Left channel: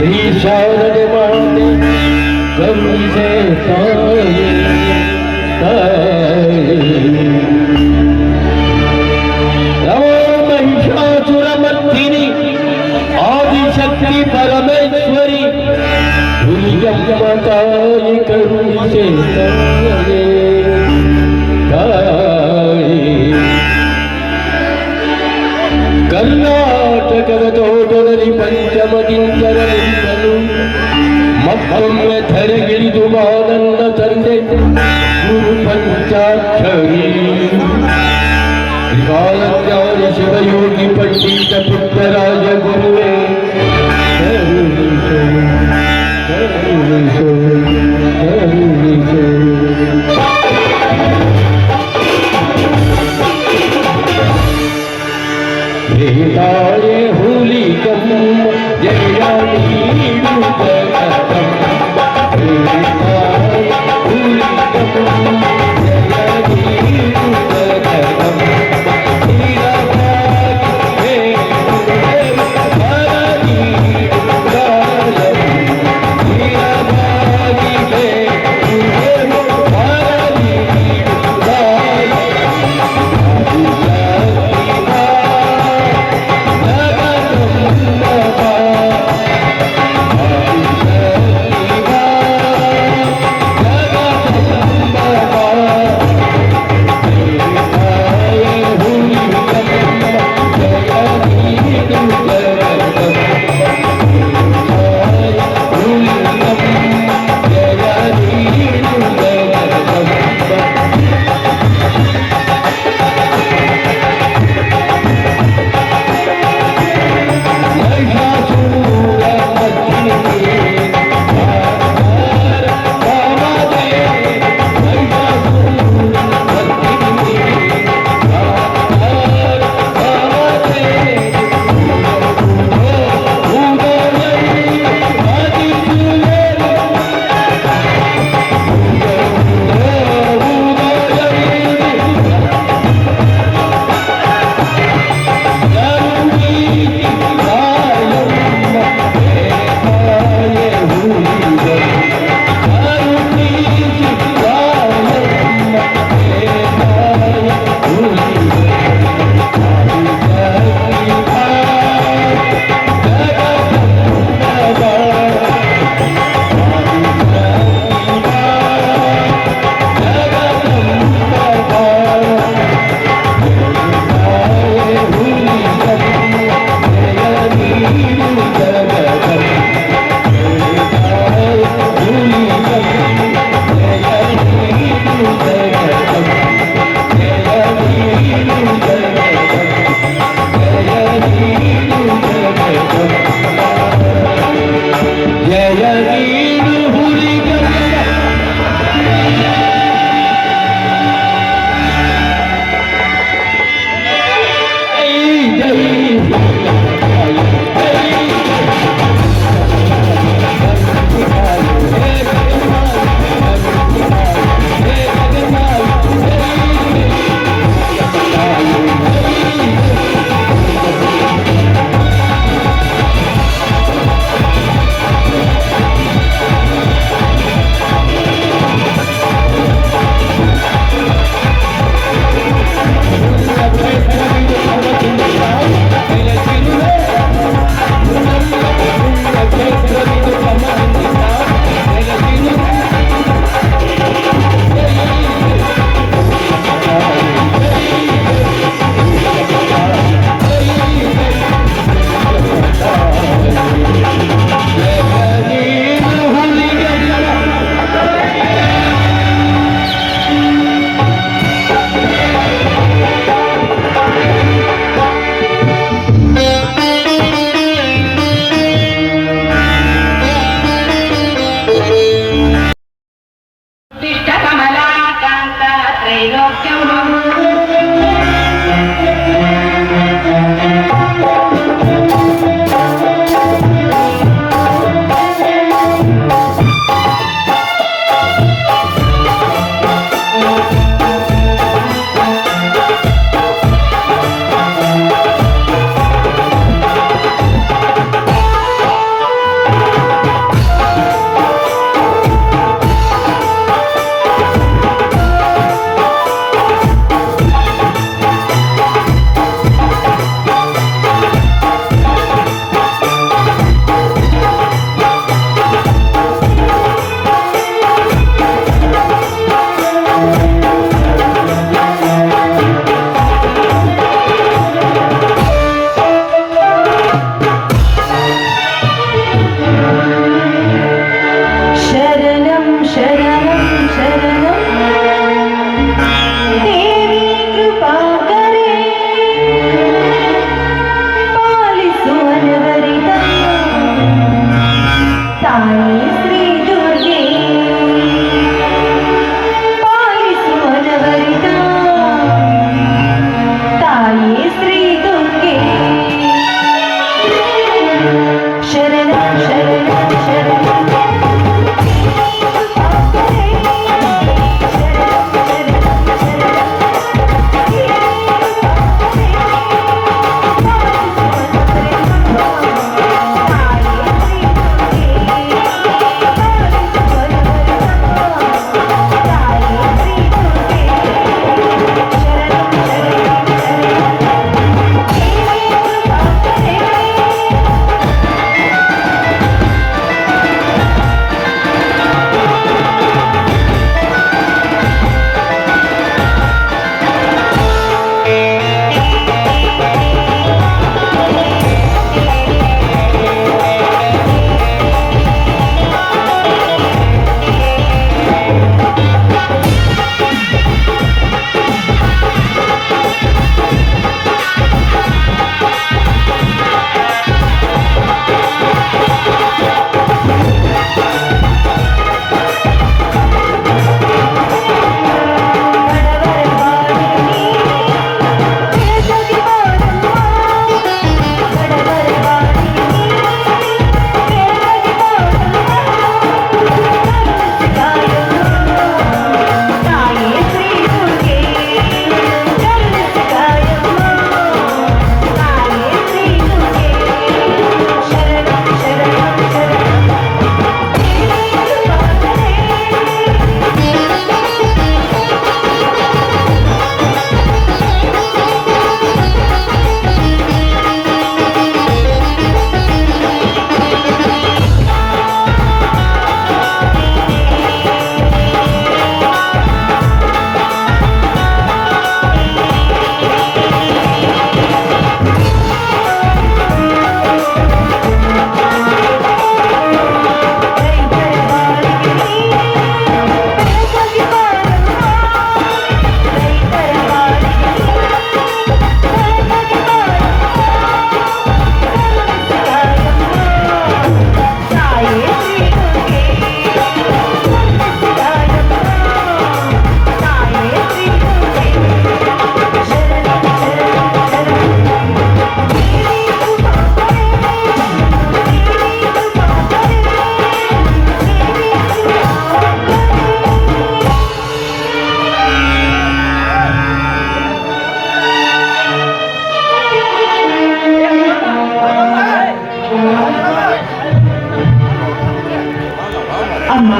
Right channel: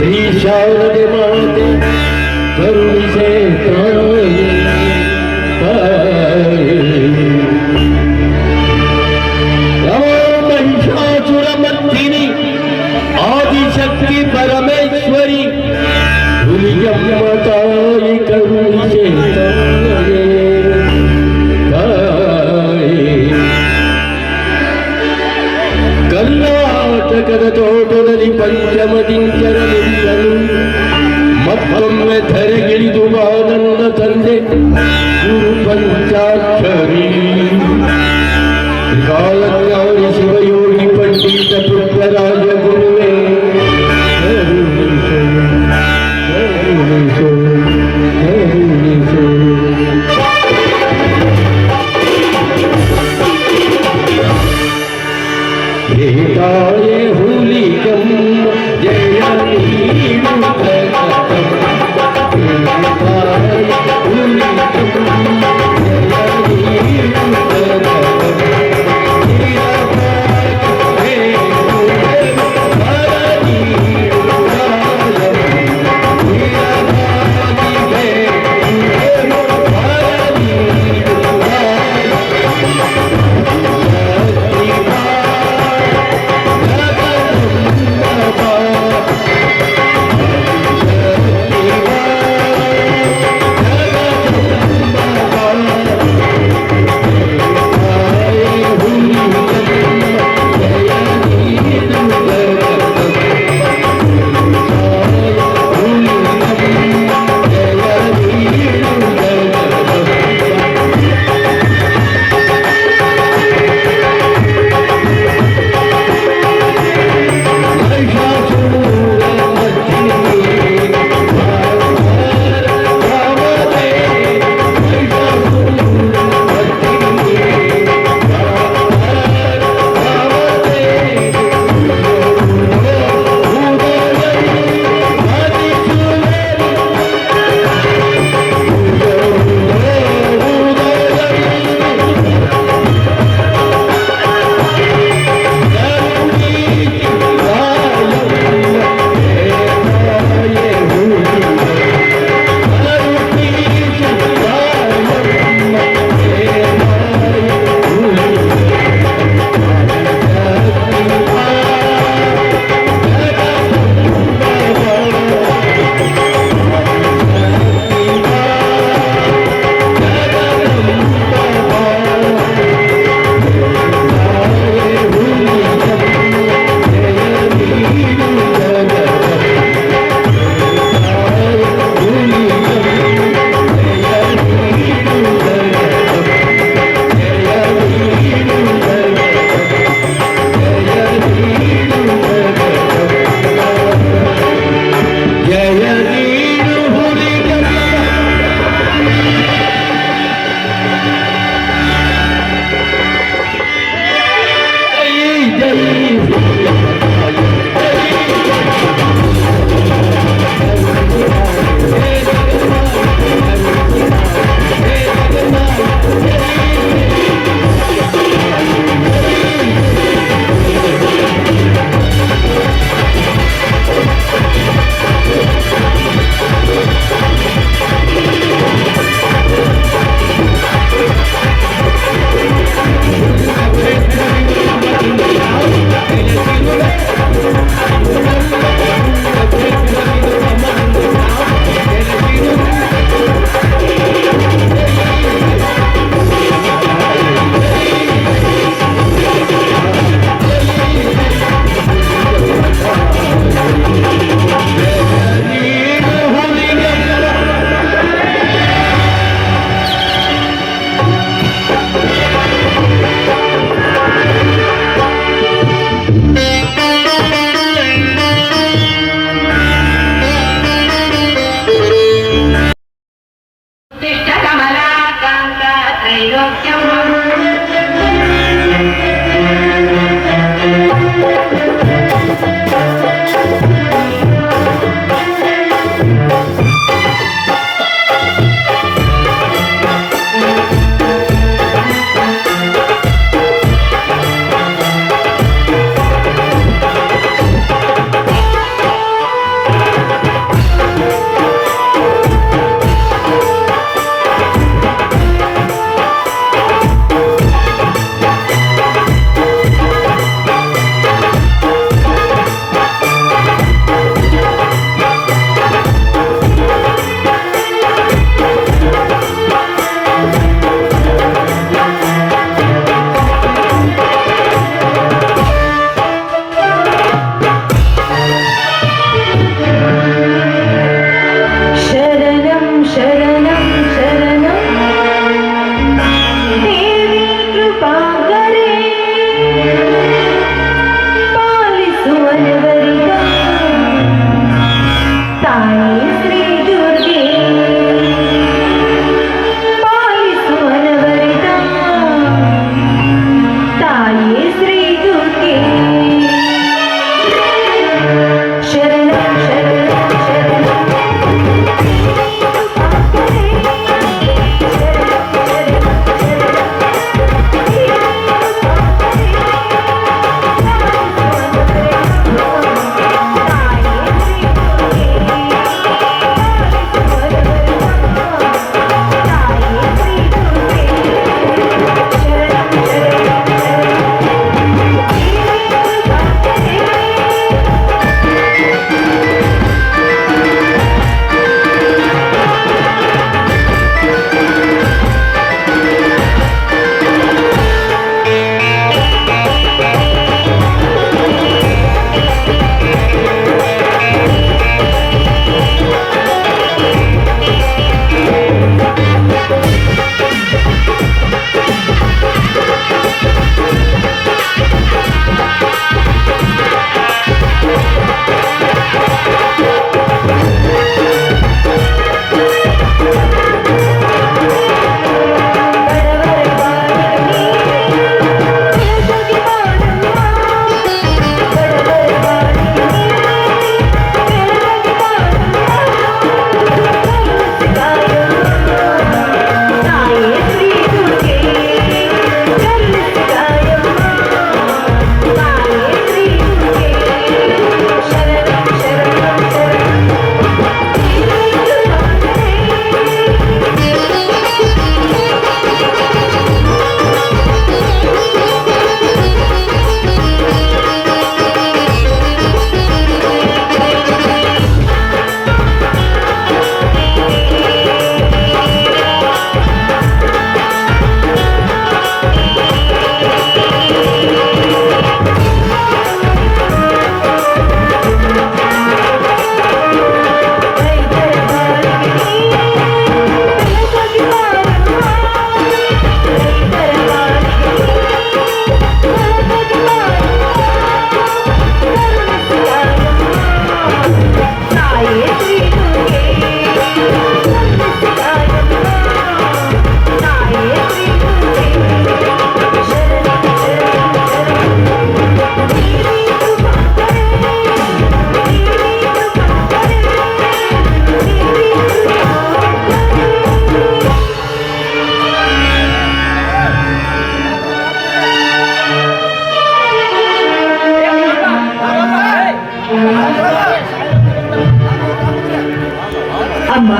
ಶ್ರೀ ಶಾರದೆ ಮಾತೆ ಕರುಣಿಸೆ ತಾಯಿ ಮಹಿಷಾಸುರ ಮರ್ದಿನಿ ಆದಿಶಕ್ತಿ ಪರಮೇಶ್ವರಿ ಹುಲಿಯಮ್ಮ ತಾಯಿ ಕರುಣಿಸೆ ಕರ್ನಾಟಕದ ತೋಟದಲ್ಲಿ ಪಂಚಮದಿಂಚರಲಿಂಗಲು ಮತ್ತೊಮ್ಮೆ ಧರೆಗಿಳಿದು ನನ್ನ ತಂದೆ ಗುರು ಪಂಚಾಕ್ಷರಿ ಕಾಲಜ್ಞಾನಿ ಶಿವಯೋಗಿ ಪಂಡಿತ ಪುಟ್ಟರಾಜ ಗುರುವೇ ಕರುಣಿಸು ಕರುಣಿಸು ತಾಯೇ ಹುಲಿ ಕಮ್ಮ ಜಯ ನೀಡು ಹುಲಿ ಕಮ್ಮ ಜಯ ನೀಡು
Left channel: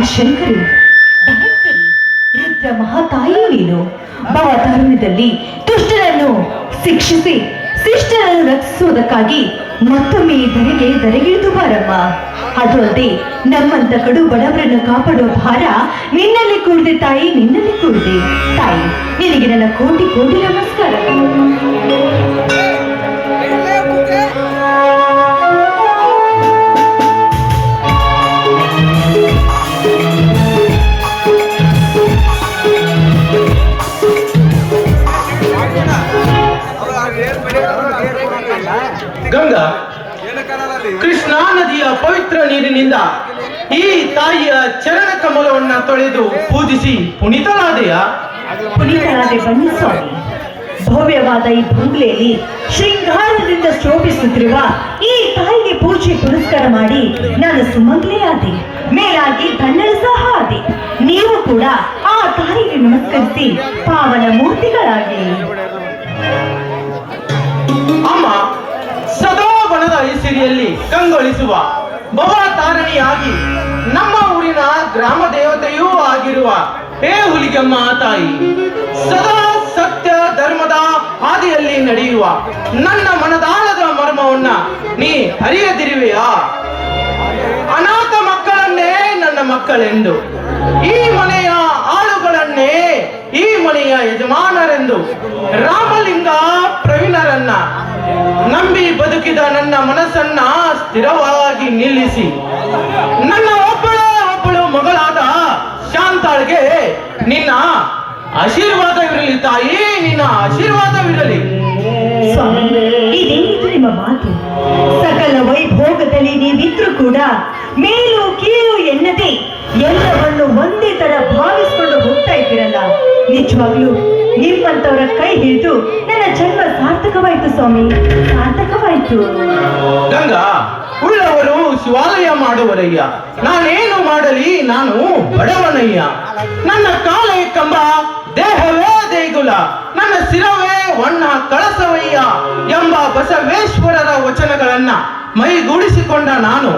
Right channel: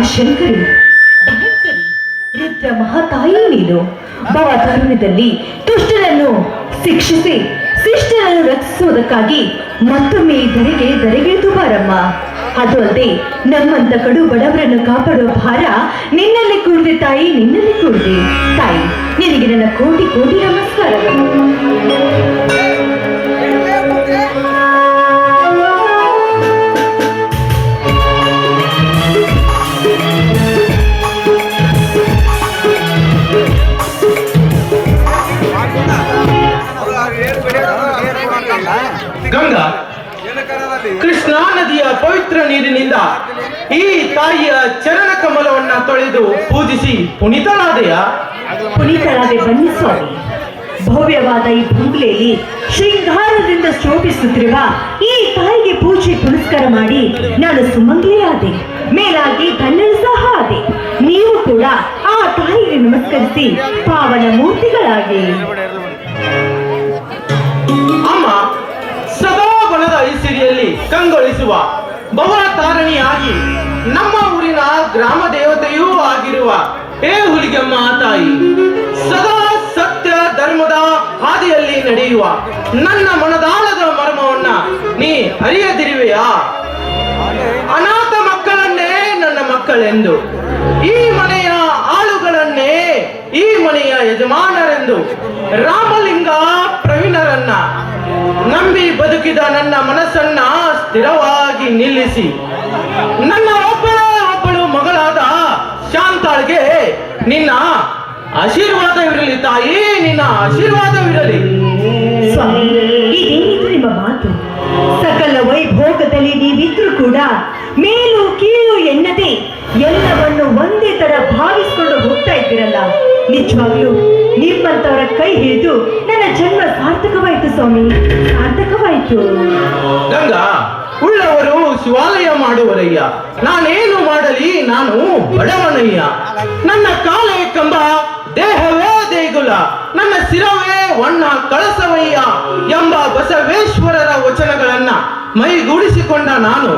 ಶಂಕರಿ, ಭಯಂಕರಿ, ರುದ್ರ ಮಹಾತಾಯಿ ನೀನು. ಭವತಾರುಣ್ಯದಲ್ಲಿ ದುಷ್ಟರನ್ನು ಶಿಕ್ಷಿಸಿ ಶಿಷ್ಟರನ್ನು ರಕ್ಷಿಸುವುದಕ್ಕಾಗಿ ಮತ್ತೊಮ್ಮೆ ಧರೆಗಿಳಿದು ಬಾರಮ್ಮ. ಅದು ಅಲ್ಲದೆ ನಮ್ಮಂತ ಕಡು ಬಡವರನ್ನು ಕಾಪಾಡುವ ಭಾರ ನಿನ್ನಲ್ಲಿ ಕೂಡಿದೆ ತಾಯಿ, ನಿನ್ನಲ್ಲಿ ಕೂಡಿದೆ ತಾಯಿ. ನಿನಗೆ ನನ್ನ ಕೋಟಿ ಕೋಟಿ ನಮಸ್ಕಾರ. ಗಂಗಾ, ಕೃಷ್ಣಾ ನದಿಯ ಪವಿತ್ರ ನೀರಿನಿಂದ ಈ ತಾಯಿಯ ಚರಣ ಕಮಲವನ್ನ ತೊಳೆದು ಪೂಜಿಸಿ ಪುನೀತನಾದೆಯ? ಪುನೀತನಾದೆ ಬನ್ನಿ ಸ್ವಾಮಿ. ಭವ್ಯವಾದ ಈ ಬಂಗ್ಲೆಯಲ್ಲಿ ಶೃಂಗಾರದಿಂದ ಶೋಭಿಸುತ್ತಿರುವ ಈ ತಾಯಿಗೆ ಪೂಜೆ ಪುನಸ್ಕಾರ ಮಾಡಿ ನಾನು ಸುಮಂಗಲಿಯಾದೆ. ಮೇಲಾಗಿ ಧನ್ಯರು ಸಹ ಆದೆ. ನೀವು ಕೂಡ ಆ ತಾಯಿಗೆ ನಮಸ್ಕರಿಸಿ ಪಾವನ ಮೂರ್ತಿಗಳಾಗಿ. ಅಮ್ಮ, ಸದಾ ಬಣದ ಐಸಿರಿಯಲ್ಲಿ ಕಂಗೊಳಿಸುವ ಭವತಾರಿಣಿಯಾಗಿ ನಮ್ಮ ಊರಿನ ಗ್ರಾಮ ದೇವತೆಯೂ ಆಗಿರುವ ಹುಲಿಗೆಮ್ಮ ತಾಯಿ, ಸದಾ ಸತ್ಯ ಧರ್ಮದ ಹಾದಿಯಲ್ಲಿ ನಡೆಯುವ ನನ್ನ ಮನದಾಳದ ಮರ್ಮವನ್ನ ನೀ ಅರಿಯದಿರುವೆಯಾ? ಅನಾಥ ಮಕ್ಕಳನ್ನೇ ನನ್ನ ಮಕ್ಕಳೆಂದು, ಈ ಮನೆಯ ಆಳುಗಳನ್ನೇ ಈ ಮನೆಯ ಯಜಮಾನರೆಂದು, ರಾಮಲಿಂಗ ಪ್ರವೀಣರನ್ನ ನಂಬಿ ಬದುಕಿದ ನನ್ನ ಮನಸ್ಸನ್ನ ಸ್ಥಿರವಾಗಿ ನಿಲ್ಲಿಸಿ ನನ್ನ ಒಬ್ಬಳು ಮಗಳಾದ ಶಾಂತಾಳ್ಗೆ ನಿನ್ನ ಆಶೀರ್ವಾದವಿರಲಿ ತಾಯಿ, ನಿನ್ನ ಆಶೀರ್ವಾದವಿರಲಿ. ಸ್ವಾಮಿ, ಇದೇನಿದು ನಿಮ್ಮ ಮಾತು? ಸಕಲ ವೈಭೋಗದಲ್ಲಿ ನೀವಿದ್ರು ಕೂಡ ಮೇಲು ಕೀಳು ಎನ್ನದೆ ಎಲ್ಲವನ್ನು ಒಂದೇ ತರ ಭಾವಿಸಿಕೊಂಡು ಹೋಗ್ತಾ ಇದ್ದೀರಲ್ಲ. ನಿಜವಾಗ್ಲೂ ನಿಮ್ಮಂತವರ ಕೈ ಹಿಡಿದು ನನ್ನ ಜನ್ಮ ಸಾರ್ಥಕವಾಯ್ತು ಸ್ವಾಮಿ, ಸಾರ್ಥಕವಾಯ್ತು. ಗಂಗಾ, ಉಳ್ಳವರು ಶಿವಾಲಯ ಮಾಡುವರಯ್ಯ, ನಾನೇನು ಮಾಡಲಿ, ನಾನು ಬಡವನಯ್ಯ. ನನ್ನ ಕಾಲೇ ಕಂಬ, ದೇಹವೇ ದೇಗುಲ, ನನ್ನ ಶಿರವೇ ವಣ್ಣ ಕಳಸವಯ್ಯ ಎಂಬ ಬಸವೇಶ್ವರರ ವಚನಗಳನ್ನ ಮೈಗೂಡಿಸಿಕೊಂಡ ನಾನು,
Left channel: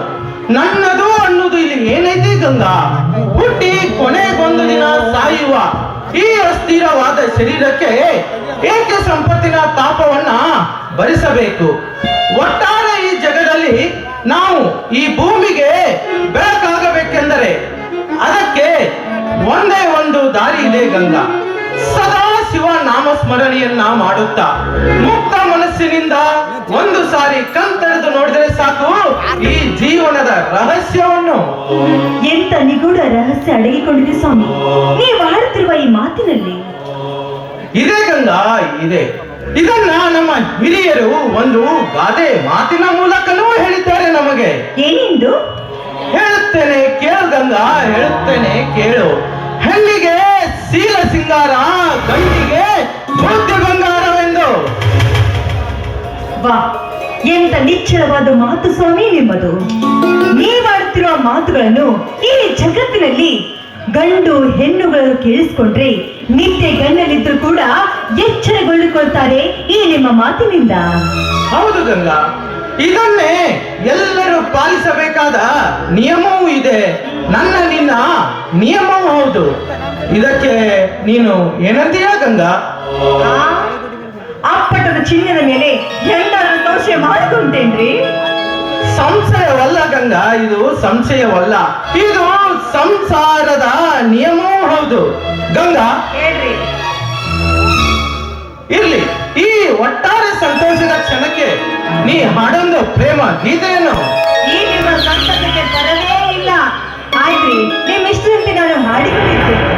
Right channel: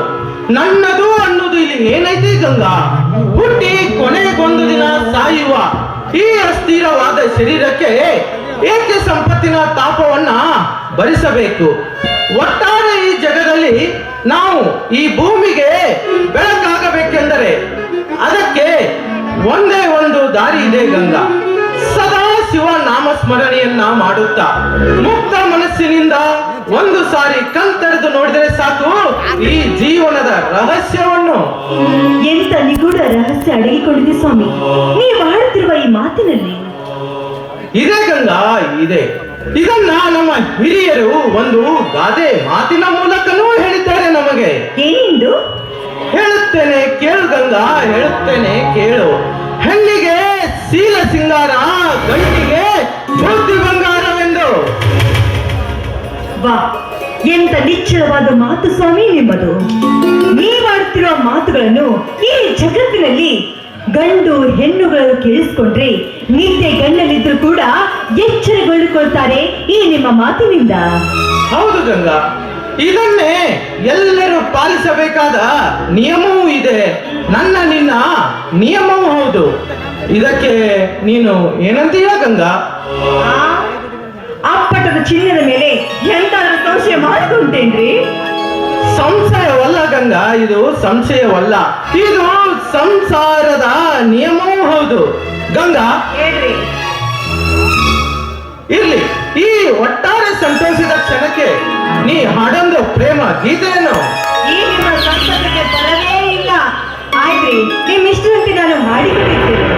ನನ್ನದು ಅನ್ನೋದು ಇಲ್ಲಿ ಏನೈತಿ ಗಂಗಾ? ಹುಟ್ಟಿ ಕೊನೆಗೊಂದು ದಿನ ಸಾಯುವ ಈ ಅಸ್ಥಿರವಾದ ಶರೀರಕ್ಕೆ ಏಕೆ ಸಂಪತ್ತಿನ ತಾಪವನ್ನ ಭರಿಸಬೇಕು? ಒಟ್ಟಾರೆ ಈ ಜಗದಲ್ಲಿ ನಾವು ಈ ಭೂಮಿಗೆ ಬೆಳಕಾಗಬೇಕೆಂದರೆ ಅದಕ್ಕೆ ಒಂದೇ ಒಂದು ದಾರಿ ಇದೆ ಗಂಗಾ. ಸದಾ ಶಿವ ನಾಮ ಸ್ಮರಣೆಯನ್ನ ಮಾಡುತ್ತಾ ಮುಕ್ತ ಮನಸ್ಸಿನಿಂದ ಒಂದು ಸಾರಿ ಕಣ್ತೆರೆದು ನೋಡಿದರೆ ಸಾಕು ಈ ಜೀವನದ ರಹಸ್ಯವನ್ನು. ಎಂತ ನಿಗೂಢ ರಹಸ್ಯ ಅಡಗಿಕೊಂಡಿದೆ ಸ್ವಾಮಿ ನೀವು ಆಡುತ್ತಿರುವ ಈ ಮಾತಿನಲ್ಲಿ? ಇದೇ ಗಂಗಾ, ಇದೆ. ಇದನ್ನ ನಮ್ಮ ಹಿರಿಯರು ಒಂದು ಗಾದೆ ಮಾತಿನ ಮೂಲಕನೂ ಹೇಳಿದ್ದಾರೆ ನಮಗೆ. ಏನೆಂದು? ಹೇಳುತ್ತೇನೆ ಕೇಳು ಗಂಗಾ, ಹೇಳುತ್ತೇನೆ ಕೇಳು. ಹೆಣ್ಣಿಗೆ ಶೀಲ ಸಿಂಗಾರ, ಗಂಡಿಗೆ ಬುದ್ಧಿ ಬಂಗಾರವೆಂದು. ವಾ, ಎಂತ ನಿಶ್ಚಲವಾದ ಮಾತು ಸ್ವಾಮಿ ನಿಮ್ಮದು. ನೀವಾಡುತ್ತಿರುವ ಮಾತುಗಳನ್ನು ಈ ಜಗತ್ತಿನಲ್ಲಿ ಗಂಡು ಹೆಣ್ಣುಗಳನ್ನು ಕೇಳಿಸಿಕೊಂಡ್ರೆ ನಿತ್ಯ ಗಣ್ಣಲ್ಲಿದ್ರು ಕೂಡ ಎಚ್ಚರಗೊಳ್ಳಿಕೊಳ್ತಾರೆ ಈ ನಿಮ್ಮ ಮಾತಿನಿಂದ. ಹೌದು ಗಂಗಾ, ಇದನ್ನೇ ಎಲ್ಲರೂ ಪಾಲಿಸಬೇಕಾದ ನಿಯಮವೂ ಇದೆ. ನನ್ನ ನಿನ್ನ ನಿಯಮವೂ ಹೌದು. ಇದಕ್ಕೆ ನೀನು ಏನಂತೀಯ ಗಂಗಾ? ಅಪ್ಪಟದ ಚಿನ್ನದ ಮೇಲೆ ಎಂದಾದ್ರೂ ಸಂಶಯ ಮಾಡಿಕೊಂಡೇನ್ರಿ? ಸಂಶಯವಲ್ಲ ಗಂಗಾ, ಇದು ಸಂಶಯವಲ್ಲ, ಇದು ಸಂಸಾರದ ನಿಯಮವೂ ಹೌದು ಗಂಗಾ. ಹೇಳ್ರಿ. ಇರ್ಲಿ, ಈ ಒಟ್ಟಾರೆ ಸಂತೋಷದ ಕ್ಷಣಕ್ಕೆ ನೀ ಹಾಡೊಂದು ಪ್ರೇಮ ಗೀತೆಯನ್ನು. ಈ ನಿಮ್ಮ ಸಂತೋಷಕ್ಕೆ ಬರಲೇ ಇಲ್ಲ. ಆಯ್ತ್ರಿ, ನಿಮ್ಮ ಇಷ್ಟದಂತೆ ನಾನು ಹಾಡಿಬಿಟ್ಟಿದ್ದೇನೆ.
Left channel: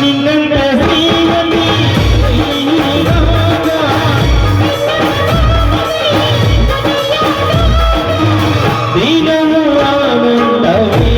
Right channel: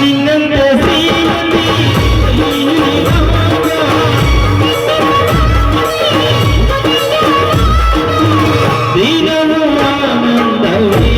ನಿನ್ನಂತೆ ಶ್ರೀಮತಿ ದಿನವೂ ಆನಂದವೇ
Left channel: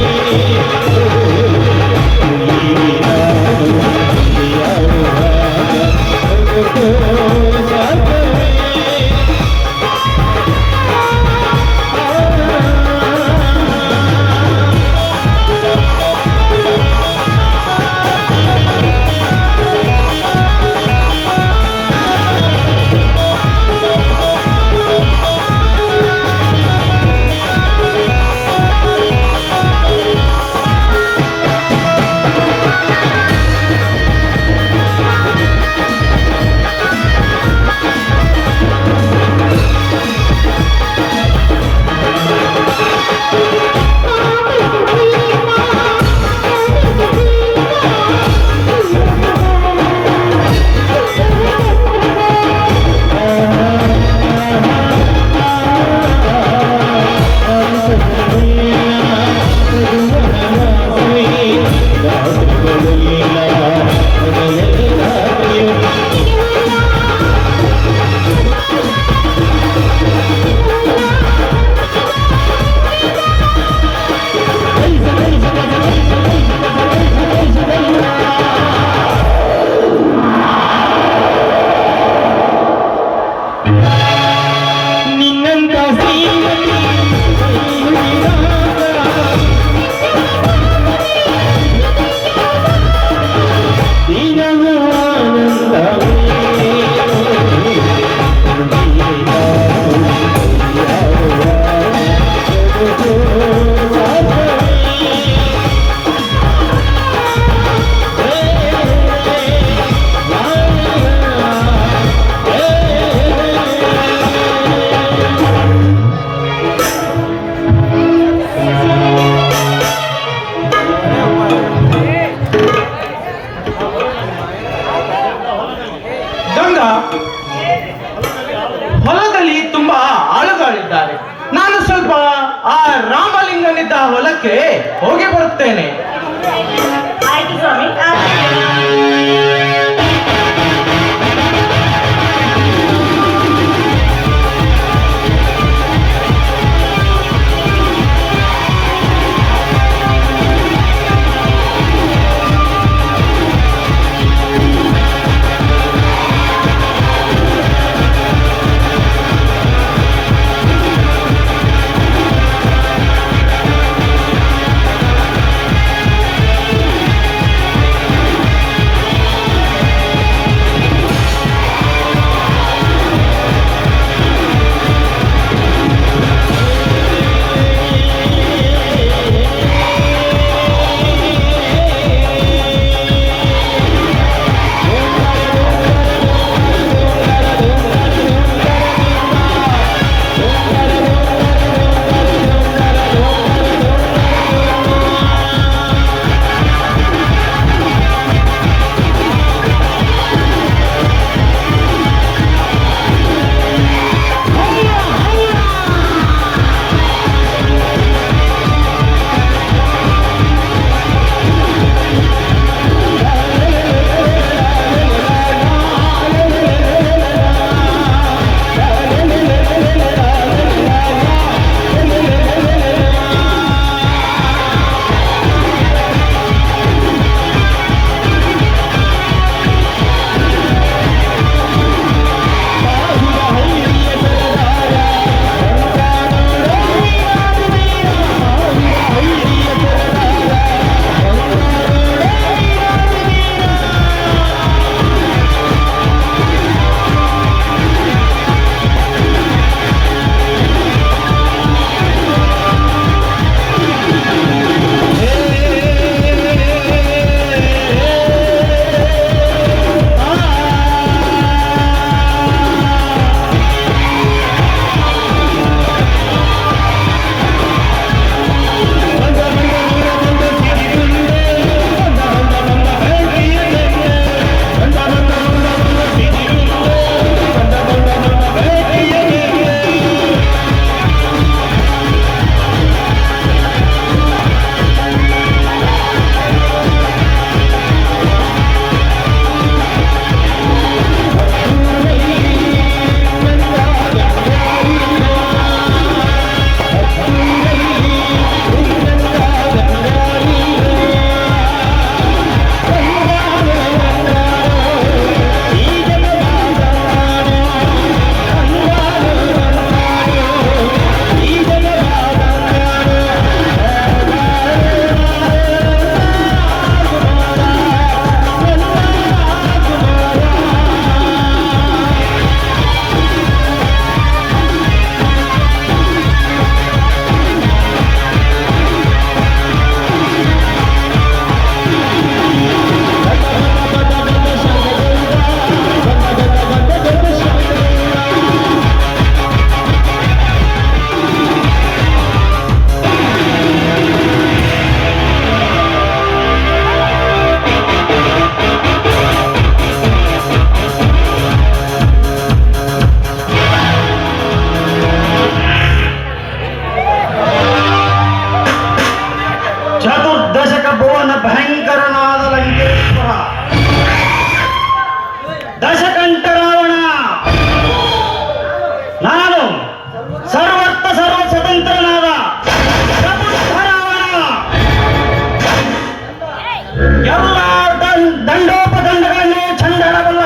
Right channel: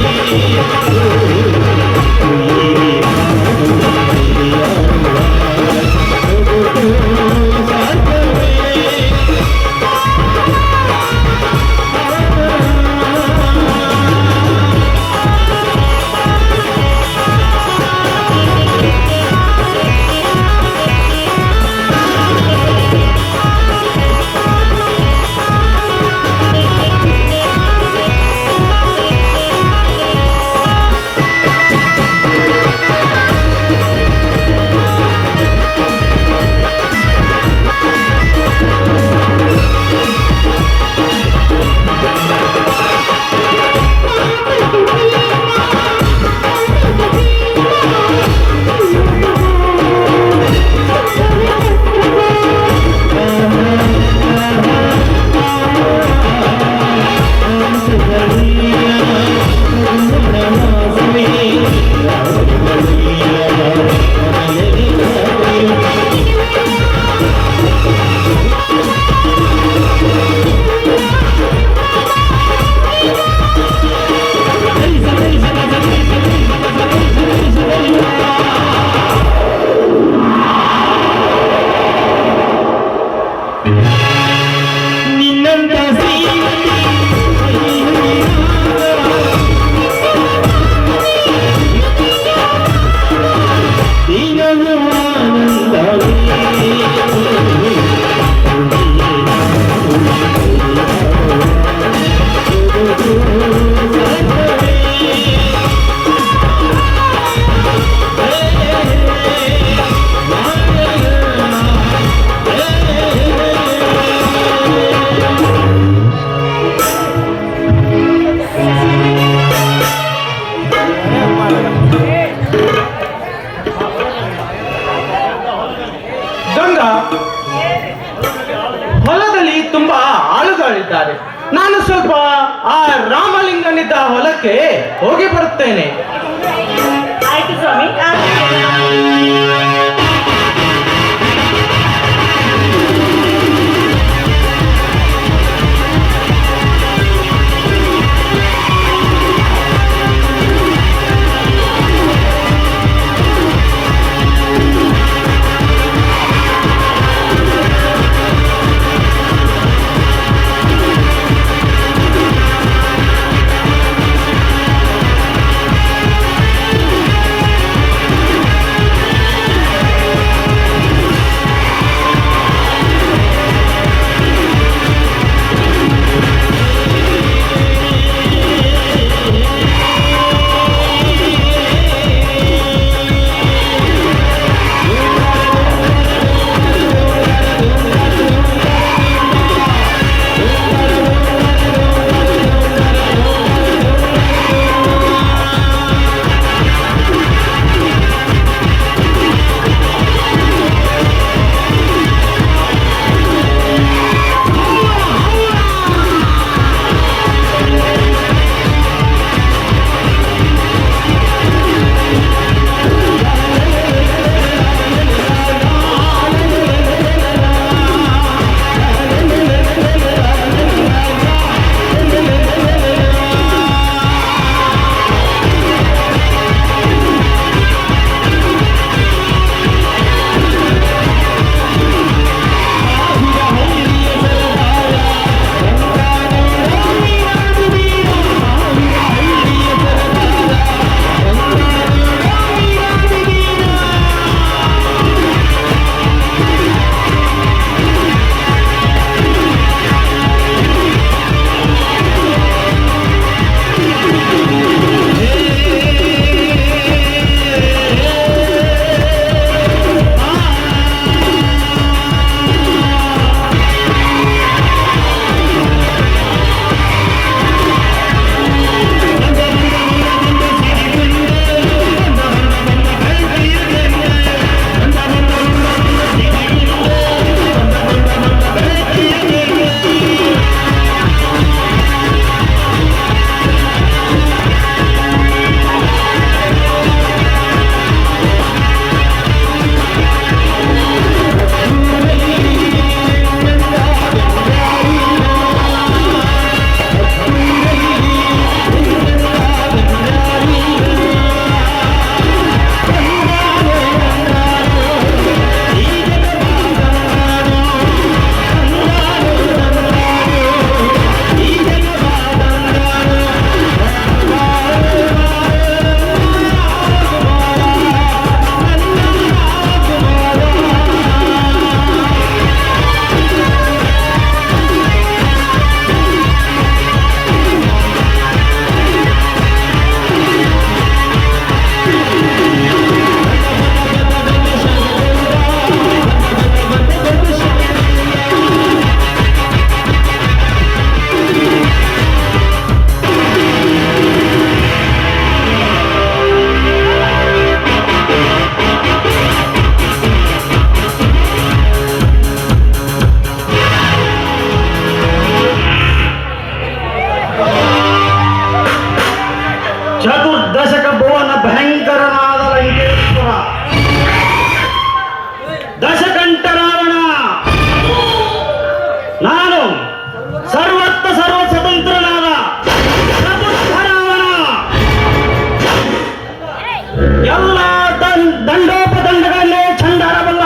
ದಂಡೋಪದಂಡಗಳನ್ನೇ ಚಂಡಾಡಬಲ್ಲ,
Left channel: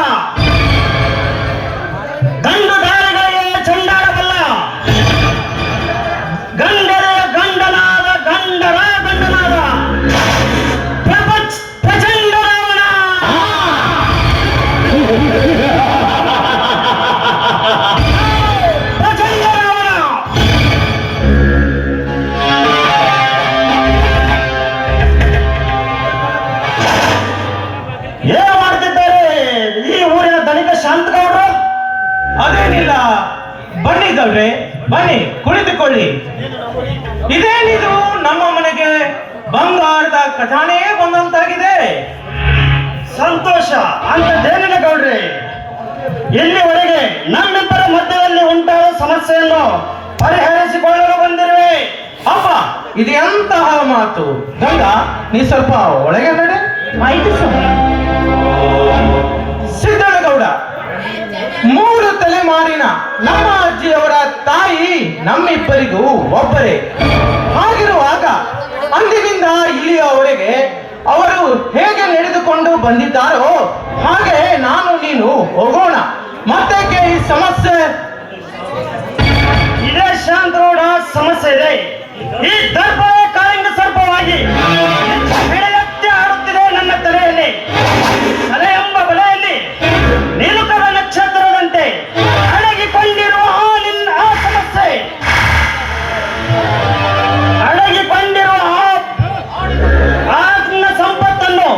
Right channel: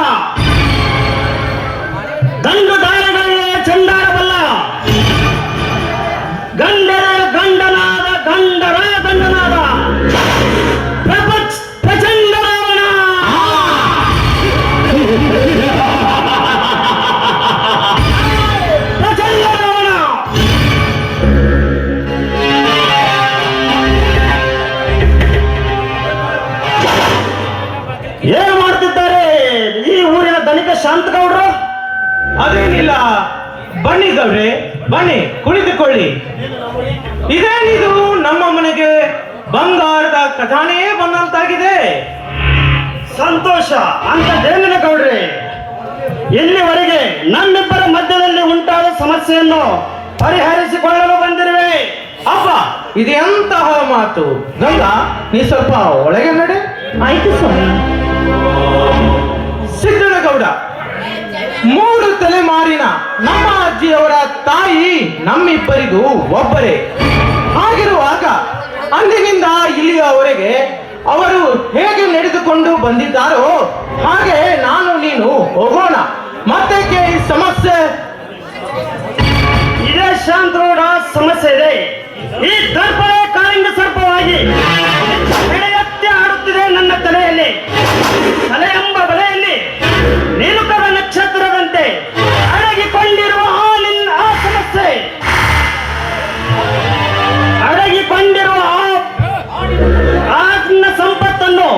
ದಂಡು ದಾಳಿಗಳಿಗೆ ಚಂಡಾಡಬಲ್ಲ, ಗಂಡರ ಗಂಡನಾದ ಗಂಡರ ಗಂಡನಾದ ಪ್ರಚಂಡರಾವಣ. ಏನು ಮಾಡ್ತಿದ್ದಾರೆ ಈ ಊರಿನ ಧನಿಕ ಶಾಂತಗೌಡರು? ಅದೇನಿಲ್ಲ, ಬನ್ನಿ ಗೌಡ್ರೆ, ಬನ್ನಿ ಕುಳಿತುಕೊಳ್ಳಿ. ಇದೇನಿದು, ನಮ್ಮ ಮನೆಗೆ ಬಂಗಾರದ ಖಜಾನೆಯೇ ಬಂದಂತಾಗಿದೆ. ಸಂತೋಷ ಅಂತದೇನಿಲ್ಲ ಗೌಡ್ರೆ, ಇಲ್ಲಿವರೆಗೆ ನಮ್ಮಿಬ್ಬರ ಮಧ್ಯದಲ್ಲಿ ಉಂಟಾದ ಸಮಸ್ಯೆಯನ್ನು ಪರಿಹರಿಸಿಕೊಳ್ಳಲು ಬಂದಿರುವೆ. ಅಪ್ಪ, ಇದು ಎಂತಹ ಮಾತು? ಗಂಗಾ, ನೀ ಸ್ವಲ್ಪ ಒಳಗೆ ನಡೆ. ಆಯ್ತು ಸ್ವಾಮಿ. ಸಿದ್ದನಗೌಡ, 3 ತಲೆಮಾರಿನ ನಮ್ಮ ಅಜ್ಜಿಯವರ ತಾಯಿ ನಮ್ಮಿಬ್ಬರಿಗೂ ಒಬ್ಬರೇ. ಹಾಗಿರುವಾಗ ಅಂದಿನಿಂದ ಇಲ್ಲಿಯವರೆಗೆ ಅವರು ಹೇಗೆ ನಡೆದುಕೊಂಡು ಬಂದಿದ್ದಾರೋ ಹಾಗೆ ನಾನು ನೀನು ಹೋಗೋಣ. ಮತ್ತೇಕೆ ಈ ಸಮಸ್ಯೆ? ಇದೇ ಶಾಂತಗೌಡ, ಸಮಸ್ಯೆ ಇದೆ. ಈ ದರ್ಪ ಕಾಲಿಂಗ ಸರ್ಪವಾಗಿ ಎತ್ತಿ ಆಡುತ್ತಿದೆ ನನ್ನ ತಲೆಯಲ್ಲಿ. ತಲೆ ಎಂಬ ಬಲೆಯಲ್ಲಿ ನಿಲುಕದ ನಕ್ಷತ್ರದಂತೆ ಅಡಗಿಕೊಂಡಿರುವ ನಿನ್ನ ಆ ಸಮಸ್ಯೆ, ಅಡಗಿಕೊಂಡಿರುವ ಆ ನಿನ್ನ ಸಂಪತ್ತನ್ನು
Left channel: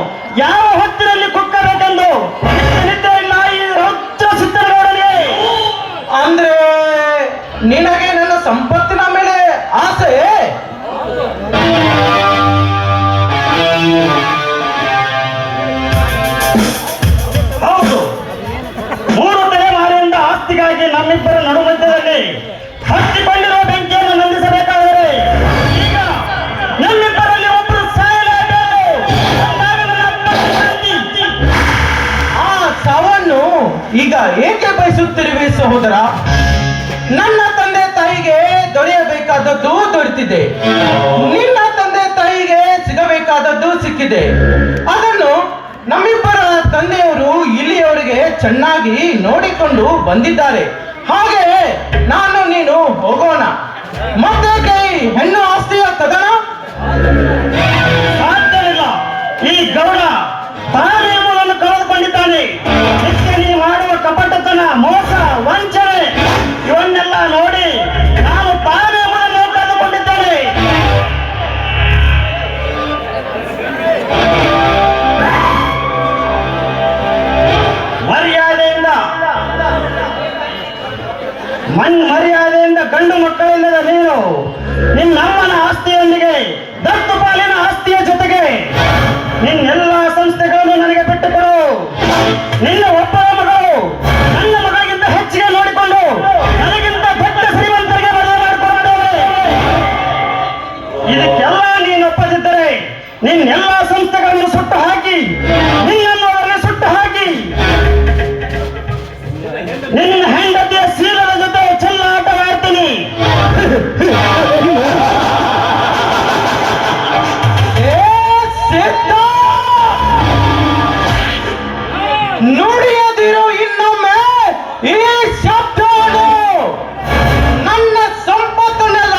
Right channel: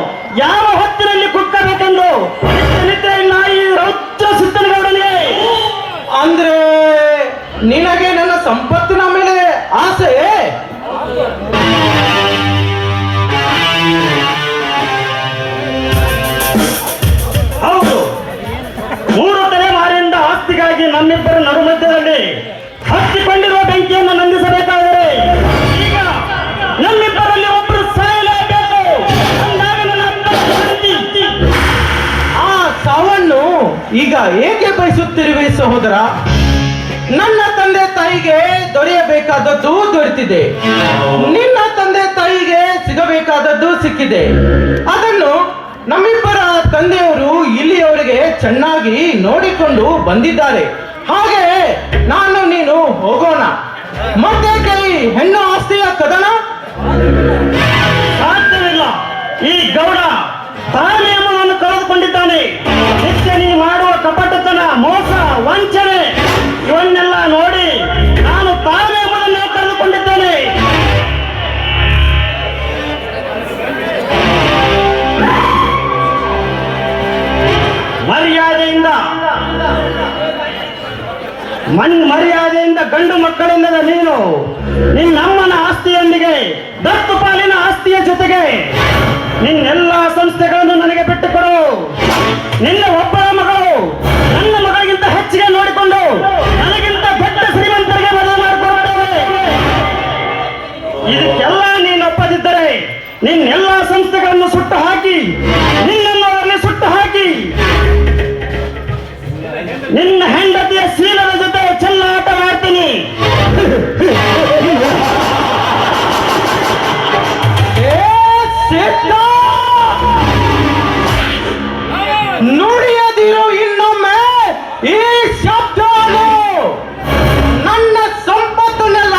ಯಾವ ಹೊತ್ತಿನಲ್ಲಿ ಕುಕ್ಕಬೇಕೆಂದು ನಾಯಿ ರೌದ್ರ ಸಿದ್ದನಗೌಡನೇ. ಅಂದ್ರೆ ನಿನಗೆ ನನ್ನ ಸಂಪತ್ತಿನ ಮೇಲೆ ಆಸೆ? ಹೌದು, 3 ತಲೆಮಾರಿಯಿಂದ ಆಸ್ತಿಗಾಗಿ ನಮ್ಮಿಬ್ಬರ ನಡುಮಧ್ಯದಲ್ಲಿ ಹತ್ತಿಕೊಂಡಿರುವ ಬೆಂಕಿಯನ್ನು ನಂದಿಸಬೇಕಾದರೆ ಈಗ ನಮ್ಮಿಬ್ಬರಲ್ಲಿ ಒಬ್ಬರು ಸಾಯಲೇಬೇಕು. ಅಂದಾಗ ನನ್ನ ಶಾಂತಿ. ಆ ಸಾವನ್ನು ಈಗ ಏಕೆ ಬಯಸುತ್ತಿರುವೆ ಸಹೋದರ? ನನ್ನ ತಂದೆ ತಾಯಿಗೆ ದೊರೆಯಬೇಕಾದದ್ದು ದೊರೆತಿದೆ, ನಿನ್ನ ತಂದೆ ತಾಯಿಗೆ ಸಿಗಬೇಕಾದದ್ದು ಸಿಕ್ಕಿದೆ. ಅದನ್ನು ನಮ್ಮಿಬ್ಬರ ತಂದೆಯವರು ಇಲ್ಲಿಯವರೆಗೆ ಚೆನ್ನಾಗಿ ನೋಡಿಕೊಂಡು ಬಂದಿದ್ದಾರೆ. ಹಾಗೆ ನಾನು ನೀನು ಹೋಗೋಣ. ಮತ್ತೆ ಹೆಣ್ಣು ಆಸ್ತಿಯ ಕದನ ಸಾಧ್ಯವಿಲ್ಲ. ಈ ಗೌಡ ತಾನೇ ಎಂಬುದನ್ನು ಕಳೆದುಕೊಂಡಿದ್ದಾನೆ. ಹೆಚ್ಚಾಗಿ ಮಾಡುವ ಕಪಟತನ, ಮೋಸ, ವಂಚನೆ ಇವನ್ನೆಲ್ಲ ನೋಡಿ ನಾನು ತಾನೇ ಎಂಬುದನ್ನು ಕಳೆದುಕೊಂಡಿದ್ದೇನೆ. ಮರ್ಯಾದೆಯಿಂದ ಗಂಡು ಮಕ್ಕಳಿಲ್ಲದ ನೀನು ನಿನ್ನಮ್ಮನ ಆಸ್ತಿಯೊಂದಿಗೆ ದತ್ತು ಪಾಲಿನ ಆಸ್ತಿಯ ಜೊತೆಗೆ ನಿನ್ನೆಲ್ಲ ಸಂಸ್ಥೆಗಳನ್ನು ನನಗೆ ಬಿಟ್ಟುಕೊಡು. ನಿನ್ನ ಒಬ್ಬ ಮಗಳು ನನ್ನ ಮಗಳಿಗಿಂತ ಹೆಚ್ಚಿಗೆ ನೋಡಿಕೊಂಡು ನನಗಿಂತ ದೊಡ್ಡ ಶ್ರೀಮಂತರಿಗೆ ಮದುವೆ ಮಾಡಿಕೊಡುತ್ತೇನೆ. ಇದಕ್ಕೆಲ್ಲ ನೀನು ಒಪ್ಪದಿದ್ದರೆ ನಿನ್ನೆಲ್ಲ ಸಂಸ್ಥೆಗಳನ್ನು ಸುಟ್ಟು ಹಾಕಿ ನಿನ್ನನ್ನು ಅವರಿಗೆ ಸುಟ್ಟು ಹಾಕಿ ನಿನ್ನ ಹೆಂಡತಿಯ ಶೀಲದ ಜೊತೆ ಚೆಲ್ಲಾಟ ಆಡ್ತೀನಿ. ನುಡಿಯದಿರು ಇನ್ನೊಮ್ಮೆ ಈ ಶಬ್ದವನ್ನು. ನನ್ನ ಸಂಪತ್ತನ್ನೆಲ್ಲ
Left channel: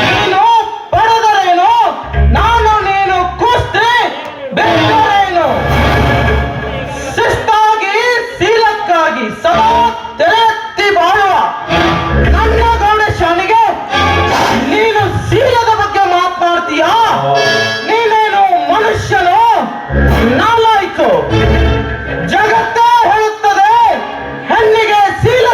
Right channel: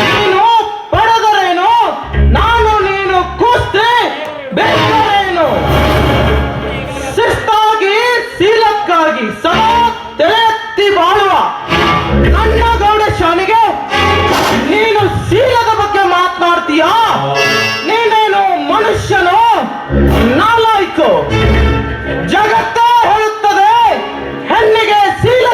ನೀನು ಪಡೆದರೇನು, ನಾನು ನೀನು ಕುಸ್ತಿ ಬೆಳೆದರೇನು. ಶಿಸ್ತಾಗಿ ಶೀಲಕ್ಕಾಗಿ ಸದಾ ತಲೆತ್ತಿ ಬಾಳುವ ನನ್ನ ಗೌಡೇಶನಿಗೆ ನೀನು ಶೀಲದ ಬಗ್ಗೆ ಮಾತನಾಡ್ತೀಯಾ? ನೀನೇನು ಮನುಷ್ಯನು? ನಾಲಾಯ್ಕು. ಜಗತ್ತೇ ಹೇಳುತ್ತದೆ ಹೆಣ್ಣಿಗೆ ಶೀಲ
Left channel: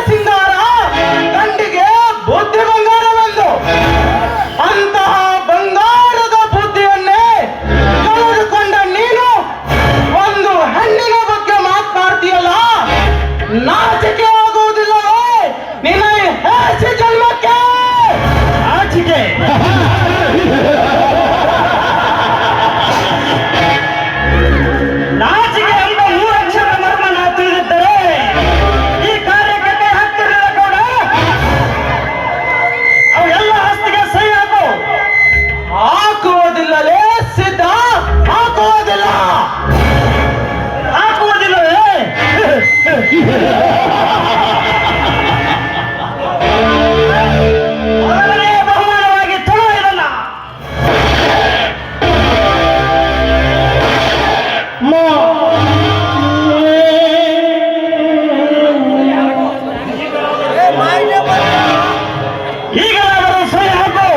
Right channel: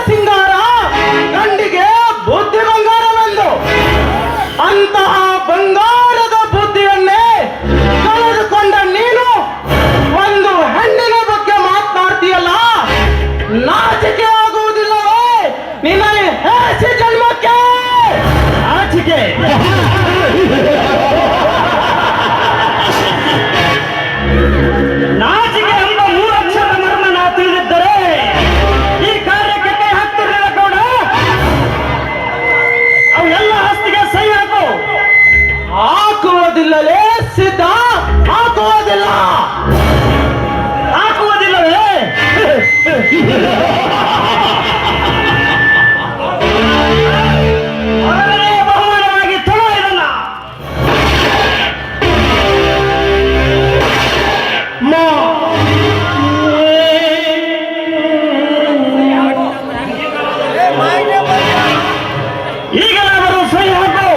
ಈಗಲಾದರೂ ಸರಿ ಹಾಕು.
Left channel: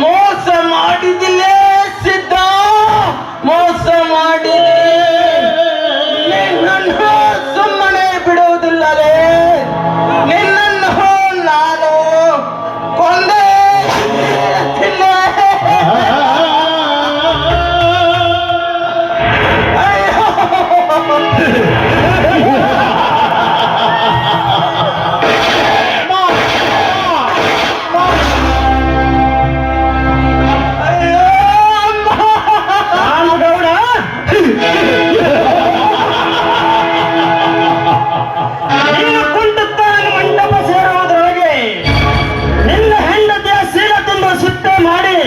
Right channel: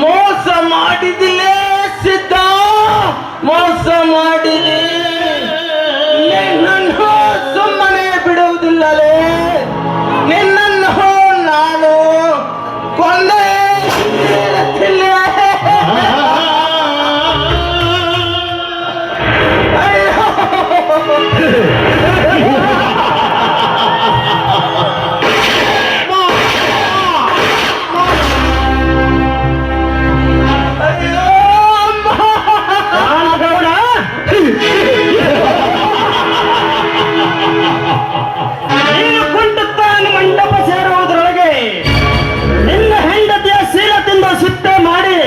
ಮೋಸ ಮಾಡಿದಿಲ್ಲೇ ಸಿದ್ಧ, ಮೋಸ ಮಾಡಿದೆ. ನಿನ್ನನ್ನು ಸುಮ್ಮನೆ ಬಿಡುವುದಿಲ್ಲಲೇ, ನಿನ್ನನ್ನು ನಾನು ಕೊಂದೇ ತೀರುತ್ತಿಲ್ಲೇ. ಅಯ್ಯೋ ರಾಮಗೌಡ, ನೀನು ಕೊಂಡದ್ದಾನು ಮಂಟಪ ಸೇರುವುದರೊಳಗೆ ನಿನ್ನ ಹೆಂಡತಿಯ ಸೀರದಿಂದ ಶುದ್ಧ ಮಾಡಿ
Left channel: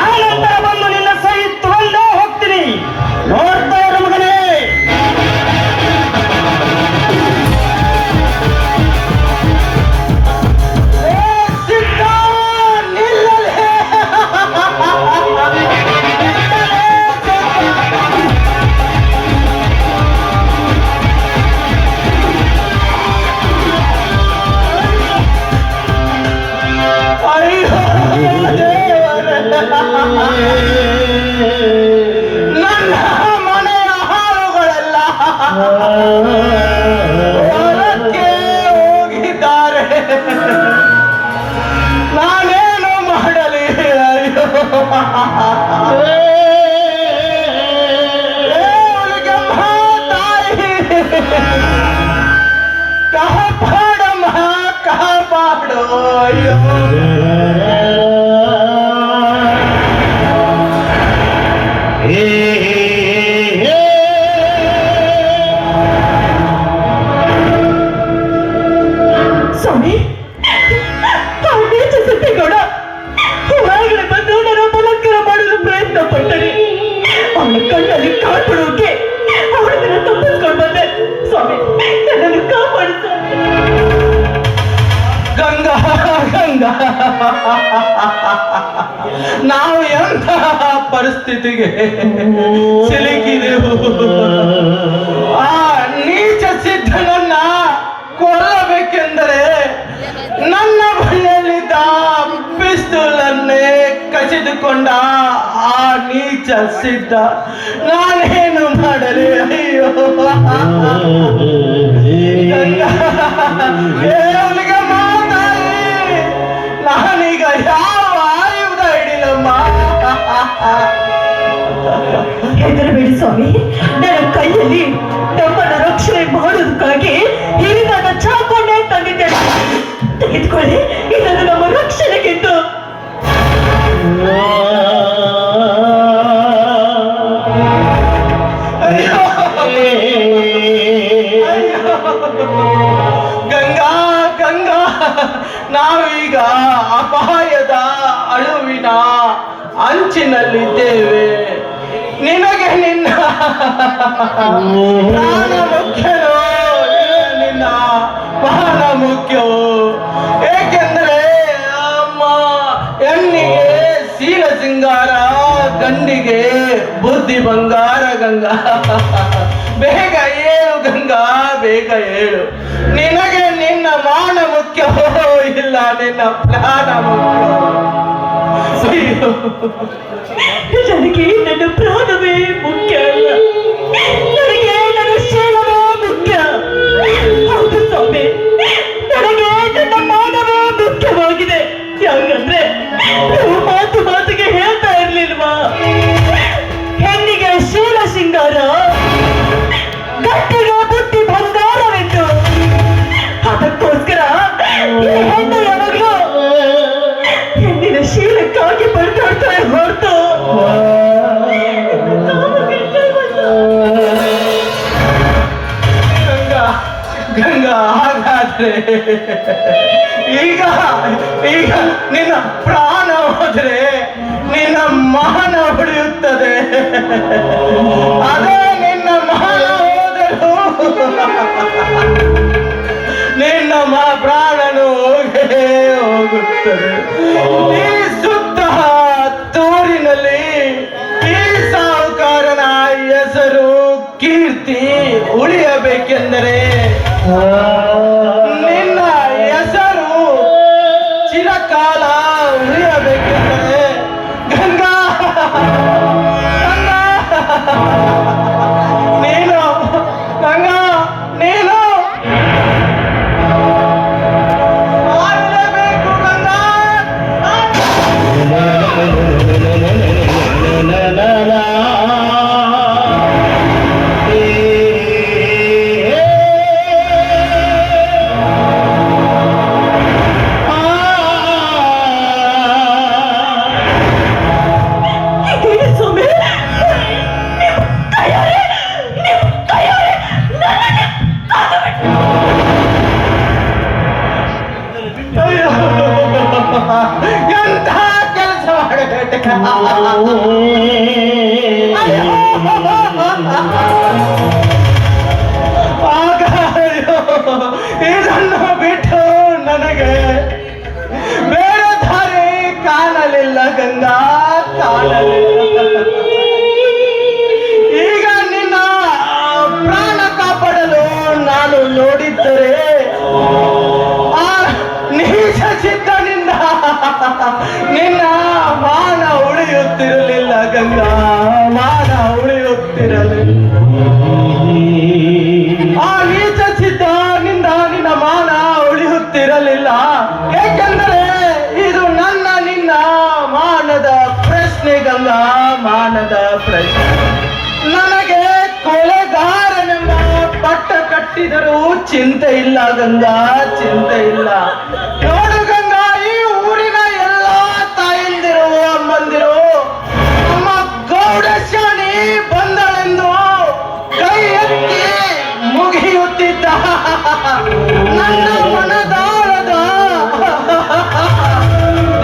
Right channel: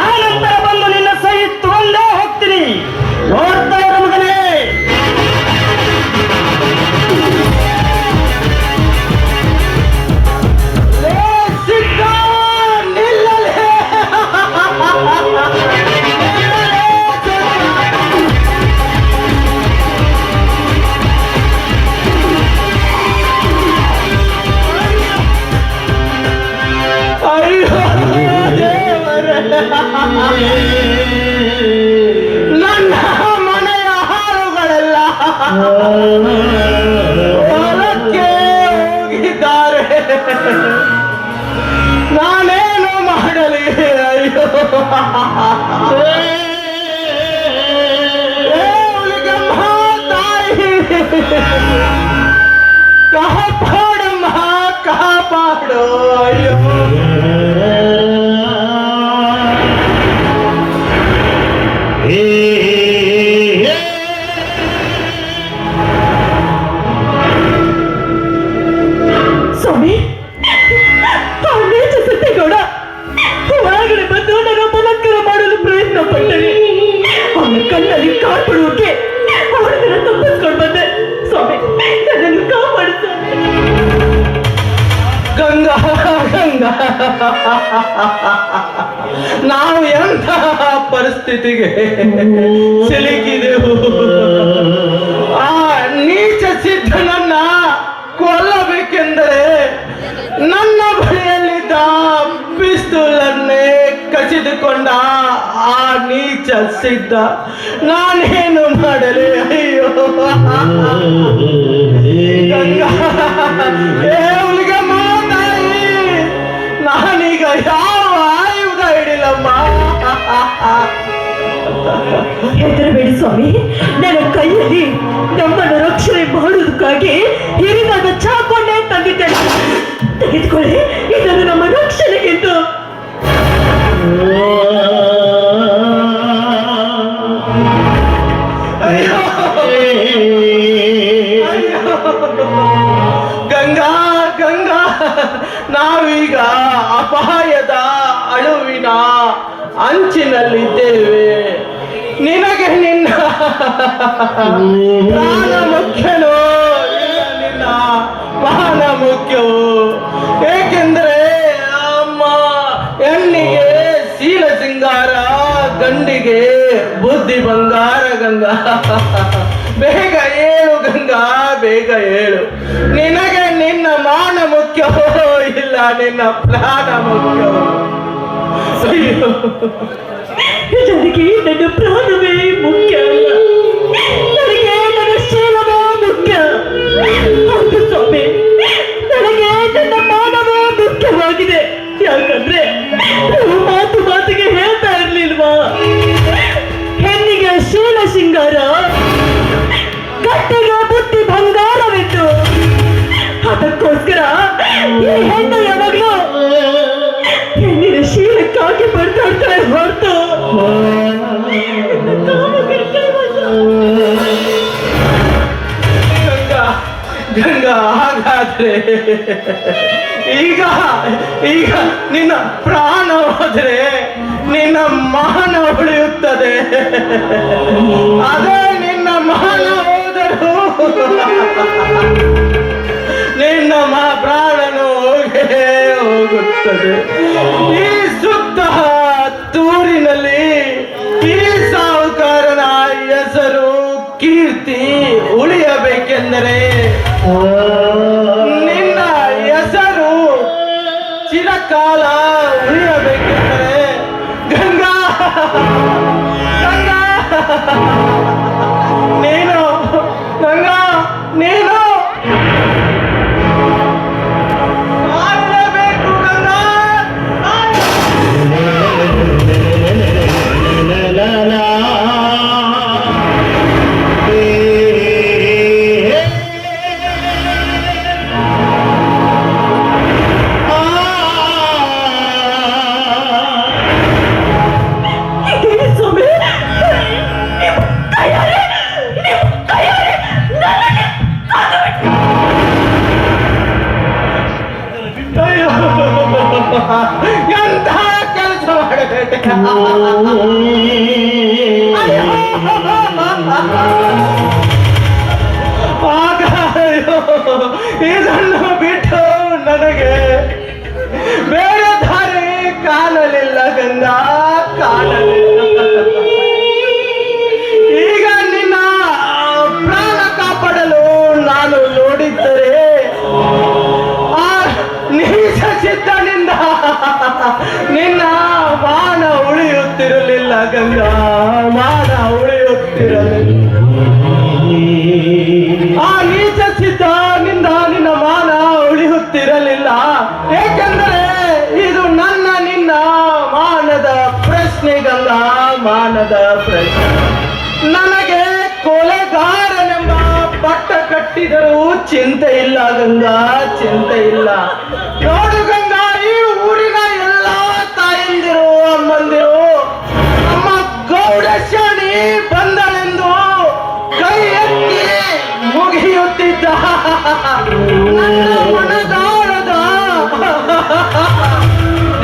ಆ ನಂತರ ಬಂದು ನಿನ್ನ ಸಹಿ ತಗೊಂಡೇ ಹೋಗ್ತೀನಿ. ನೋಡ್ತಾ ಇರು ಮಗನೇ. ಏ ಸಿದ್ಧ, ನಿಲ್ಲಲೇ. ಅಯ್ಯೋ ನನ್ನ ಮನೆಯ ಹಾಳುಗಳೆಲ್ಲ ಹೊರಕ್ಕೆ ಹೋಗಿದ್ದಾರೆ. ನಾನೇನು ಮಾಡಲಿ? ಅಯ್ಯೋ ಹುಲಿಗೆಮ್ಮ ತಾಯಿ, ಕಾಪಾಡಮ್ಮ, ಕಾಪಾಡು. ಅಯ್ಯೋ ಸ್ವಾಮಿ, ಆ ನೀಚ ಸಿದ್ದೇಗೌಡ ಹೊರಗಡೆ ಬಂದು ನನ್ನ ಬಲಾತ್ಕಾರ ಮಾಡಲು ಪ್ರಯತ್ನ ಪಟ್ಟರೆ ಅವನ ಕಣ್ಣಲ್ಲಿ ಕಾಡ್ಬಿಡುವುದಕ್ಕೆ ಅವರನ್ನ ತಪ್ಪಿಸ್ಕೊಂಡು ಬಂದೆ. ಸ್ವಾಮಿ, ನನ್ನನ್ನು ಕಾಪಾಡು ಸ್ವಾಮಿ. ಗಂಗಾ, ಗಂಗಾ, ನಾವು ಎಂತಹ ಪರಿಸ್ಥಿತಿಗೆ ಸಿಲುಕಿದೆವು. ಆ ನೀಚ ಸಿದ್ಧನನ್ನ ಕೊಲ್ಲಬೇಕೆಂದರೆ ನನ್ನ ಬಳಿಯಲ್ಲಿದ್ದ ಪಿಸ್ತೂಲನ್ನೇ ಕಸಿದುಕೊಂಡ ಆ ನೀಚ ಸಿದ್ಧ. ನಾನೇನು ಮಾಡಲಿ? ಅಯ್ಯೋ ಗಂಗಾ, ಏ ಹುಲಿಗೆಮ್ಮ ತಾಯಿ, ನಾನೀಗ ಯಾವ ಆಯುಧ ಹಿಡಿಲಮ್ಮ? ಹೆದರಬೇಡಿ ಸ್ವಾಮಿ, ನನ್ನ ಕೈಯಲ್ಲಿ ನಮ್ಮನ್ನು ರಕ್ಷಣೆ ಮಾಡುವುದಕ್ಕಾಗಿ ಹಿರಿದಾದ ಚಾಕೊಂಡೆ ತಂದಿದ್ದೇನೆ. ತೆಗೆದುಕೊಳ್ಳಿ, ಇದನ್ನು ನಮ್ಮ ರಕ್ಷಣೆಗೆಂದು. ಅಯ್ಯೋ, ಗಂಗಾ, ಗಂಗಾ, ನಾವೀಗ ಅಪಾಯದ ಅಳುವಿನ ಅಂಚಿನಲ್ಲಿದ್ದೇವೆ. ನಿನಗೆ ನಿನ್ನ ಪ್ರಾಣ ಮುಖ್ಯನೋ? ನಿನ್ನ ಪ್ರಾಣ ಮುಖ್ಯವೋ? ಏಕೆಂದರೆ ಅಮ್ಮ ಹೆಣ್ಣಿಗೆ ಶೀಲ ಸಿಂಗಾರ, ಗಂಡಿಗೆ ಬುದ್ಧಿ ಬಂಗಾರ. ಗಂಗಾ, ಬೇಗ ಹೇಳು ಗಂಗಾ, ಬೇಗ ಹೇಳು. ನಿನಗೆ ನಿನ್ನ ಮಾನ ಮುಖ್ಯವೋ ಇಲ್ಲ ನಿನ್ನ ಪ್ರಾಣ ಮುಖ್ಯವೋ? ಅಯ್ಯೋ, ನನಗೆ ನನ್ನ ಪ್ರಾಣವೇ ಮುಖ್ಯ ಅಲ್ಲ, ನನಗೆ ನನ್ನ ಶೀಲವೇ ಮುಖ್ಯ. ಹೌದು ಸ್ವಾಮಿ, ನನಗೆ ನನ್ನ ಮಾನವೇ ಮುಖ್ಯವಾಗಿದೆ. ಯಾಕಂದ್ರೆ ನೀವು ಮಾತು ಮಾತಿಗೆ ಹೇಳ್ತಾ ಇರ್ಲಿಲ್ವಾ, ಹೆಣ್ಣಿಗೆ ಶೀಲ ಸಿಂಗಾರ, ಗಟ್ಟಿಗೆ ಬುದ್ಧಿ ಬಂಗಾರವಿತ್ತು. ಅದಕ್ಕೋಸ್ಕರ ಈ ಹೆಣ್ಣು ಯಾವಾಗಲೂ ಹೆಣ್ಣಿನ ಶೀಲಕ್ಕಾಗಿ ಬರ್ತಾಡ್ತಾರೆ ಹೊರತು ಗಂಗಾ, ಗಂಗಾ, ಹಾಗಾದ್ರೆ ಈಗ ಈಗ ನಿನ್ನ ಪ್ರಾಣ ಹೋದ್ರೆ ನಿನ್ನ ಮಾನ ಉಳಿಯುತ್ತದೆ. ಅದೇ ನಿನ್ನ ಮಾನ ಹೋದರೆ ನಿನ್ನ ಪ್ರಾಣನು ಹೋಗೇ ಹೋಗುತ್ತದೆ. ಈ ಸುತ್ತ ತೂರಿನಲ್ಲಿ ಈ ಸಾಹುಕಾರನ ಹೆಸರು ಕೀರ್ತಿ ಉಳಿಯಬೇಕೆಂದರೆ ನಿನ್ನ ಹೆಸರು ಚಿರಕಾಲ ಉಳಿಯಬೇಕೆಂದರೆ ಗಂಗಾ ನೀನು ಗಂಗಾ ನೀನು ಮಾಡಲೇಬೇಕು ಗಂಗಾ. ಇದೇನು ಸ್ವಾಮಿ? ನೀವು ಕೈಯಾರೆ ನನಗೆ ಕಾಲು ಬಿಟ್ಟು ಅಯ್ಯೋ, ಎಂಥ ಕೆಲಸ ಮಾಡಬೇಕು. ಆಗ ಅಯ್ಯೋ, ಇದನ್ನು ಬಿಟ್ಟು ನನಗೆ ಬೇರೆ ದಾರಿ ಕಾಣಲಿಲ್ಲ ಗಂಗಾ, ಕಾಣಲಿಲ್ಲ. ಈಗ ನಿನ್ನ ಪ್ರಾಣ ಕಾಪಾಡಲು ನಾನು ನೋಡಿದ್ದರೆ ಆ ನೀಚ ಚಿತ್ತನಿಂದ ನಿನ್ನ ಮಾನ ಉಳಿಯುತ್ತಿರಲಿಲ್ಲ ಗಂಗಾ, ಮಾನ ಉಳಿಯುತ್ತಿರಲಿಲ್ಲ. ಆ ನೀಚ ಚಿತ್ತನಿಂದ ನಿನ್ನ ಮಾನ ಉಳಿಯುತ್ತಿರಲಿಲ್ಲ. ಏಕೆಂದರೆ ಇದು ನಿನ್ನ ಮಾನದ ಪ್ರಶ್ನೆ ಗಂಗಾ, ಮಾನದ ಪ್ರಶ್ನೆ. ನನಗೆ ಕೊಲೆಗಾರನೆಂಬ ಪಟ್ಟ ಕಟ್ಟಿದರೂ ಚಿಂತೆ ಇಲ್ಲ ಗಂಗಾ, ಚಿಂತೆ ಇಲ್ಲ. ನೋಡು ಗಂಗಾ, ಈ ಊರಿನ ಎಲ್ಲ ತಾಯಂದಿರು ಅಮ್ಮಂದಿರು ನಮ್ಮ ಗೌಡಶಾಣಿ ಬಂದಳೆಂದು ಕೈ ಎತ್ತಿ ಮುಗಿಯುತ್ತಿದ್ದ ನನ್ನ ಮನದಾಳದ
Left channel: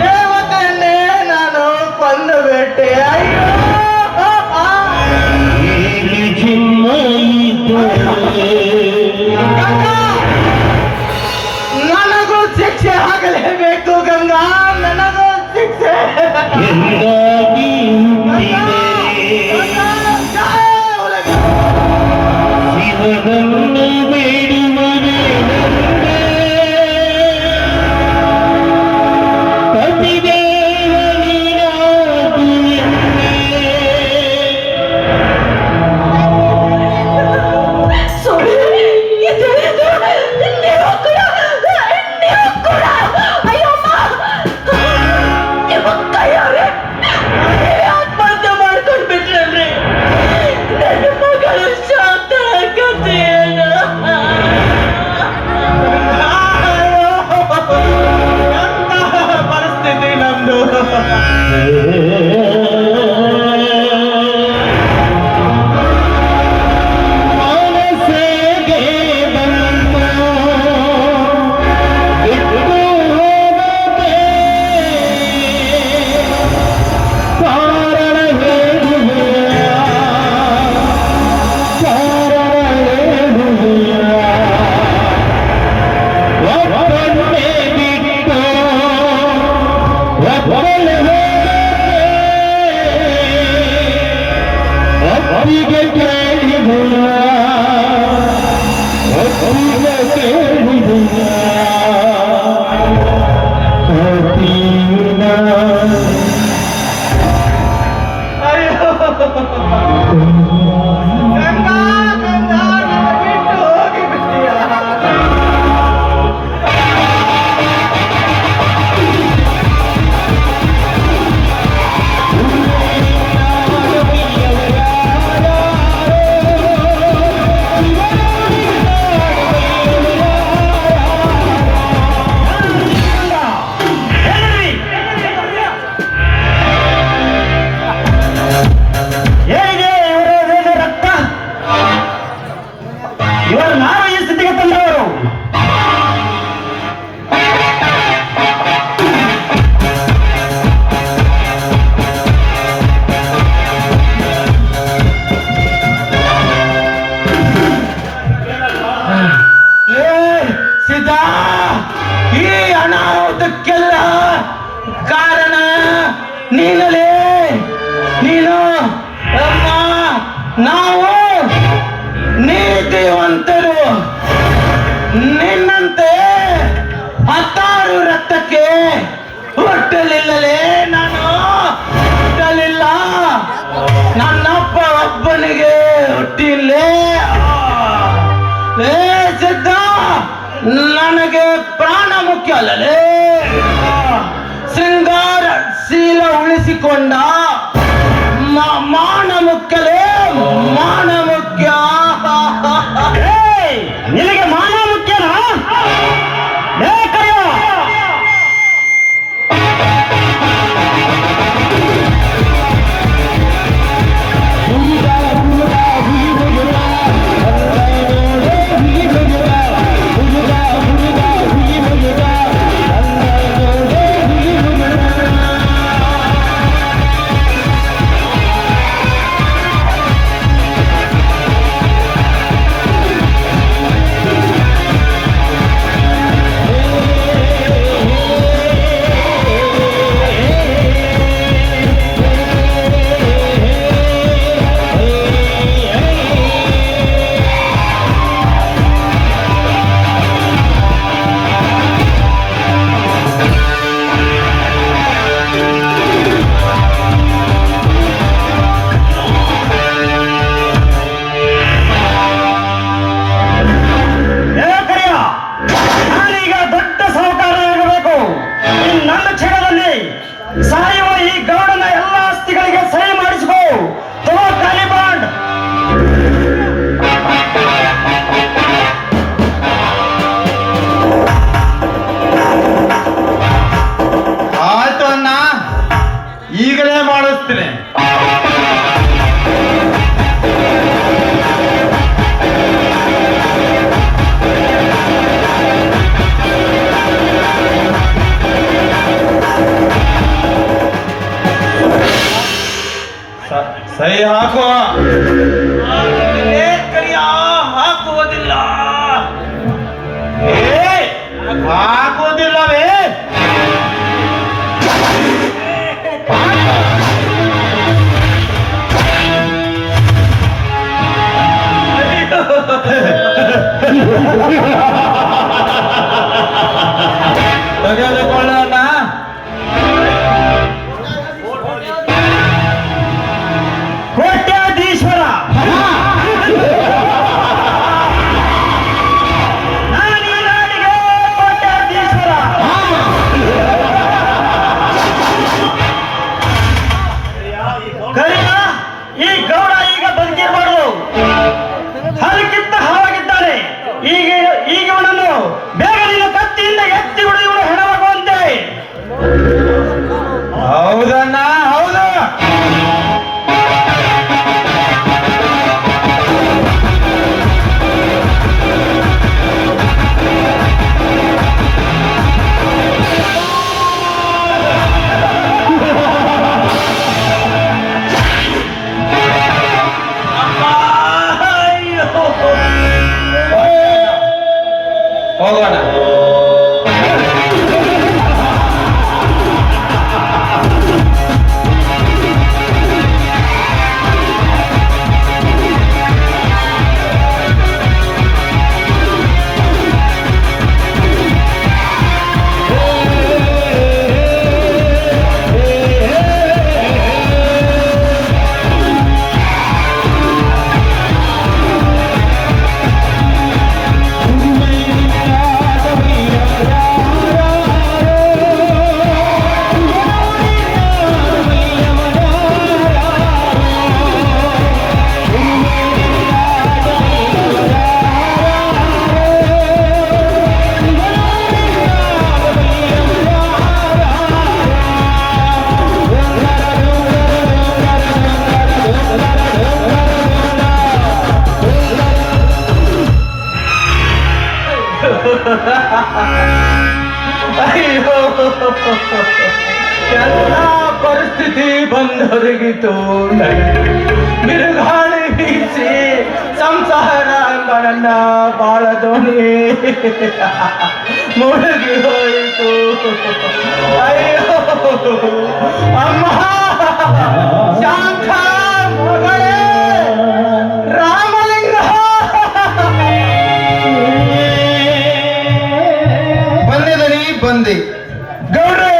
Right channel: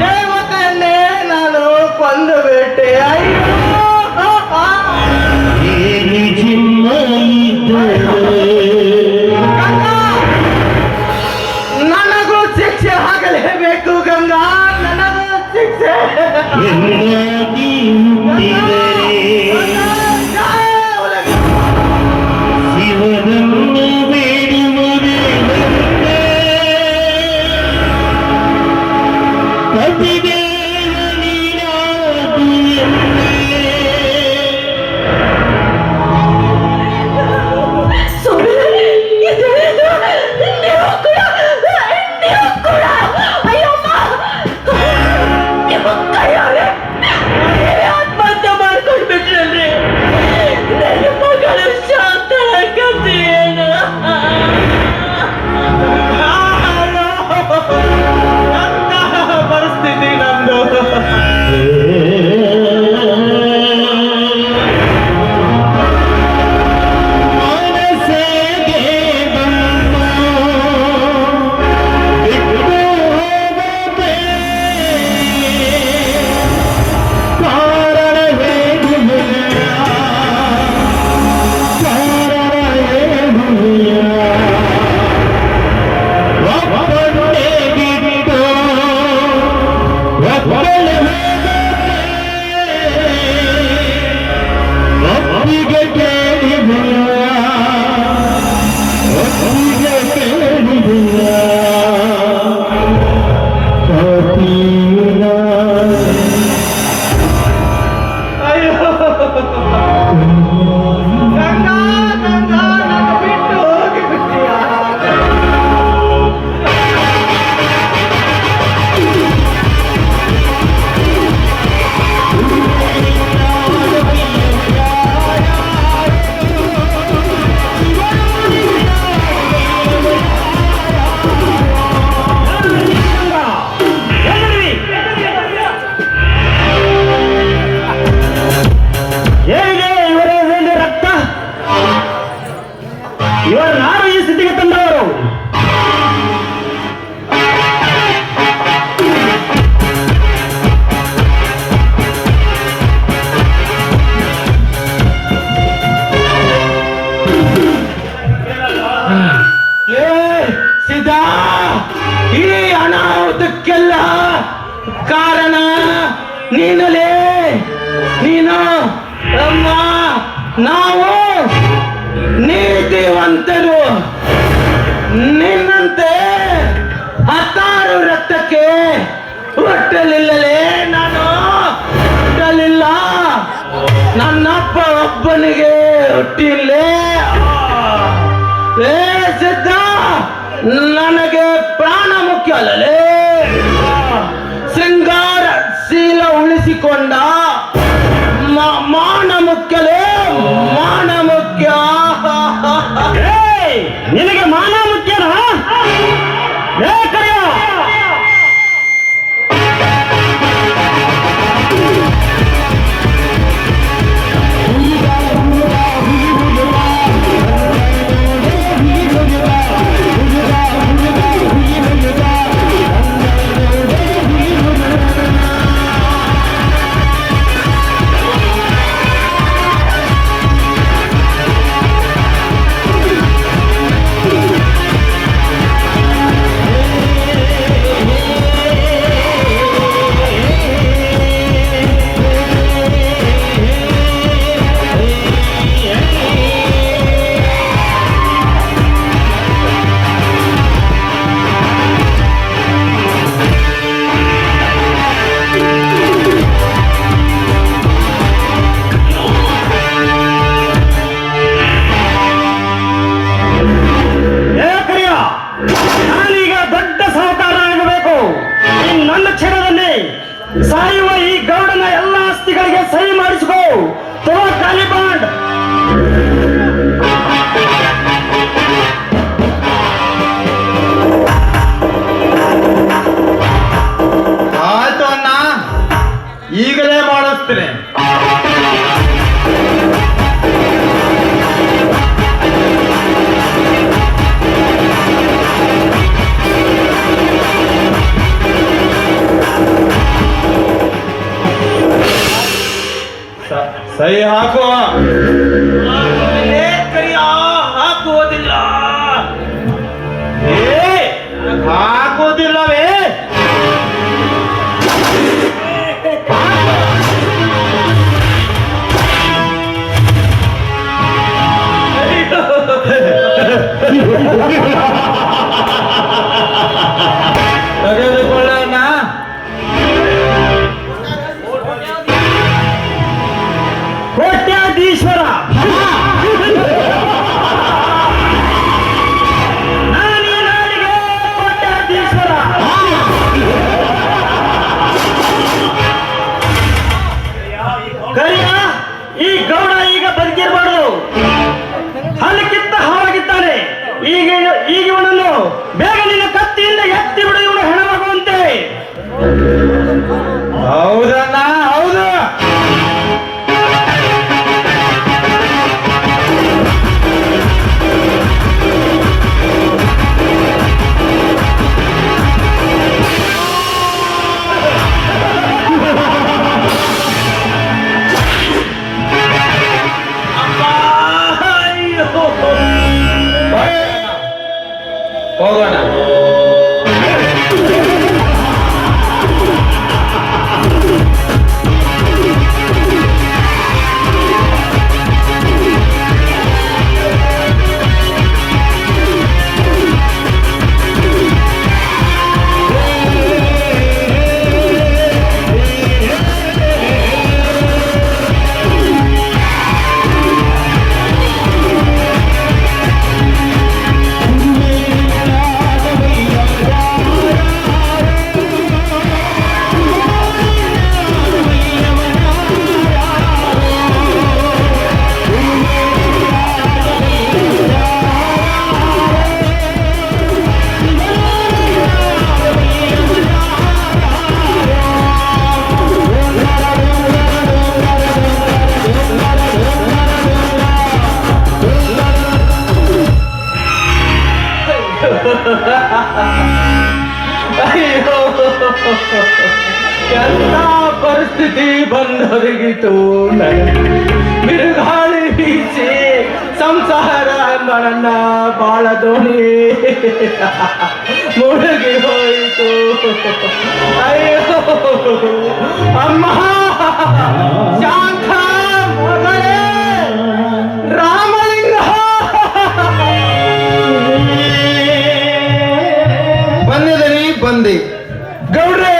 ದೇವತೆಯನ್ನೇ ನಾನು ಕೊಂದು ಬಿಟ್ಟೆ. ಅಯ್ಯೋ ನನಗೂ ಶಿಕ್ಷೆ ಆಗಲೇಬೇಕು ಗಂಗಾ, ನನಗೂ ಶಿಕ್ಷೆ. ಸ್ವಾಮಿ, ಇದೇನು? ನೀವು ಕೂಡ ಅಯ್ಯಮ್ಮ, ನಿಮ್ಮ ಕೈಯಾರೆ ಆತ್ಮಹತ್ಯೆ ಮಾಡ್ಕೊಂಡು ಬಿಟ್ರಲ್ರಿ. ನನ್ನ ಮಗಳ ಶಾಂತಳ ಕಥೆ ಏನು? ಎಂತಹ ಪರಿಸ್ಥಿತಿ ನಂದು. ಗಂಗಾ, ಗಂಗಾ, ನನ್ನ ಬಿಟ್ಟು ಹೋಗಿಬಿಟ್ಟಿಯಾ? ಹೇಗೆ ಇವರ ಒಂದು ರಕ್ತ ಇವರ ನಾನು ಈ ಸ್ಥಿತಿಗೆ ತಂದವರು. ಏ ಸಿದ್ಧಾ, ಈ ಅನಾಹುತಕ್ಕೆಲ್ಲ ಕಾರಣ ನೀನಲೇ. ನೀನು ಅಮ್ಮ, ನಾವು ನೀತಿವಂತರು. ನಿನ್ನಂತೆ 16 ರಕ್ತಕ್ಕೆ ಹುಟ್ಟಲಿಲ್ಲಲೇ ನಾನು. ಹುಟ್ಟಲಿಲ್ಲ. ನನ್ನಪ್ಪ ಒಬ್ಬನಿಗೆ ಹುಟ್ಟಿಲ್ಲೇ. ಏ ಸಿದ್ಧ, ನನಗೆ ಪ್ರಾಣ ಮುಖ್ಯ ಅಲ್ಲಲೇ. ಶೃಂಗಾರ ಶೀಲ ಉಳಿಸಿಕೊಂಡ ಮಾನ ಮುಖ್ಯಲೇ. ಮಾನ ಮುಖ್ಯ. ನಿನಗೆ ಮಾನ ಮುಖ್ಯನಾ? ಸಾಯುವ ಈ ಗೌಡನ ಎಲ್ಲ ಆಸ್ತಿಗಳಿಗೆ ಸಹಿ ಮಾಡಿಸ್ಕೋ. ಖಾಲಿ ಬಾಂಡ್. ಆಯ್ತು ಅಣ್ಣ, ಈಗಲೇ ಮಾಡಿಸ್ತೀನಿ. ಸಹಿ ಹಾಕುವ. ಹಾಕುವುದಿಲ್ಲ. ಹಾಕುವುದಿಲ್ಲವೇ? ತೆಗೆದುಕೊಳ್ಳೋಣ. ಕೋಟ್ಯಾಧೀಶ್ವರ, ನಾನು ಈ ನಾಡಿಗೆ ಕೋಟ್ಯಾಧೀಶ್ವರ. ಕರಿಯ, ಈ ಗೌಡ ಈಗ ಬದುಕಿರಬಾರ್ದು. ಹಲಕ್ಕಿಂತ ಹಾವಾಗಿದ್ದಾನೆ. ಈಗ ಇವನನ್ನು ಬೇಗ ನೀನು ಕತ್ತಿಯಿಂದ ಎತ್ತಿ ಬಿಡು. ಇವನು ಹೆಣವಾಗುವಂತೆ. ಹೌದಣ್ಣ, ಹೌದು. ಹೋಗೋಣ. ಎಲ್ಲ ಪರಿಸ್ಥಿತಿ ಬಂದೊದಗಿತು. ಬಿರುಗಾಳಿ ಬೀಸಿ ಸಂಸಾರ ಎಂಬ ನನ್ನ ಬಾಳದ ಧ್ವನಿ ಮುಳುಗಿ ಹೋಯಿತು. ಅಯ್ಯೋ ಅಮ್ಮ, ಶಾಂತ ಮಗಳೇ, ರಾಮಲಿಂಗ. ಬಂದಿದನಿ ಬಂದೆ ಗೌಡ್ರೆ.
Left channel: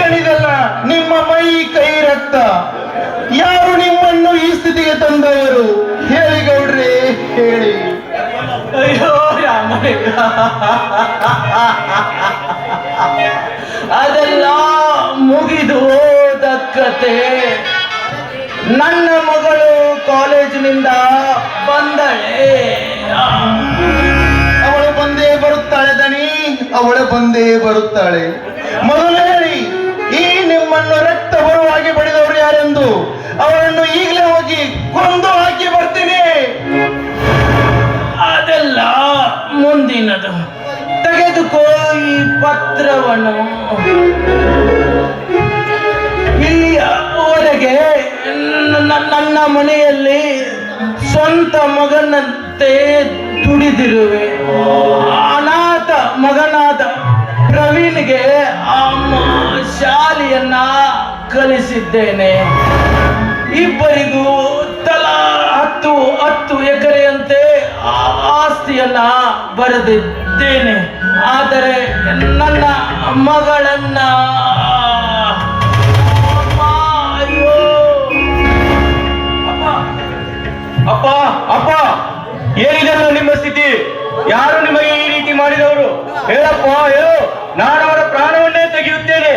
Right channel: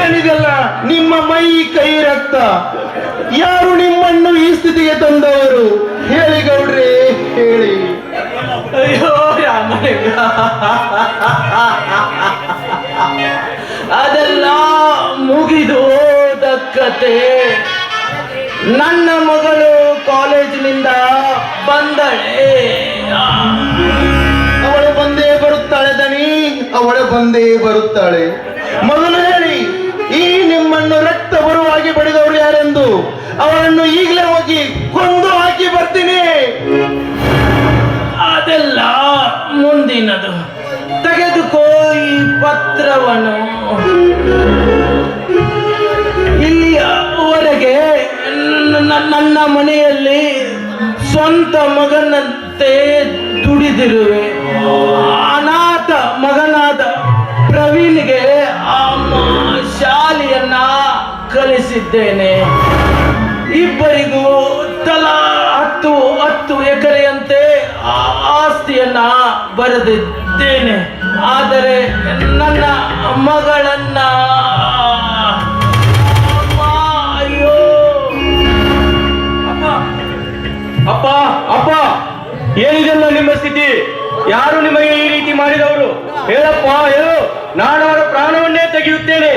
ಏನಿದೆಲ್ಲ ನಿಮ್ಮ ಮೈ ಕೈ ರಕ್ತ? ಯಾರು ನಿಮ್ಮನ್ನು ಈ ಸ್ಥಿತಿಗೆ ತಂದವರು? ಹೇಳಿ ಗೌಡ್ರೆ, ಹೇಳಿ. ಅಯ್ಯೋ ರಾಮಲಿಂಗ, ಅದೆಲ್ಲ ಮುಗಿದು ಹೋದ ಕತೆ. ನನ್ನ ಮಗಳು ಕಾಲೇಜಿನಿಂದ ಬಂದಳೆ. ಅವಳು ಬಂದೇ ಬರುತ್ತಾಳೆ ದನಿ, ಅವಳು ಬಂದೇ ಬರುತ್ತಾಳೆ. ಮೊದಲು ಹೇಳಿ, ಈ ನಿಮ್ಮನ್ನು ರಕ್ತ ಬರುವಾಗಿ ಬಡಿದವರು ಯಾರೆಂದು? ಅವಳನ್ನು ಈಗಲೇ ಹೋಗಿ ಕೊಂದು ಹಾಕಿ ಬರ್ತೀನಿ. ಅದೆಲ್ಲ ಮುಂದಿನದು. ತೆಗೆದುಕೋ ಈ ಪತ್ರವನ್ನು. ಇಲ್ಲಿಯವರೆಗೆ ನನ್ನ ಮನೆಯಲ್ಲಿ ಸ್ವಂತ ಮಗನಂತೆ ದುಡಿದಿರುವೆ. ಅನಾಥ ಮಗನಾದ ಪ್ರವೀಣ್ಗೆ ಶಾಲೆಯನ್ನ ಕಲಿಸಿದ್ದೇನೆ. ಇಬ್ಬರಿಗೂ ತಲಾ 10 ಎಕರೆಯಂತೆ ಆಸ್ತಿಯನ್ನ ಬರೆದಿದ್ದೇನೆ. ಆದರೆ ನನ್ನ ಮಗಳನ್ನ ಅಯ್ಯೋ ಅಪ್ಪ ಅಪ್ಪ, ಏನಿದೆಲ್ಲ ನಿಮ್ಮ ಸ್ಥಿತಿ? ಯಾರು ನಿಮಗೆ ಈ ರೀತಿ ಮಾಡಿದವರು? ಹೇಳಪ್ಪ, ಹೇಳು. ನಾನು ಅವರ ಪ್ರಾಣವನ್ನೇ ತೆಗೆಯುತ್ತೇನೆ.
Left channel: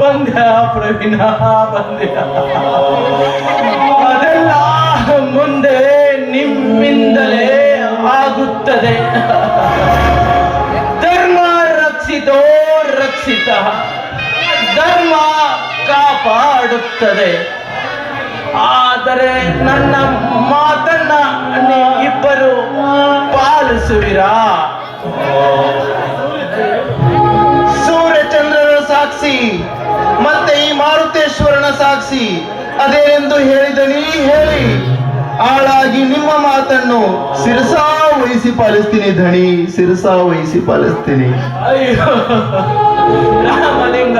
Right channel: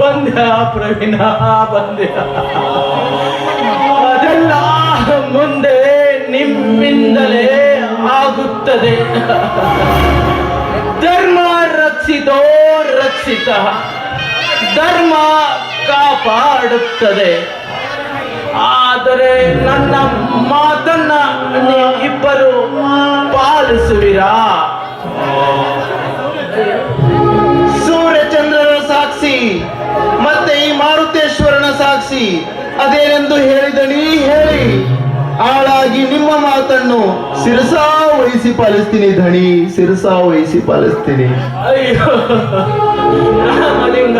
ಬಂದ ಪ್ರವೀಣ, ಬಂದೆ. ಅದೆಲ್ಲ ಮುಂದೆ ನಿಮ್ಮಿಂದಲೇ ಆಗುತ್ತದೆ. ಧರ್ಮ ರಕ್ಷಿತೋ ರಕ್ಷಿತ, ಧರ್ಮ ಕಾಪಾಡುತ್ತದೆ. ಆದರೆ ನನ್ನ ಮಾತನ್ನ ನೀವಿಬ್ಬರು ಪಾಲಿಸುವಿರಾ? ಸೂರ್ಯಚಂದ್ರನ ಸಾಕ್ಷಿ ಮತ್ತೆ ಈ ಮಾರುತೇಶ್ವರನ ಸಾಕ್ಷಿ ಅದೇನೆಂದು ಹೇಳಿದನಿ, ಹೇಳಿ. ಆಳಾಗಿ ನಿಮ್ಮ ಮಾತನ್ನು ಶಿರಸಾ ವಹಿಸಿ ಪಾಲಿಸ್ತೀನಿ ಧಣಿ, ಶಿರಸಾ ವಹಿಸಿ ಪಾಲಿಸ್ತೀನಿ. ಅಯ್ಯೋ ರಾಮಲಿಂಗ,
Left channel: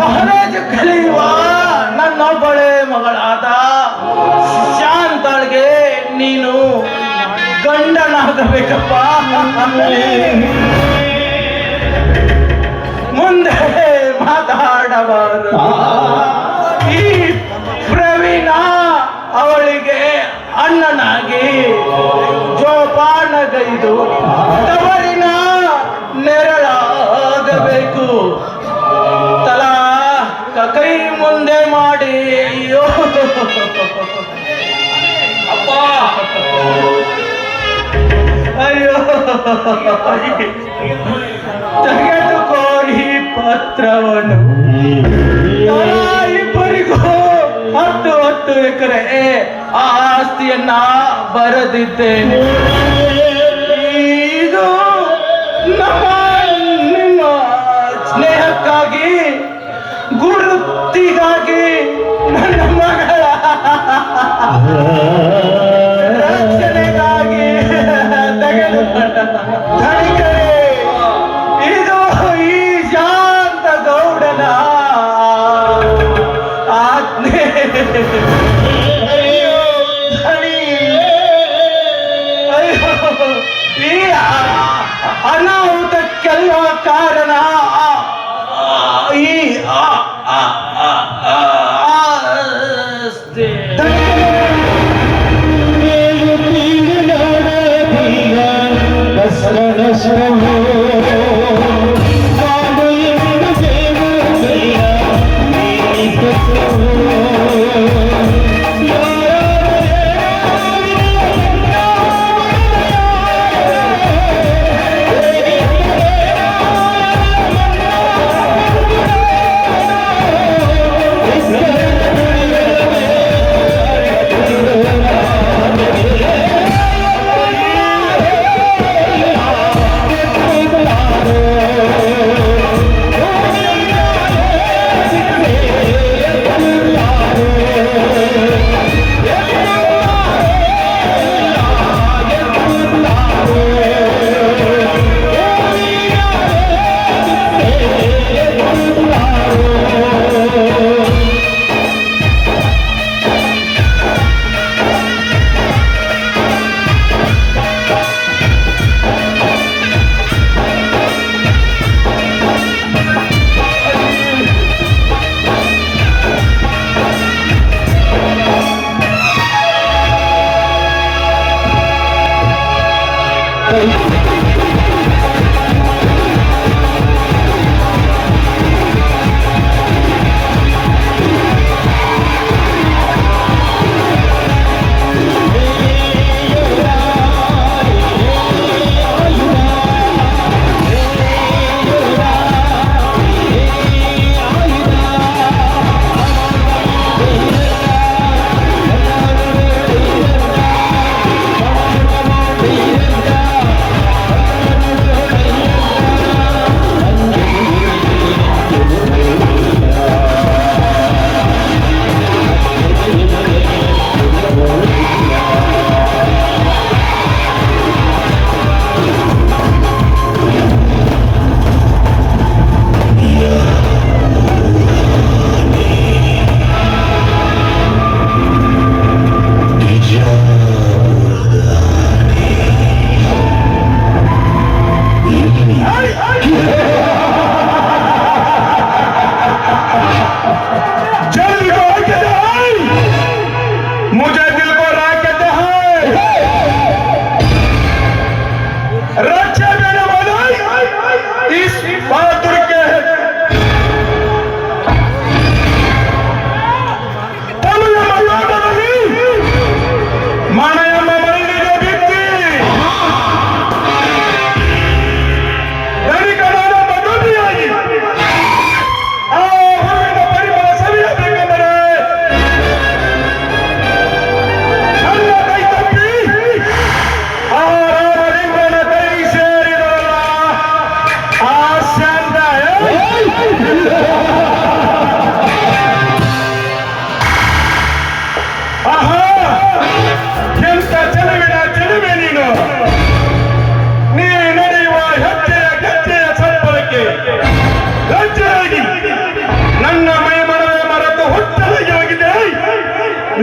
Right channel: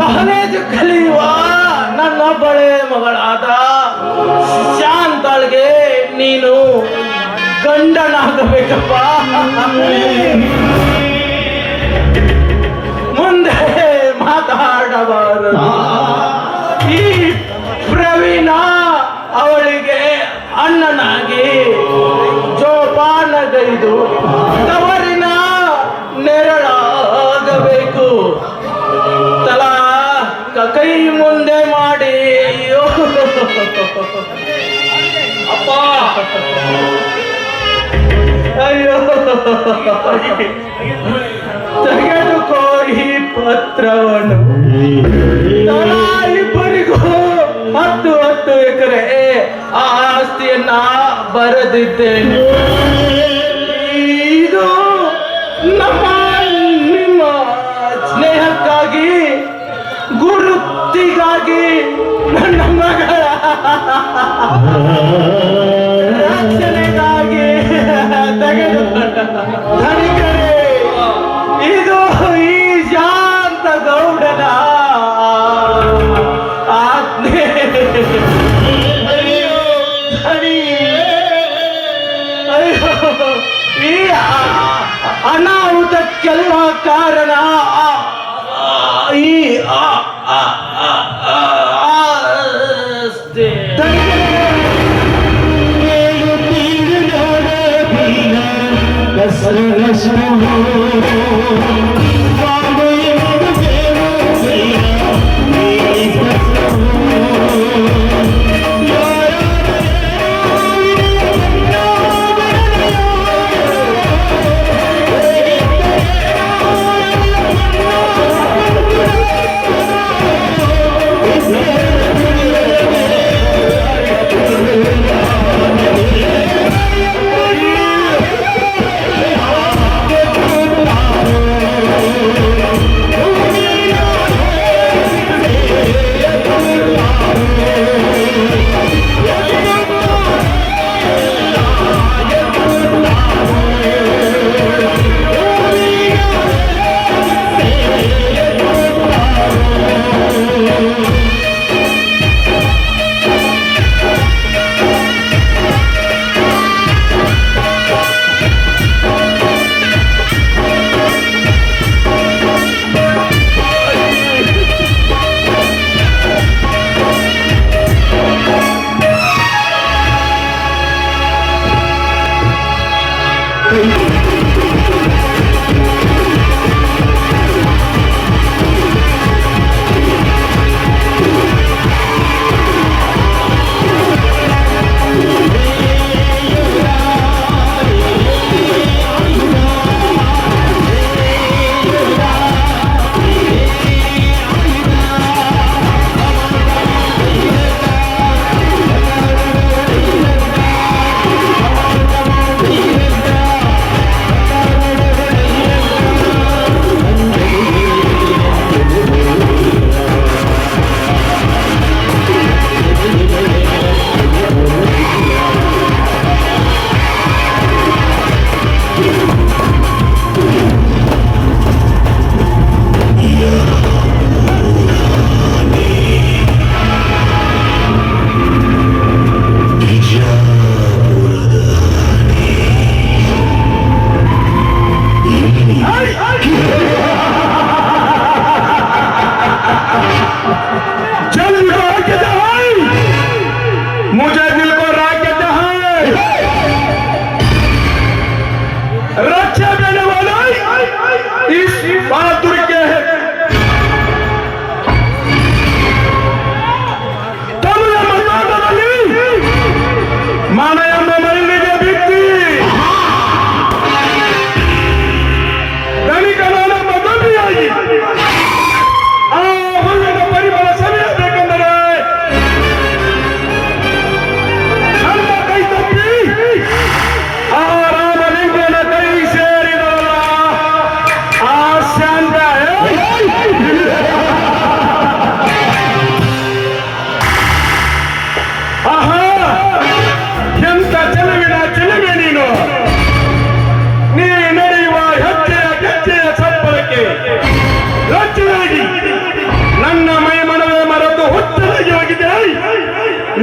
ಕಾಲೇಜ್ ಕಲಿಯುವ ನನ್ನೊಬ್ಬಳೇ ಮಗಳಾದ ಶಾಂತಾಳ್ಗೆ ನೀನು ಗಂಡನಾಗಬೇಕಪ್ಪ. ಮುಂದೆ ಮಾತಾಡಬಾರದು. ಈ ಪ್ರವೀಣ ಅವಳಿಗೆ ಅಣ್ಣನಾಗಿ ಜೋಪಾನಗೈದು ಅವರಿನ ನೆರಳಾಗಬೇಕು. ತಲಾ ಕೈ ಮುಂದೆ ಮಾಡಿ. ಅಯ್ಯೋ ಅಪ್ಪ, ಅಯ್ಯೋ ತೆಗೆದುಕೋ ಈ ಪತ್ರವನ್ನು. ಇಬ್ಬರಿಗೂ 10 ಎಕರೆ ಆಸ್ತಿಯನ್ನ ಬರೆದಿದ್ದೇನೆ. ಇದು ನಿಮ್ಮ ಸ್ನೇಹಕ್ಕಾಗಿ, ಗುರುತಿಗಾಗಿ, ನನ್ನ ಮಗಳ ರಕ್ಷಣೆಗಾಗಿ ತೆಗೆದುಕೊಂಡ ಧನಿಕರೇ. ಇದು ಈ ಶಾಂತ ಗೌಡನ ಆಜ್ಞೆ. ಅಯ್ಯೋ ಧನಿ, ಅಯ್ಯೋ ಈ ಅನಾಹುತಕ್ಕೆಲ್ಲ ಕಾರಣ ಈ ಆಸ್ತಿ.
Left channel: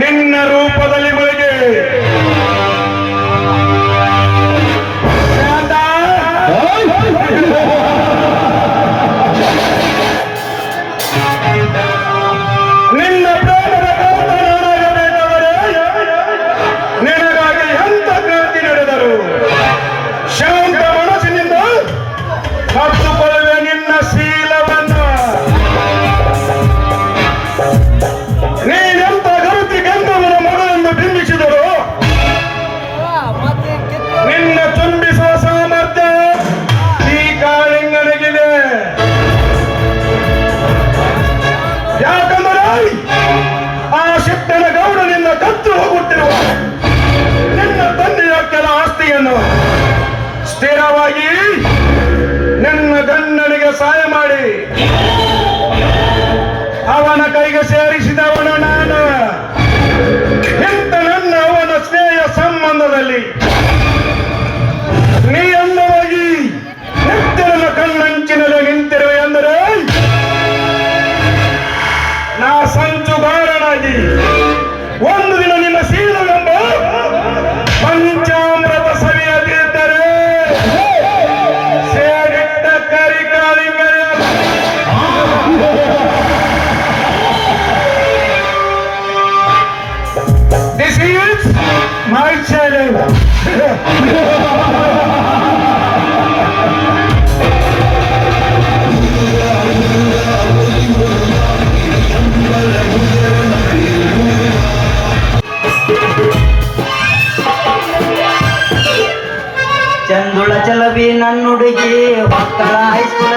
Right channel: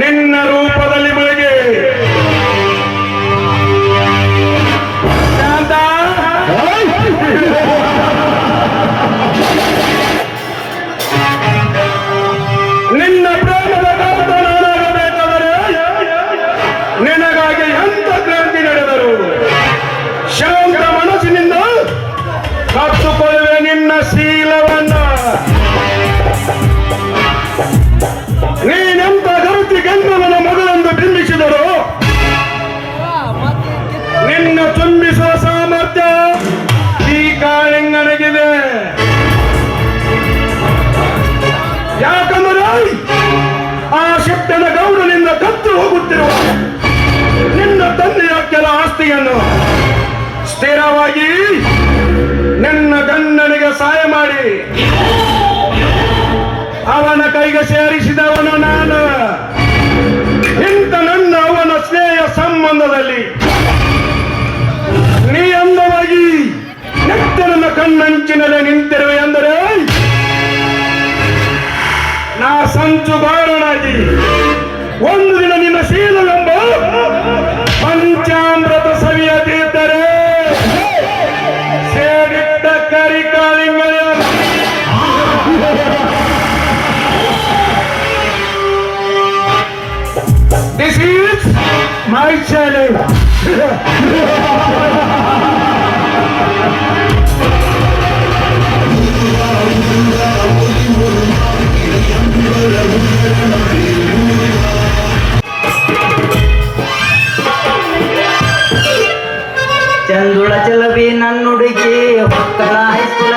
ನಿನ್ನ ರೂಪದಲ್ಲಿ ಬೆಳಗ್ಗೆ ನಿನ್ನ ಪ್ರಾಣದ ಕಾಂತನಾಗಬೇಕಾದರೆ ನಿನಗಾಗಿ ಎಂತ ಕ್ರಾಂತಿ ನಡೆದರು ಶಾಂತ ಮನಸ್ಸಿನಿಂದ ಕತ್ತುಕೊಳ್ಳುವೆ ನಿನ್ನ ಶೀಲವನ್ನ. ನೀನೆಂತ ಗರುತಿ ಗಂಗವನ ಮಗನೆಂದು ಬಿಂಬಿಸಿದರು ನಿನ್ನ ತುಂಬಿಸುವ ಸಾಮರ್ಥ್ಯ ಈ ಕಾಳಿಂಗನಿಗಿದೆ. ಯಾಕಂದರೆ ಆ ಶಿಟ್ಟನ ಗೌಡನಿಂದ ಕತ್ತು ಹೋಗುತ್ತಿರುವ ನಿನ್ನ ತಂದೆಯ ಕೆಲ ಆಸ್ತಿಯನ್ನು ಸ್ಥಿರವಾಗಿ ನಿನ್ನ ಗಂಡನಿಗೆ ಸಹಾಯ ಮಾಡಿ ಅವನ ಕೈಗೆ ಸೇರಿಸಿದವನು ನಾನು. ಇಂಥ ನನ್ನ ಅವನ ಸ್ನೇಹ ಸಂಬಂಧದಲ್ಲಿ ನೀ ಅಂದವಾಗಿ ನಿತ್ಯನ ಕಣ್ಣಂಚಿನಲ್ಲಿ ನಿಂತಿರುವೆ ಎಂದರೆ ನಾ ಸಂಚು ಬಾರನಾಗಿ ಒಂದು ದಿನ ನಿನ್ನ ಶೀಲವೆಂಬ ಪಂಚಾಮೃತ ಸವಿಯದಿದ್ದರೆ ಸೇರಿಟ್ಟ ಕರಿಕಾಲಿಂಗನೇ. This is my challenge. ಚಂದುಳ ಚಲವಿ ನನ್ನುಡುಗಿ ಹೊಕ್ಕಳ ಹೈಸ್ಕೂಲ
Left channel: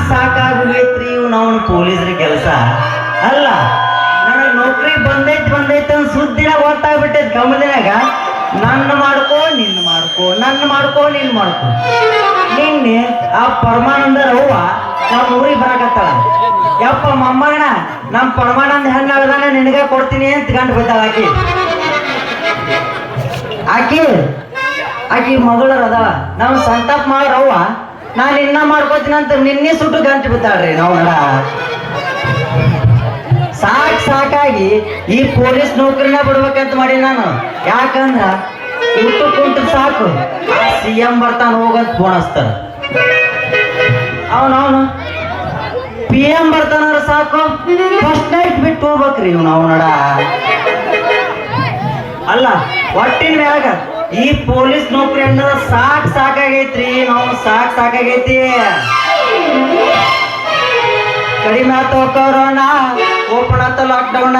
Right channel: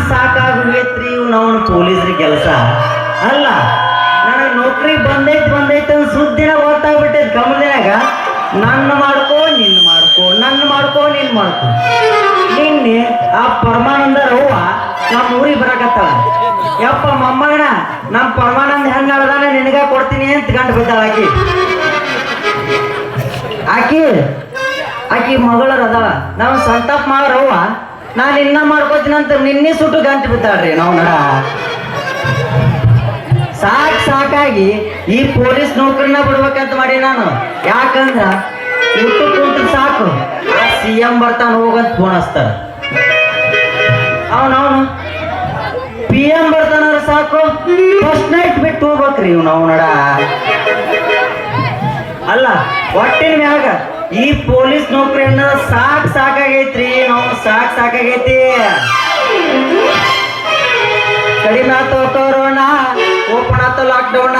ಸಾಕಾಗೋಗೈತ್ರಿ ಇವ್ನು ಅವನು ಪೊಲೀಸ್ರಿಗೆ ಕೆಲಸ ಅಲ್ಲ. ನನಗೆ ನೌಕರಿ ಬಂದೈತಿ ಅಂತ ಸುದ್ದಿನ ಗೊತ್ತಾಗ್ಬಿಟ್ಟೈತಿ ಗಮನದಾಗ. ನನ್ನ ಮಾಡ್ಕೋ ನಿನ್ನ ಮಾಡ್ಕೋ, ನನ್ನ ಮಾಡ್ಕೋ ನಿನ್ನ ಮಾಡ್ಕೋ. ನಿನ್ನೆ ಆ ಪರಮಾನಂದರ ಅವ್ವ ನಮ್ಮ ಊರಿಗೆ ಬರಾಕತ್ತಾಳ. ಯಪ್ಪ ಮೊಮ್ಮಗಣ ನಮ್ಮ ಪರಮಾನಂದ ಹೆಂಗಾಗದಾನೆ ನಿನಗ ಕೊಡ್ತೀನಿ ಅಂತ ಗಂಟು ಬಿದ್ದಾಳ ಆಕಿ ಆಕಿ ಮಗಳರ ಅದ ನಾವು ಸಂತಾಪ ಮಾಡ್ರವ್ವ ನಾನು ಇನ್ನ ಮಾಡ್ಕೋತೀನಿ ಅಂತ ನಿನ್ನೆ ಸುಟ್ಟು ಗಂಟು ಬಿದ್ದಾಳ್ರಿ ನಾವು ನಡ ಸಾಕಾಗಿ ಈ ಪೊಲೀಸ್ ನೌಕರಿನ ಬಿಡ್ಬೇಕಂತ ಮಾಡಿ ನಾನು ಯಾಕಂದ್ರ ಇಟ್ಟು ಕುಂತ ಸಾಕು CM ಬರ್ತಾನ ಹೋಗಂತ ಫೋನ್ ಹಚ್ತಾರ ಅವನು PM ಬರ್ತಾನ ಸಾಕು ಫಸ್ಟ್ ನೈಟ್ ಬಿಟ್ಟು ಹೋಗ್ಬೇಕ್ರಿ ಇವ್ ನಾವು ನಡ ಅಲ್ಲ ಒಟ್ಟಿನ ಮ್ಯಾಗ ಈ ಪೊಲೀಸ್ ನೌಕರಿ ಅನ್ನೋದು ಸಾಕಾಗೈತ್ರಿ ನಾವು ಸಾಕಾಗೈತಿ ಕಡಿಮೆ ಆಯ್ತು ಕೊರೋನಾ ಓಪನ್ ಆಯ್ತು ಲಾಕ್ಡೌನ್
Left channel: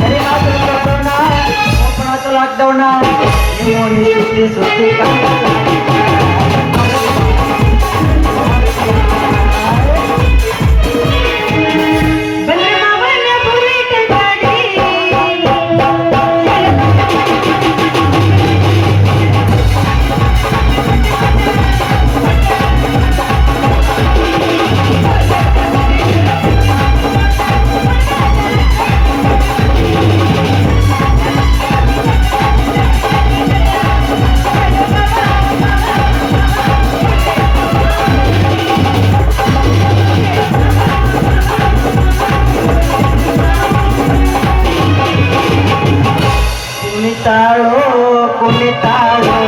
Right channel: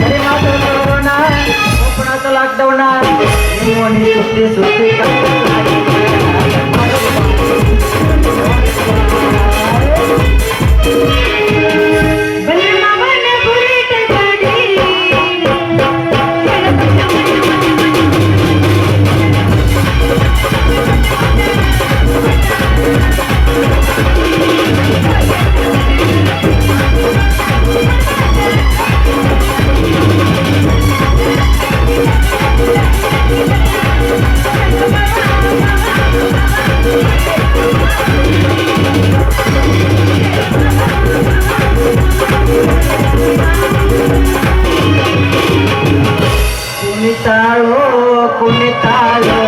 ಕಡಿಮೆ ಆಯ್ತು ಕೊರೋನಾ ಓಪನ್ ಆಯ್ತು ಲಾಕ್ಡೌನ್ ಸುತ್ತಿ ಕುಣಿತಾಳೋ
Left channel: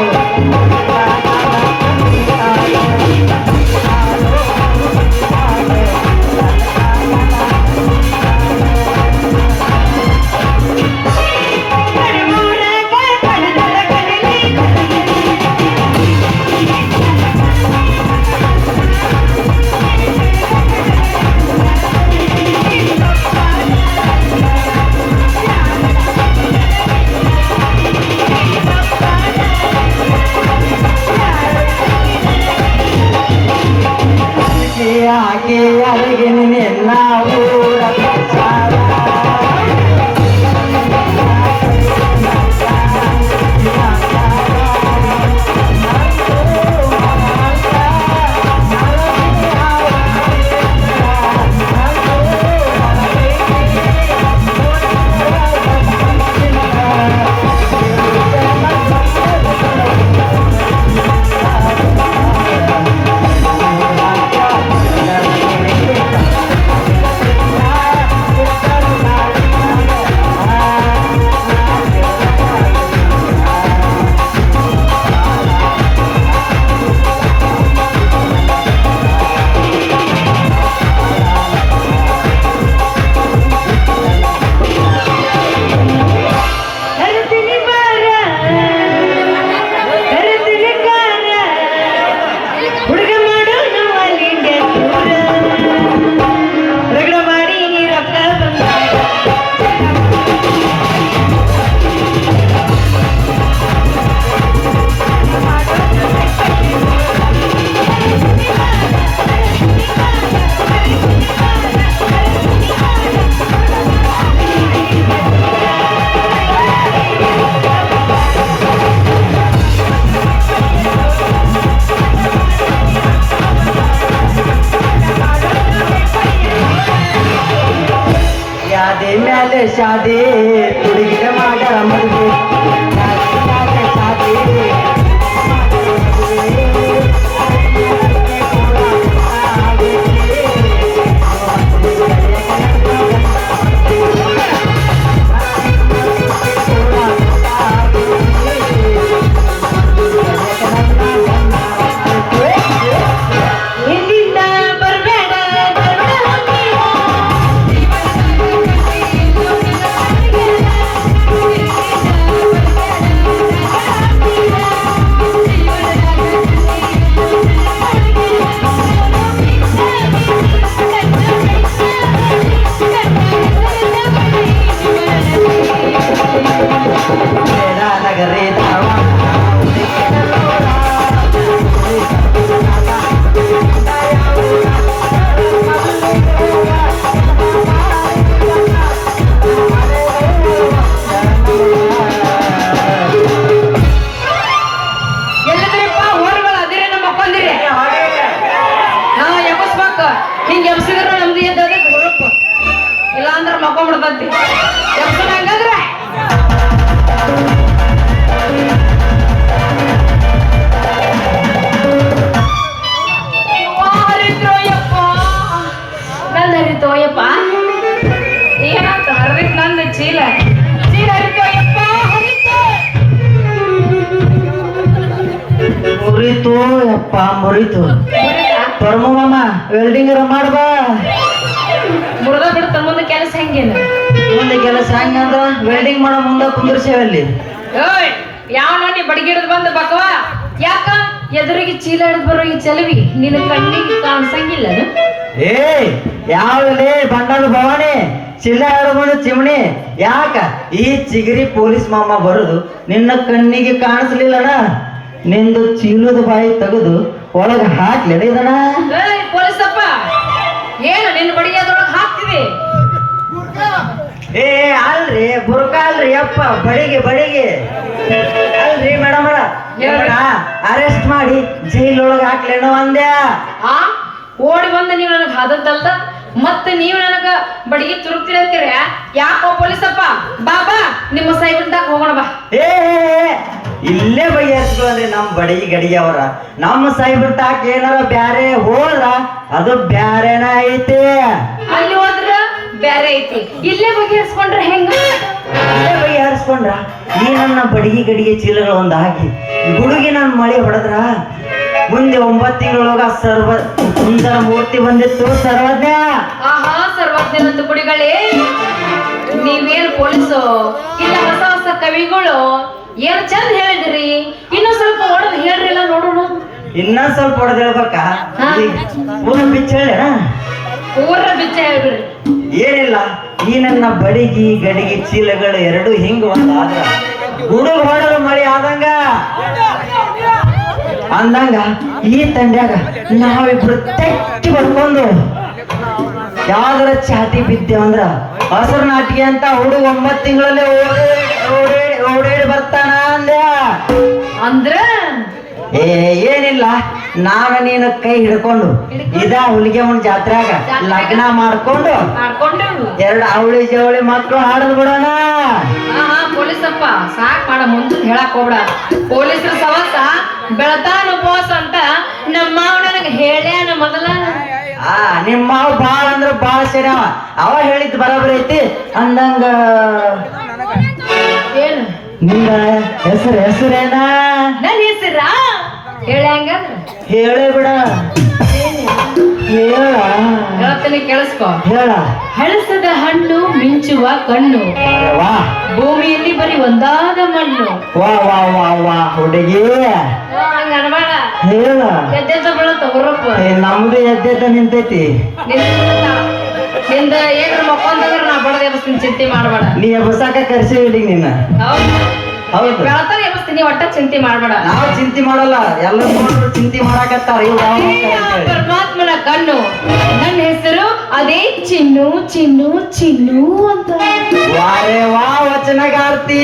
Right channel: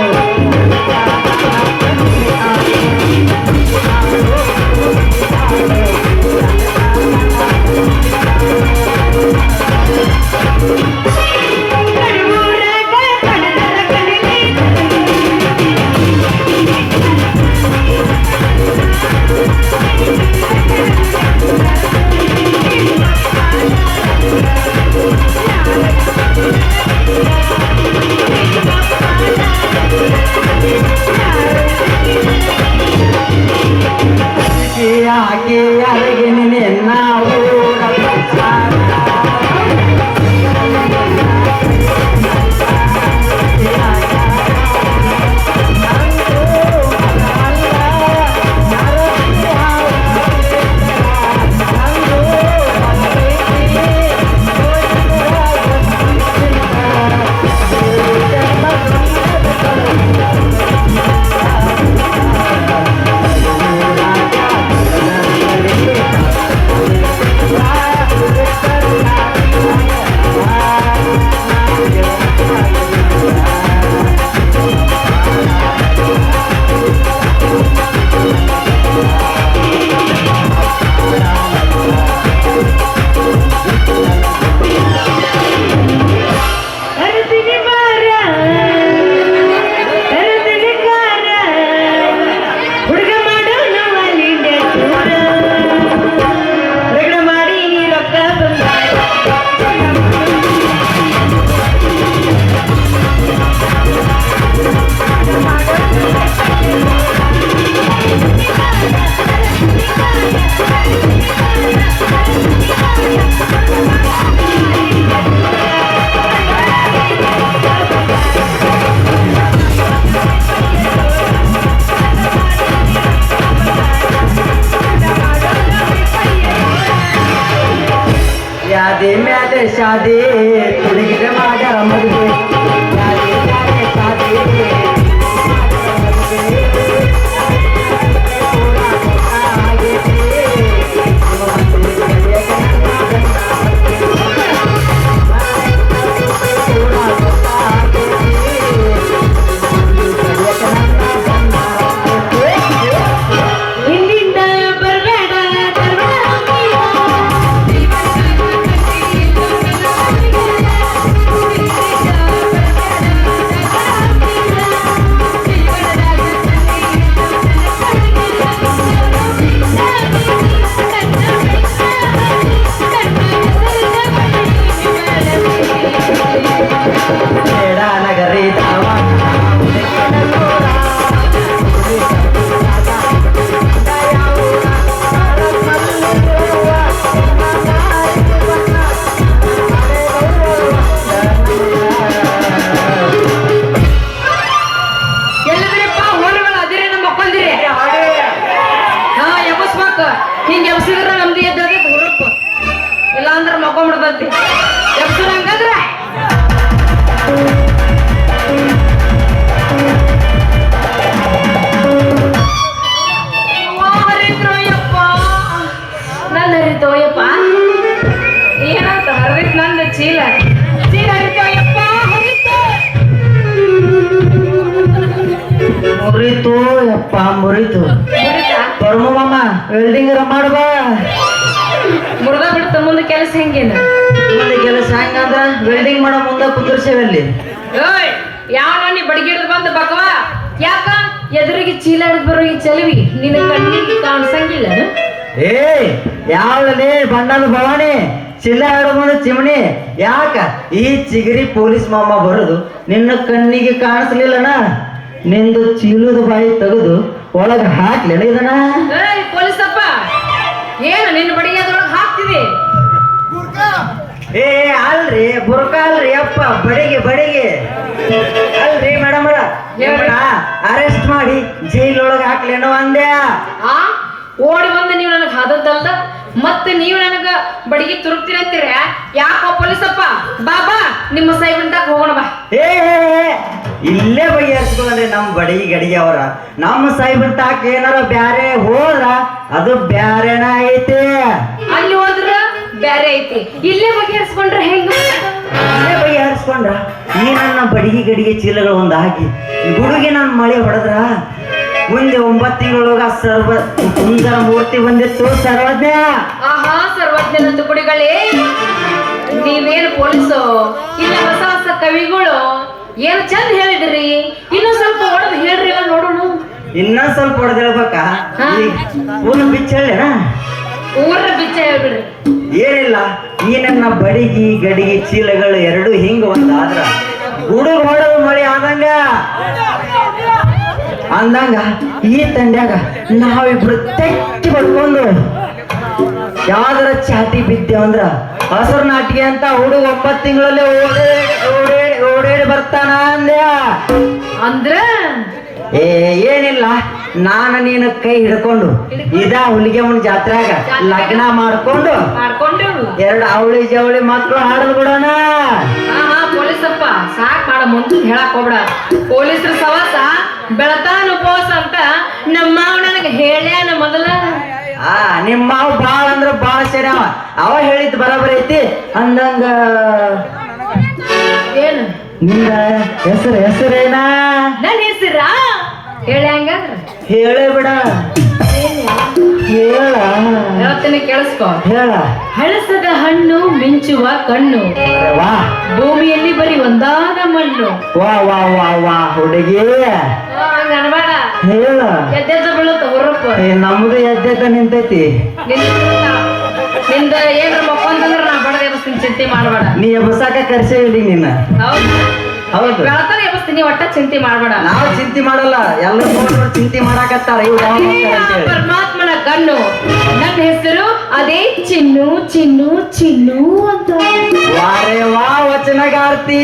ಯಪ್ಪ ಮುರಿತು ಪರಮ ಮಾಮ ವೆಲ್ಡಿಂಗ್ ಮಾಡುವ ಮುರುಘಾ ಬಿಡ್ತಾರ ಮುಂದೆ ಕೆಲಸ ಹೆಂಗೇನ ಮುಂದೆ ಕೆಲಸ ಹೆಂಗಂದ್ರ ವೆಲ್ಡಿಂಗ್ ಮಾಡೋ ಮುಂದೆ ಕುಂದ್ರಸೇವಲ್ಲಿ ಓಯ್ ಯಾವ ನೋಡಿ ಬಡಿಗಿಡದ್ ಬಂದ ಬಕವ ಯಾಕ ಎದುರಿಗೆ ಚೀಲ ಹಿಡಿದ್ ಬರೋ ಈ ಚಲವಿ ನಿನ್ನ ಕಣ್ಣಿಗೆ ಕಾಣಿಸಂಗಿಲ್ಲ ಏ ಯಾವಲ್ಲಿ ಬಂಡಲ್ ಭವಾನಿ ಚಿಲ್ಲ ಆಡೋದು ಚಿಮಣಿ ಯಾಕ ಈ ಚಿಗರಿ ಪೊಲೀಸ್ ಮಾಮ ಬರುದು ನಿನ್ನ ಕಣ್ಣಿಗೆ ಕಾಣಿಸ್ಲಿಲ್ಲಣ ನಿಂದು ಚೀಲದ ಬಾಯಿ ತೆಗೆದು ಒಳಗ ಹಾಕ್ಲಿದಣ ಏಯ್ ಪೊಲೀಸಪ್ಪ ಏನು ನಿನ್ನ ಬಡಿಗೆದೊಳಗೆ ಹಾಕ್ತಿವಿ ಏ ಅಲ್ರಿ ಬುರ್ಕ ಅಲ್ರಿ ಅಪ್ಪ ಬಡಿಗೆ ಅಲ್ರಿ ಮೇಡಮ್ ಅರೆಸ್ಟ್ ಮಾಡಿ ಜೈಲೊಳಗೆ ಹಾಕ್ಲೇನೋ ಅಂದ್ಯಾ ಆ ಓಡಿ ಬಂದ ನೀವು ನನಗೆ ಹಾದದ್ದಲ್ದ ಮತ್ತೆ ನೀವು ನನಗ ಬಡಿಗೆ ತುರುಕ್ತೀರ ಅಂತೀರ ಯಾಕೋ ಪೊಲೀಸಪ್ಪ ಬಾಬಾ ನಿಮ್ಮ ಸೈಬಂದಾಗ ಹೋಗೋಣ ಬಾ ಏ ಇಲ್ಲೇ ಬಗೆಹರಿಸ್ಕೊಂಡ್ರಿ ನಮ್ ಬಡಗಿ ಗಡಿಗೆ ಅವರ ನಮ್ಮ ಸೈಬರ್ ತಾಕ್ ಏನಾರ ಬ್ಯಾರೆ ಹೋದ ಅದು ಬ್ಯಾರೆನ ಐತಿ ಅಲ್ಲಿ ಹೋದ್ರ ಬ್ಯಾರೆ ಐತಿ ಇಲ್ಲೇ ಬಗೆಹರಿಸ್ಕೊಂಡ್ರೆ ಹೆಂಗ ಇಲ್ಲೇ ಬಗೆಹರಿಸ್ಕೊಂಡ್ರ ಈ ನನ್ನ ಬಡಗಿ ಗಡಿಗೆ ಚೀಲಗಳು ಒಂದು ಹಾಕಿ ಗುಡುಗಿ ನಮ್ಮ ಮಳೆ ಹೊಡೆದ್ರ ಮುಂದೆ 9 ತಿಂಗಳೊಳಗ ಸುಂದರ ಮೂರ್ತಿ ಬಂದಿತ್ತು ಸರ್ವಜ್ಞ ಆಹಾ ಸರ್ವಜ್ಞನಂತ ಕುಡಿಗಳೇ ನೀವೇನು ಪೊಲೀಸು ಇಲ್ಲ ಹೊಸ ಹೊಸ ಕವಿಗಳು ಏನು ಚಂದ ಹೇಳಿದ್ರಿ ಇನ್ನು ಸ್ವಲ್ಪ ಹೊಡೆದು ಹೇಳ್ರಿ ನೋಡೋಣ ಇನ್ನ ಸ್ವಲ್ಪ ಹೊಡೆದಿಳ್ಬೇಕ ಊರ ಬಿಚ್ಚ ಹೇಳ ಊರ ಬಿಚ್ಚ ಹೇಳ್ಬಿಡ್ರಿ ಏನಿಲ್ಲ ಈ ನನ್ನ ಬಡಿಗಿ ಗಡಿಗೆ ಚೀಲಗಳು ಎರಡು ಹಿಂಗ ಒಂದಾದ್ರ ಗುಡುಗ ಹೊಡೆದು ಮಳೆ ಅಂದಂಗ ಈ ತಂಡ್ಯಾಗ ನಾವಿಬ್ರು ತೆಕ್ಕಿ ಬಡ್ಕೊಂಡು ಯಾವ್ದಾರ ಚಾಟಿ ಬಿದ್ದೇವಂದ್ರ ಹಸರು ನಾಟಿಗೆ ಅಂತ ಹುಡುಗ 9 ತಿಂಗಳಲ್ಲಿ ಓಡೇಡಿ ಬರ್ತಾನ ಅಂದ್ರ ಏನಿಲ್ಲ ನಾನು ನೀನು ಕೈ ಹಿಡ್ಕೊಂಡು ಹುಲಿಗೆಮ್ಮನ ಜಾತ್ರೆಗ ಲಗ್ನ ಮಾಡ್ಕೊಂಡು ಎರಡು ಅವಳಿ ಜವಳಿ ಮಕ್ಕಳು ಹಾಡಲ್ ಬಿಡೋಣ ಪೊಲೀಸಪ್ಪ ಸಾಕ್ ಮಾಡ ಮುಂದೆ ಹೇಳಕ್ ಹೋಗ್ಬೇಡ ಪೊಲೀಸರ ಸವಾಸ ಬೆಳತಾನ ಉಪವಾಸ ಅಂತ ನಮ್ಮ ಮಾವ ನನಗೆ ಹೇಳ್ಯಾನ ಮೊದಲ ನಿಮ್ಮ ಮಾವ ಬಾಳ ಅಂದ್ರ ಬಾಳ ಸರಿ ಅವ ಹೇಳಿದ್ ಬರಾಬರಿ ಐತಿ ಅಂದಂಗ ಏನು ನಿಂದ ಹೆಸರೇನ ನನ್ನ ಹೆಸರ ಹೇಳಂಗಂದ್ರ ಹೇಳೇ ಬಿಡ ಹೇಳ್ತೀನಿ ಕೇಳಿಸ್ಕೊ ಹೇಳ ಹಳಸದ ಹಣ್ಣು ಮಿಂಚುವ ಕಣ್ಣು ವಾ ಭೂಮಿಯಲ್ಲಿ ಬರೀ ಒಂದಾದ ಮಣ್ಣು ವಾ ವಾ ವಾ ವಾ ಹುಡುಗಿ ಹಂಗ ಅನ್ಬೇಡ ಹೇಳ ಎದ್ದೆದ್ದ ಬೀಳುತ್ತ ಹೊರಪ್ಪ ನಮ್ದು ಎದ್ದೆದ್ದ ನಿಂತೈತಿ ನಿಂದ ಏನ್ರ ಮಕ್ಕೊಂದಂದ್ರ ನಾ ಬಡದ ಎಬ್ಸ್ತೀನಿ ಚಿಂತೆ ಮಾಡಬೇಡ ನೀ ಎಬ್ಬಸಾಕ ಕರ್ಸೇವಿ ನಿನ್ನ ಹೌದು ಬೆಳತಾನ ಎಬ್ಸ್ತೀನಿ ಒಟ್ಟ ಚಿಂತೆ ಮಾಡಬೇಡ ನಾವು ಚಿಂತೆ ಮಾಡಲ್ಲ ಎಲ್ಲರೂ ನೋಡ್ರು ಚಿಂತೆ ಮಾಡಾಕತ್ತಾರ ಇವ್ರು ಯಾವ ಪರಮಾತ್ಮನ ಕಣ್ಣು ನನ್ನ ಹೆಸರು ಅದೇ ಚಿನ್ನು ಚಿನ್ನು ಚಿನ್ನು ಅಂತ ವಾರೇ ವಾ ವಚನಗಾರ್ತಿ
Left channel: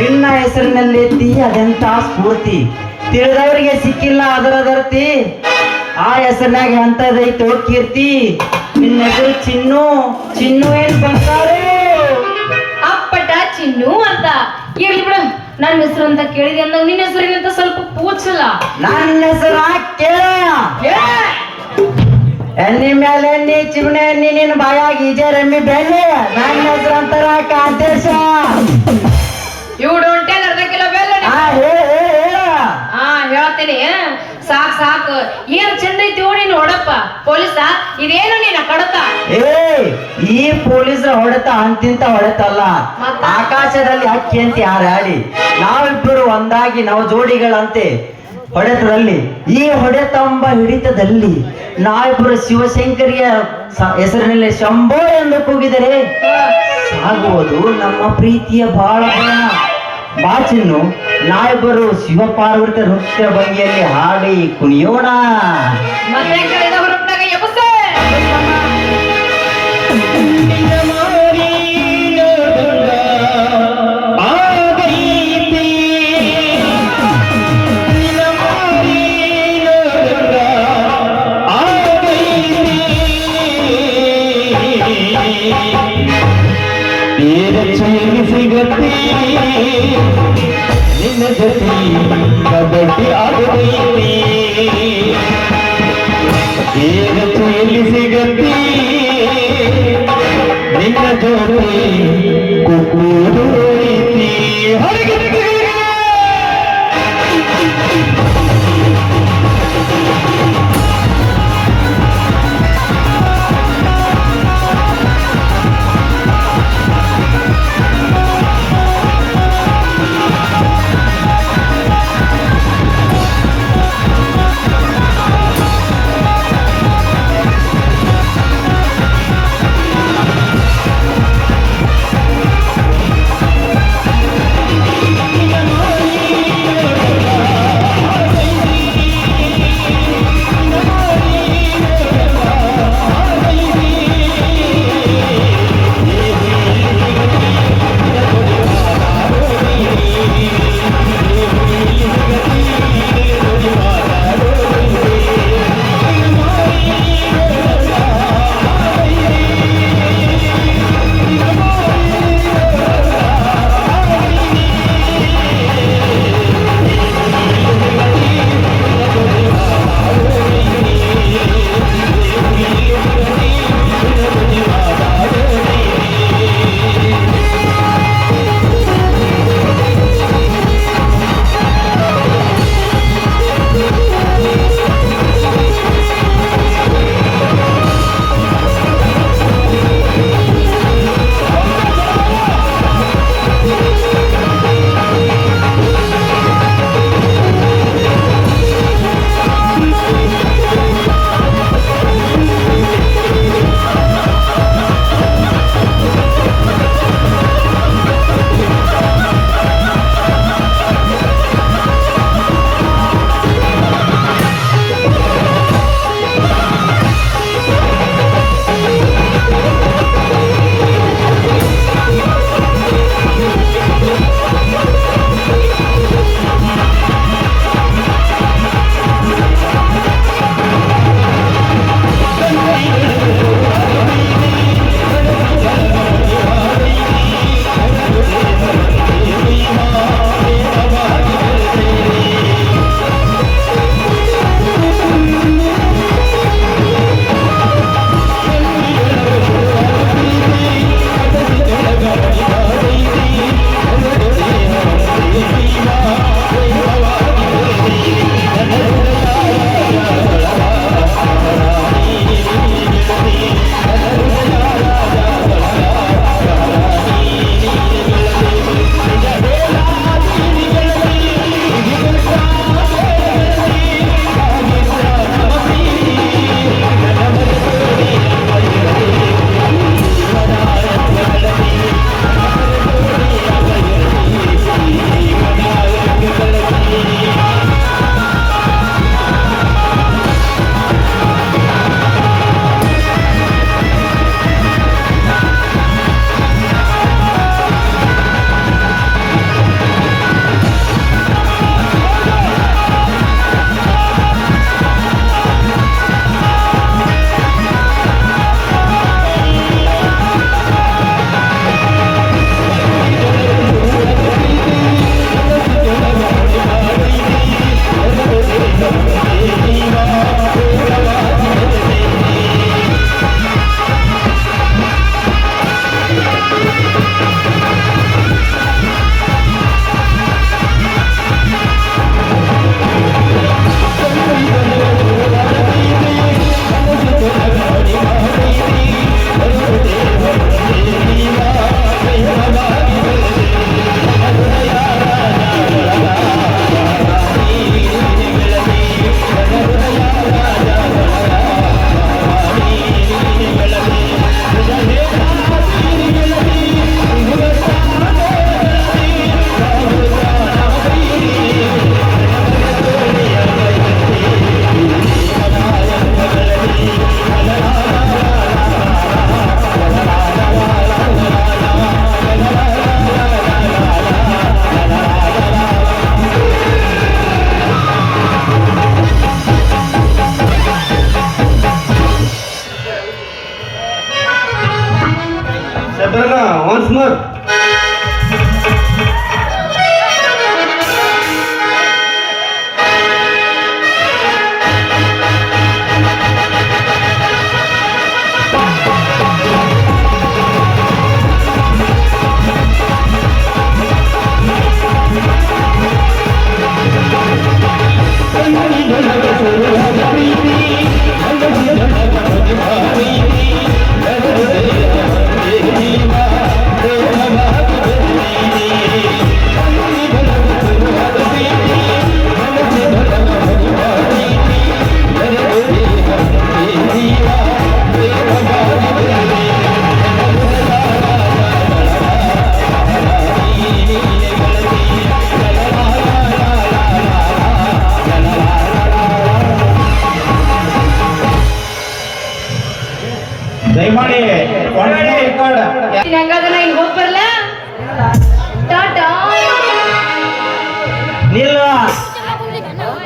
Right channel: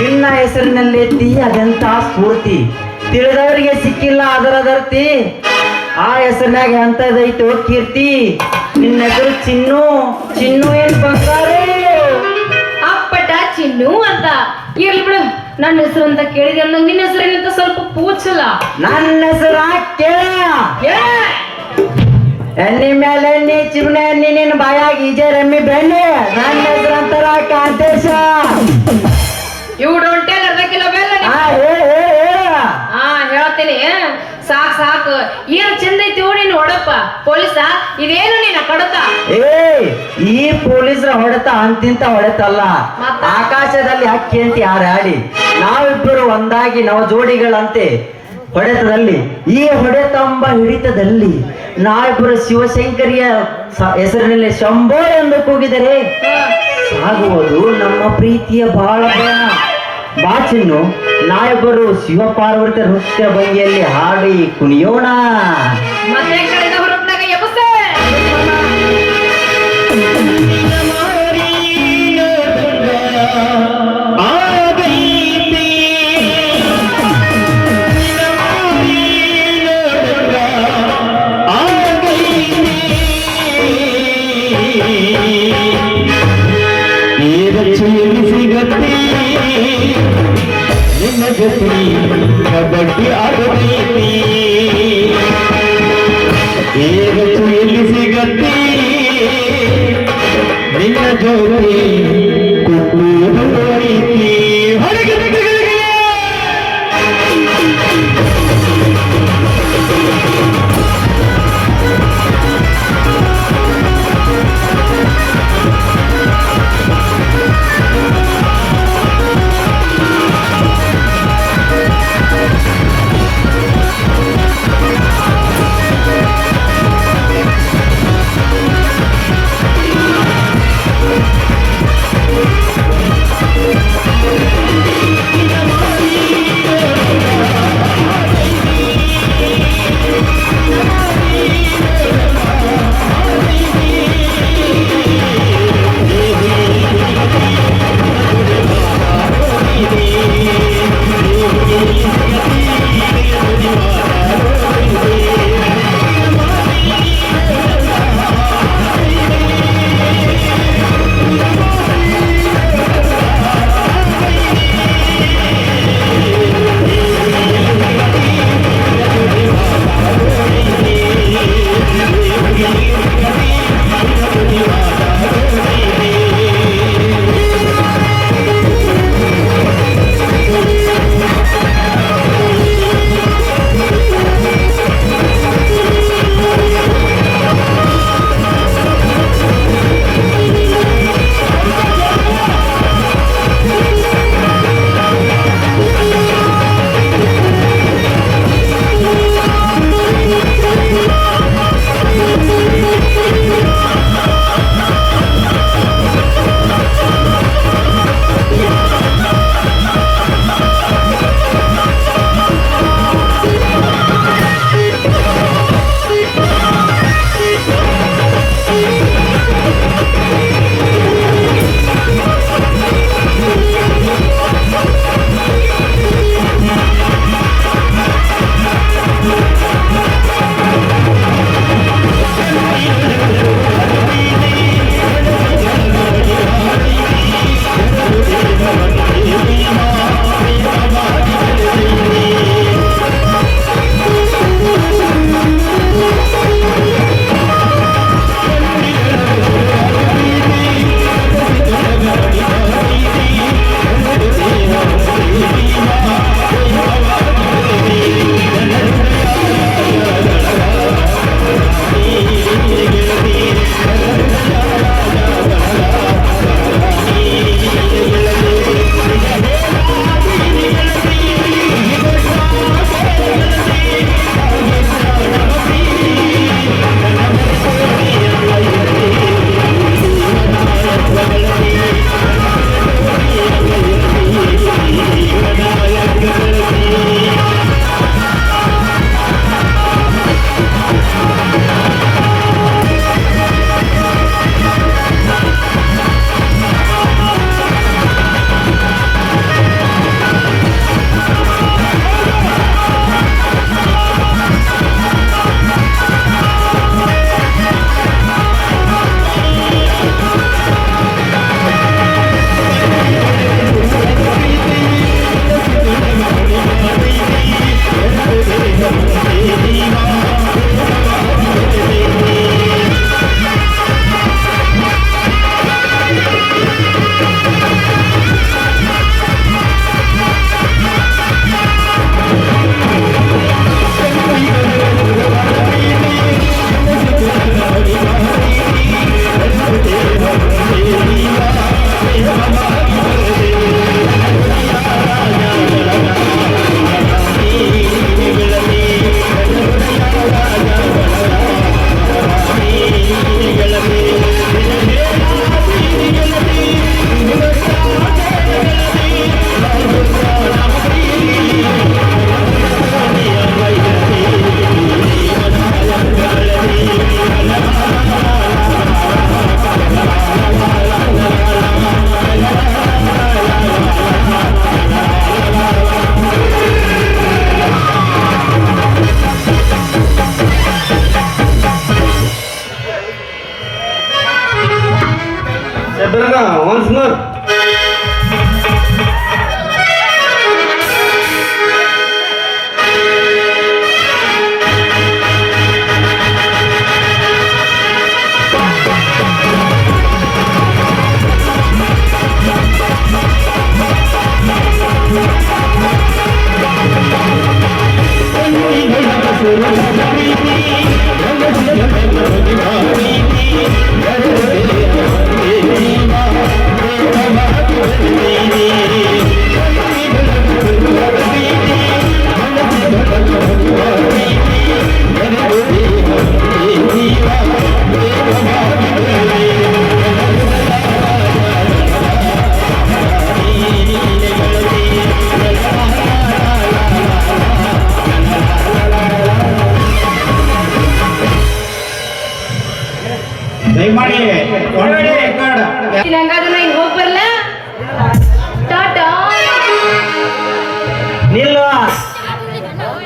ನಿನ್ನ ಹೆಸರಿನಲ್ಲಿ ಅದೆಂತ ಸ್ಫೂರ್ತಿ ತಿಳಿದವರಿಗೆ ಸಿಕ್ಕಿಲ್ಲ ಅದರದರ್ತಿ ಆ ಹೆಸರಿನಾಗ ಅಂತದೈತೋ ಕೀರ್ತಿ ನಿನ್ನ ಹೆಸರು ಚಿನ್ನು ಚಿನ್ನು ಏನ್ ಬಂದಾರೆ ಅಪ್ಪಟ ಚಿನ್ನು ಅಂತ ಇರ್ಲಿ ಬಿಡು ನನ್ನ ಹೆಸರು ಅಂತ ಕೇಳಿದೆ ಅಂದಾಗ ನಿನ್ನ ಹೆಸರಿಗಿಂತ ಸ್ವಲ್ಪ ಪೂಚಲ್ಲ ನನ್ನ ಹೆಸರು ಕೇಳ ಎಣ್ಣೆ ಮೇಲೆ ಎಣ್ಣೆ ಚಿಮಣೆ ಎಣ್ಣೆ ನಿನ್ನ ಬಾಯಾಗಿ ಈಜೆರೆಮ್ಮಿ ಬೆಣ್ಣೆ ನನ್ನ ಹೆಸರು ಅಂತಾರ ಕಾಂತೇಶ ಯು ಡೋಂಟ್ ಟೆಲ್ ಅದಕ್ಕೆಲ್ಲ ಬೆಲ್ಲ ಹೇಳ್ತೀನಿ ಸಾಕ್ ಸಾಕು ಏನ್ ಚಂದ ಐತಿ ನೀನು ಹೊಡಪ್ಪ ಪೊಲೀಸ ಇದೇನು ನೀನು ಕಡತ ಈ ಪೊಲೀಸರ ಹೊಡೆತ ಅಂತಿಂತ ಹೊಡೆತಲ್ಲ ಆಕಾಶದಲ್ಲಿ ಹಕ್ಕಿ ಅಂತ ಯಾರು ಹಾಡಿ ನಾವಿಬ್ಬರು ಒಂದಾಗಿ ನಾವು ಜೋಡಿಗಳಂತೆ ಹೊಡೆತದಲ್ಲಿ ಈ ಹೊಡೆತಂಬ ಹಿಡಿತದಲ್ಲಿ ನಾವಿಬ್ಬರು ಶಿವಶಂಕರಿಯ ಹೆಸರಿನಲ್ಲಿ ಶಂಭೋ ಎಂದು ಕೂಗಿದರೆ ಸಾಗುವುದು ನಮ್ಮ ಪ್ರೀತಿಯ ಬಾಳ ಬಾಚಿನ್ನು ನಾವಿಬ್ಬರು ಶಿವಪಾರ್ವತಿ ನೃತ್ಯ ಭಂಗಿಯಲ್ಲಿ ಹಾಡಿ ಕುಣಿಯೋಣ ಮತ್ತೆ ನಿನ್ನ ಜೊತೆ ಕಬಡ್ಡಿ ಆಡಬೇಕು ಎಲ್ಲಿ ಸಿಗತ್ತೆ ನಿನ್ನ ಜೊತೆ ಕುಕ್ಕೂದು ರೀತಿ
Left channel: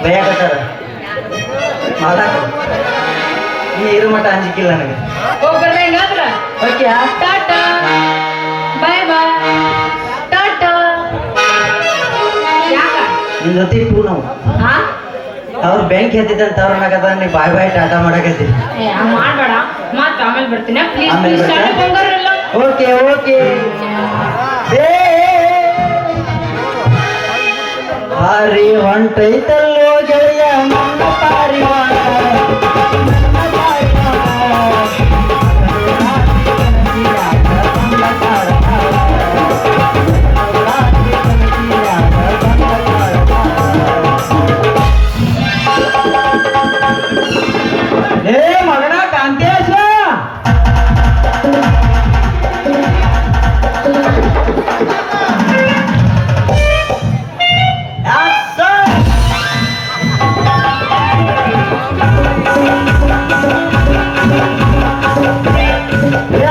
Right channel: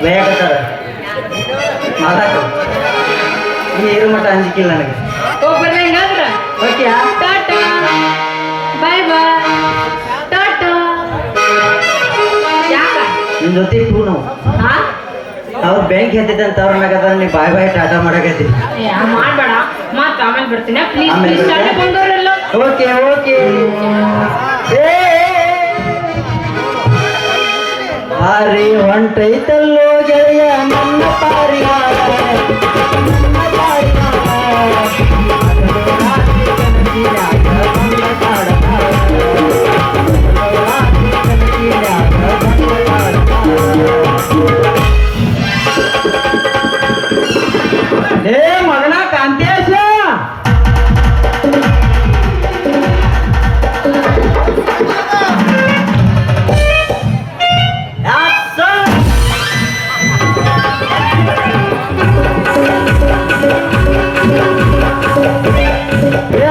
ಬೈಯಾಕತ್ತಾರ ಮಾತಾಡ ನೀ ಇರೋ ಮಟ್ಟ ಅಂಜಿಕಿಲ್ಲ ನನಗೆ ಹೋಗ್ಬರ್ಲ ಹಿಂಗಾದ್ರ ಓಕೆ ಟಾಟಾ ಬಾಯ್ ಬಾಯ್ ಟಾಟಾ ಯಾಕ ನಿನ್ ಜೊತೆ ಇಟ್ಟು ನಾವು ಹಾ ಅವ್ರು ಬ್ಯಾಂಕ್ ಎತ್ತಿದಂತ ಅವ್ರ ಮ್ಯಾಗದ ನೀ ಬಾಯ್ ಬಾಯ್ ಟಾಟಾ ಮಾಡಕತ್ತಿ ಮಾಡ್ಬೇಡ ಮತ್ತ ಆಮೇಲೆ ಬರ್ತೀನಿ ಪ್ಲೀಸ್ ಆಮೇಲೆ ಪ್ಲೀಸ್ ಬರ್ತೀಯಾ? ಬಂಗಾರಲ್ಲ ಓಕೆ ಓಕೆ ಹಾರಿ ಹೊಂಟೈತಲ್ಲೋ ಗೆಳೆಯ ನನ್ನ ಪಾರಿವಾಳ ನನ್ನ ಏ ಮಗನ ಕಾಂತೇಶ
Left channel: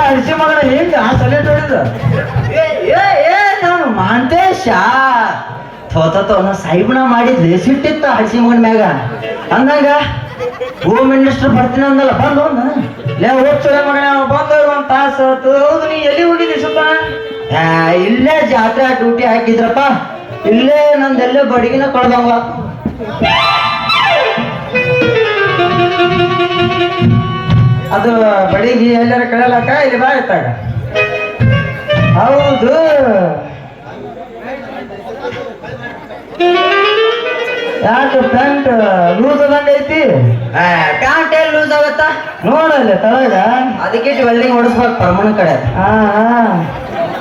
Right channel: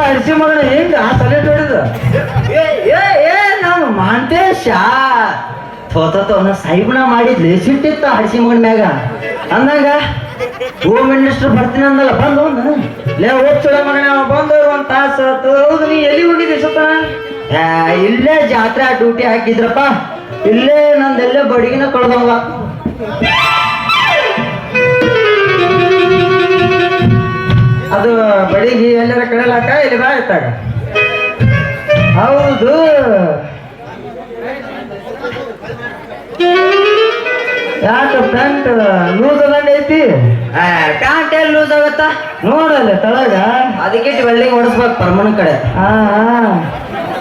ಅಡಿಸಿ ಮಗನ ಹೆಂಗ ತಲೆ ನೋಡಿದ ನಾನು ಮಾಂತೇಶ ಅವನು ಸಾಹಿಬ್ನ ಮಾಡಿದ್ರಿ ಸಿಟ್ಟಿತ್ತ ಹಡಿಸಿ ಮಗನ ಮ್ಯಾಗ ಅಂದಾಗ ಹೋಮ್ ಮಿನಿಸ್ಟರ್ ಬರ್ತೀನಿ ಅಂದಲ್ಲ ಬಂದು ಲೇ ಹೋಗ್ಸಳೆ ಮಗನ ಬಂದು ಒಂದ್ ತಾಸ ಹೌದು ನೀ ಎಲ್ಲಿ ಹೋಗಿದ್ದಿ ಸುತ್ತ ಇಲ್ಲೇ ಜಾತ್ರೆ ಡ್ಯೂಟಿ ಹಾಕಿದ್ರಪ್ಪ ಇಲ್ಲೇ ನಂದೆಲ್ಲೇ ಬಡಿಗಿನ ಕಳ್ದವ ಅದು ಬಡಿಗಿ ಎಲ್ಲರ ಕಳೆಯಲಕ್ಕ ಇಲ್ಲಿ ಬಾ ಇತ್ತಾಗ ಹೌದು ಯಾಕ ಪ್ಯಾಂಟ್ ಲೂಸ್ ಅದಂಗ ಐತಿ ಪ್ಯಾಂಟ್ ಏನ್ ಲೂಸ್ ಆಗತ್ತ ನೋಡಲ್ಲ ತಳಗ ಅದಕ್ಕೆ ವೆಲ್ಡಿಂಗ್ ಹೊಡಿಸ್ಬೇಕು ಪರಮಣ ಕಡೆ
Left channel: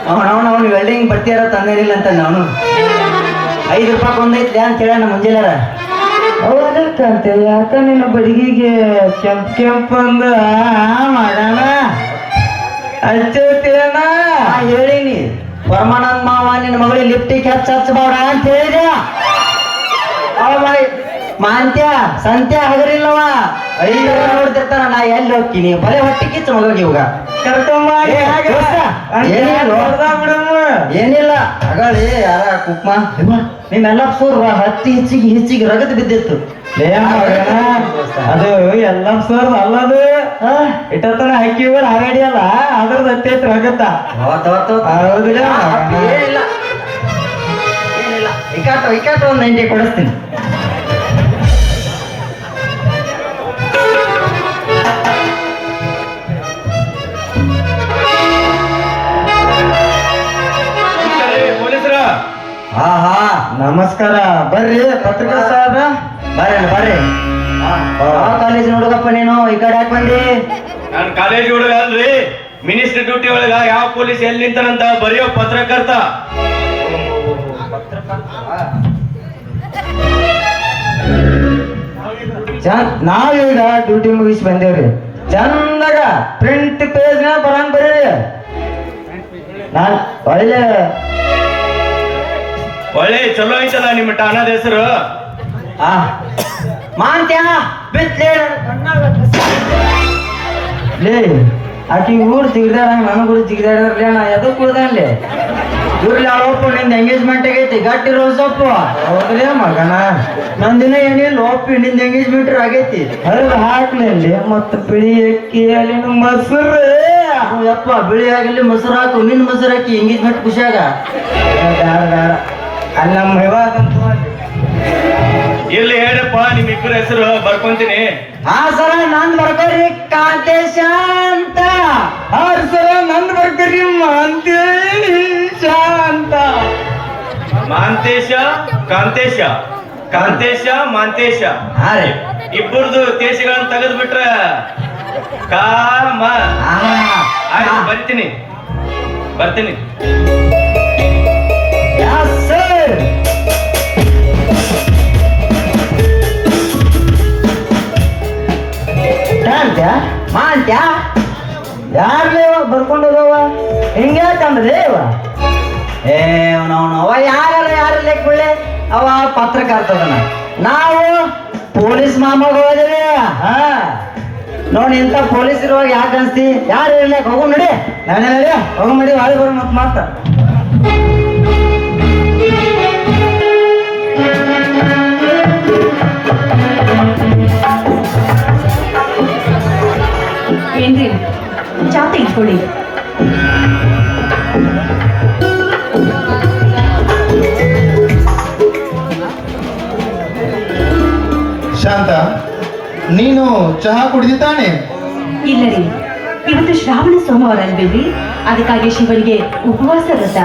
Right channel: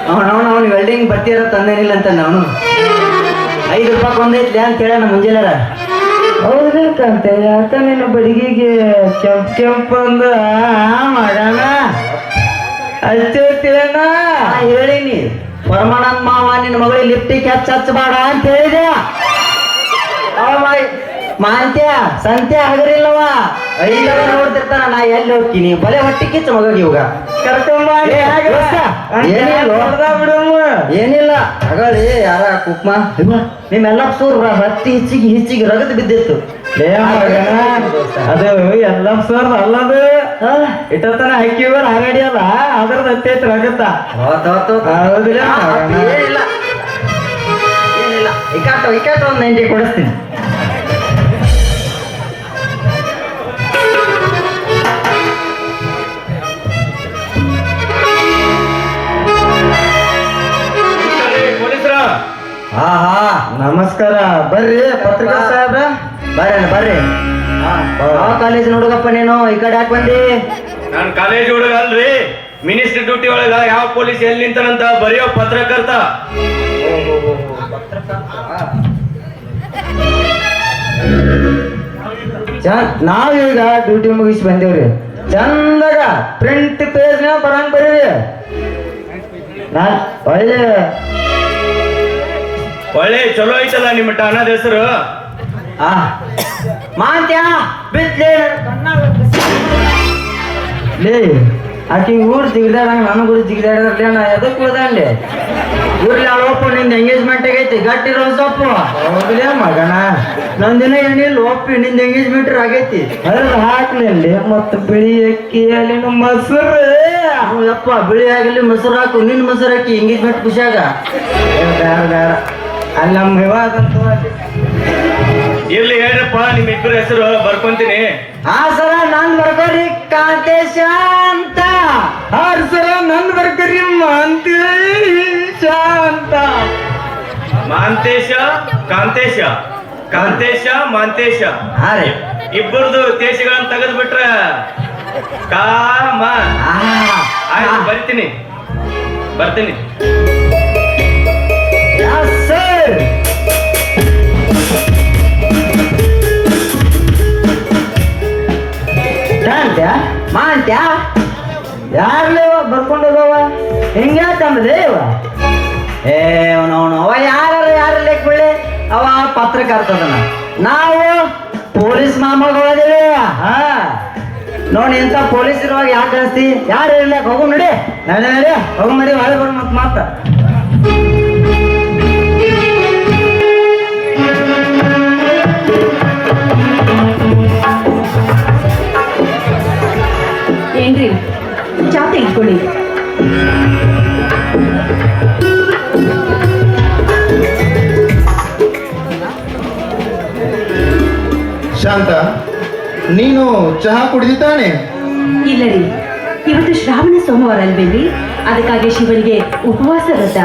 ಅವನು ವೆಲ್ಡಿಂಗ್ ಬರ್ತೀರ ತಂದೇನಿಲ್ಲ ಅಂತ ನಾನು 5 ರೂಪಾಯಿ ಒಂದೈತಿ ಅಂತ ಕೇಳೋಣ ಮುಂಜಾನೆ ಹೌದಕ್ಕಂತೆ ಯಾಕ ನಿನ್ನ ಬಡಿಗೆಗೆ ಕೆಂಪ್ ಅಂದ ಮಾಡೋಣ ಹಚ್ಚಿರ್ತೀರಣ್ಣ ಹೇಳಿನಿ ಪರಮಾನಂದ ಮಾವ ನಿನ್ನ ಮಗಳಿಗೆ ಲಿಫ್ಟಿಗೆ ಹಚ್ಚಬೇಡ ಅಂತ ಹೇಳಿದೆ ಮಾಂತ್ಯ ಸಂತ್ಯ ಹಗರಿಲ್ಲವ 5 ನೋಡ್ತಿರ್ತಾನ ನಾ ಎಲ್ಲಿ ಹೋಗ್ತೀನಿ ಬಲೆ ಹೊಟ್ಟಿ ಕಿಚ್ಚ ಮಗಳಿಗೆ ಇವಾಗ ಏನಿಲ್ಲ ಅಗಳಿ ಯಾರ ಕುಕ್ಮ ನಿಮ್ಮೆಲ್ಲ ಸೂರ್ ಹತ್ತಿ ಹಿಚ್ಚಿಗೆ ರಗತ್ ಬಿದ್ದಿತ್ತು ಅದು ಎಲ್ಲ ಸೂರ್ ಅಲ್ಲದು ಇಟ್ಟತನ ಹಾಕಿವ ಹಾಗಾಡಿ ಅಲ್ಲ ಅದ್ರದ್ದು ಹತ್ತೈತಿ ರಗತ್ತ ಹೌದಿಲ್ಲ ಏನಿಲ್ಲ ಇಕಾಟು ಒಂದು 90 ಕೊಡಿಸ್ತೀನಿ ಪೊಲೀಸರ ನಮಸ್ಕಾರ ಬರ್ರಿ ಪತ್ರಿಕಾ ಸಾಹೇಬ ಬರ್ರಿ ಕಾಲೇಜ್ ಹುಡುಗಪ್ಪ ನೀನು ಈ ಕಡೆ ಯಾಕೆ ಬಂದಿ ನಾನು ಕಾಲೇಜ್ ಹುಡುಗ ಅಲ್ರಿ ಮಿನಿಸ್ಟರ್ ಡ್ಯೂಟಿ ಒಳಗ ಯಾವ ಪೊಲೀಸ್ ಎಲ್ಲಿ ನಿಂತಾನಂತ ಬರೆಯೋ ಪತ್ರಕರ್ತ ನಾವೀಗ ಡ್ಯೂಟಿ ಮುಗಿಸಿ ಬಂದೇವ್ರಿ ಚಂದಾಗ ಪ್ರಿಂಟ್ ಪೇಜ್ ಬರಂಗ್ ಬರೀರಿ ನಾನ್ ಒಳ್ಳೆ ಚಲೋ ಐತಲ್ಲ ನಿಮ್ಮ ಠಾಣದ ಹೆಸರು ಮಾಂತ್ಯ ಬಿತ್ಲೆ ಲೇ ಆಕಿ ಊರು ಜಿಗಿದಾಡ ನನ್ ಗುಡಿ ಜಿಗಿದಾಡ್ರಲ್ಲ ನಾ ಎದಕ್ ಉಳ್ದಾಡ್ಲಿ ಇವ್ರಲ್ಲಿ ಯಾವಪ್ಪ ನಿಂದ ಎಂಗೇಜ್ಮೆಂಟ್ ಆಗೈತಿ ಗಟ್ಟಿ ರೋಸಪ್ಪ ಹೌದಲೇ ಮಗನ ನಂದಿನ ಏನಿಲ್ಲ ಒಪ್ಪಿ ನಿಂದ ಎಂಗೇಜ್ಮೆಂಟ್ ಆಗೈತಿ ಅದ್ರ ಹಾಕ್ಲಿ ಮತ್ತ ಬಿಳಿ ಅಕ್ಕಿ ಅಲ್ಲಿ ಮೊಸರು ಯಪ್ಪ ಬಿಳಿ ಆಗಲಿ ಮೊಸರು ಹಾಕು ನಿನ್ ಮೊಸರು ಹಾಕಿ ಎಂಗೇಜ್ಮೆಂಟ್ ಖುಷಿಯಾಗ ಅಲ್ಲಿ ನಮ್ಮ ವಿವಾದ ಇಲ್ಲಿ ಹೇಳಪ್ಪ ನಿಮ್ ಇಬ್ಬರ ಹೆಸರು ಬರ್ಕೊಂತೀನಿ ಸರ ನನ್ ಬರ್ಕೋರಿ ಕಾಂತೇಶ ಅಂತ ಸರ ನನ್ ಬರ್ಕೋರಿ ಮಾಂತೇಶ ಅಂತ ಮಾಂತೇಶ ಕಾಂತೇಶ ಕಾಂತೇಶ ಮಾಂತೇಶ ಇಬ್ಬರದು ದೇಶಗಳನ್ನ ತೆಗೆದು ಬಿಟ್ರ ಕಾಮ ಆಯ್ತು ಬರ್ತೀನಿ ಯಾರ್ಲೇ ಬರ್ಕೊಂಡು ಹೋಗವ ಹಿಂಗ್ಯಾಕಂದ್ರೆ ಯಾರ ಲೆಕ್ಕ ಅವ ಪತ್ರಕರ್ತದನ ನಾವು ಪೊಲೀಸ್ ಮಾಮಗ ಹೋದೇವಿ ನೋಡಿ ಎಂತ ಪೊಲೀಸ್ ಇರುವಾಗ ಯಾಕೆ ಅನ್ಸ್ತಿ ಯಾರು ಇರ್ಲಿಕ್ಕೆ ಹೋಗು ನಡಿ ಹೋಗು ನಡಿ ಒಳಗೆ ಬರ್ ಮತ್ ಮಾತ ನೀನು ಚಹಾ ಕುಡಿದಿದ್ದಾನೆ? ಇಲ್ಲ ರೀ, ಇವತ್ತು ಶ್ರಾವಣ ಸೋಮವಾರ ಅಲ್ವೇರಿ, ಅದಕ್ಕಾಗಿ ಶಿವನಿಗೆ ಉಪವಾಸ ವ್ರತ.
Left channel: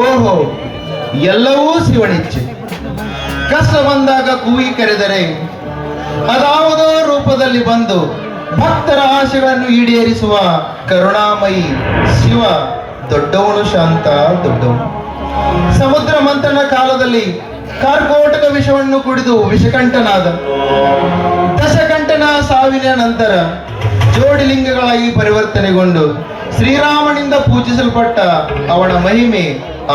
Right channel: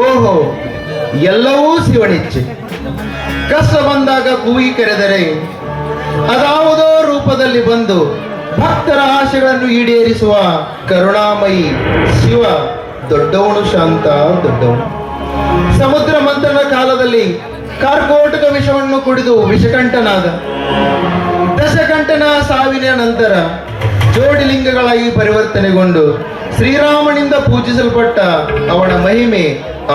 ಓಹೋ, ಎಲ್ಲವೂ ಶಿವನಿಚ್ಛೆ. ಕಷ್ಟ ಬಂದಾಗ ಕೂಗಿ ಕರೆದರೆ ಅದಾವುದೋ ರೂಪದಲ್ಲಿ ಬಂದು ಭಕ್ತರ ಆಶೆಗಳನ್ನು ಈಡೇರಿಸುವ ಕರುಣಾಮಯಿ ಶಿವ ದೊಡ್ಡವನು, ಶಾಂತ ದೊಡ್ಡವನು. ಸಮುದ್ರ ಮಂಥನ ಕಾಲದಲ್ಲಿ ಕಾರ್ಕೋಟಕ ವಿಷವನ್ನು ಕುಡಿದು ವಿಷಕಂಠನಾದ. ದಶಕಂಠನ ಸಾವಿನ ನಂತರ ಜೋಡಿಲಿಂಗಗಳಾಗಿ ಪರಿವರ್ತನೆಗೊಂಡು ಶ್ರೀರಾಮನಿಂದ ಪೂಜಿಸಲ್ಪಟ್ಟ ಅವನ ಮಹಿಮೆ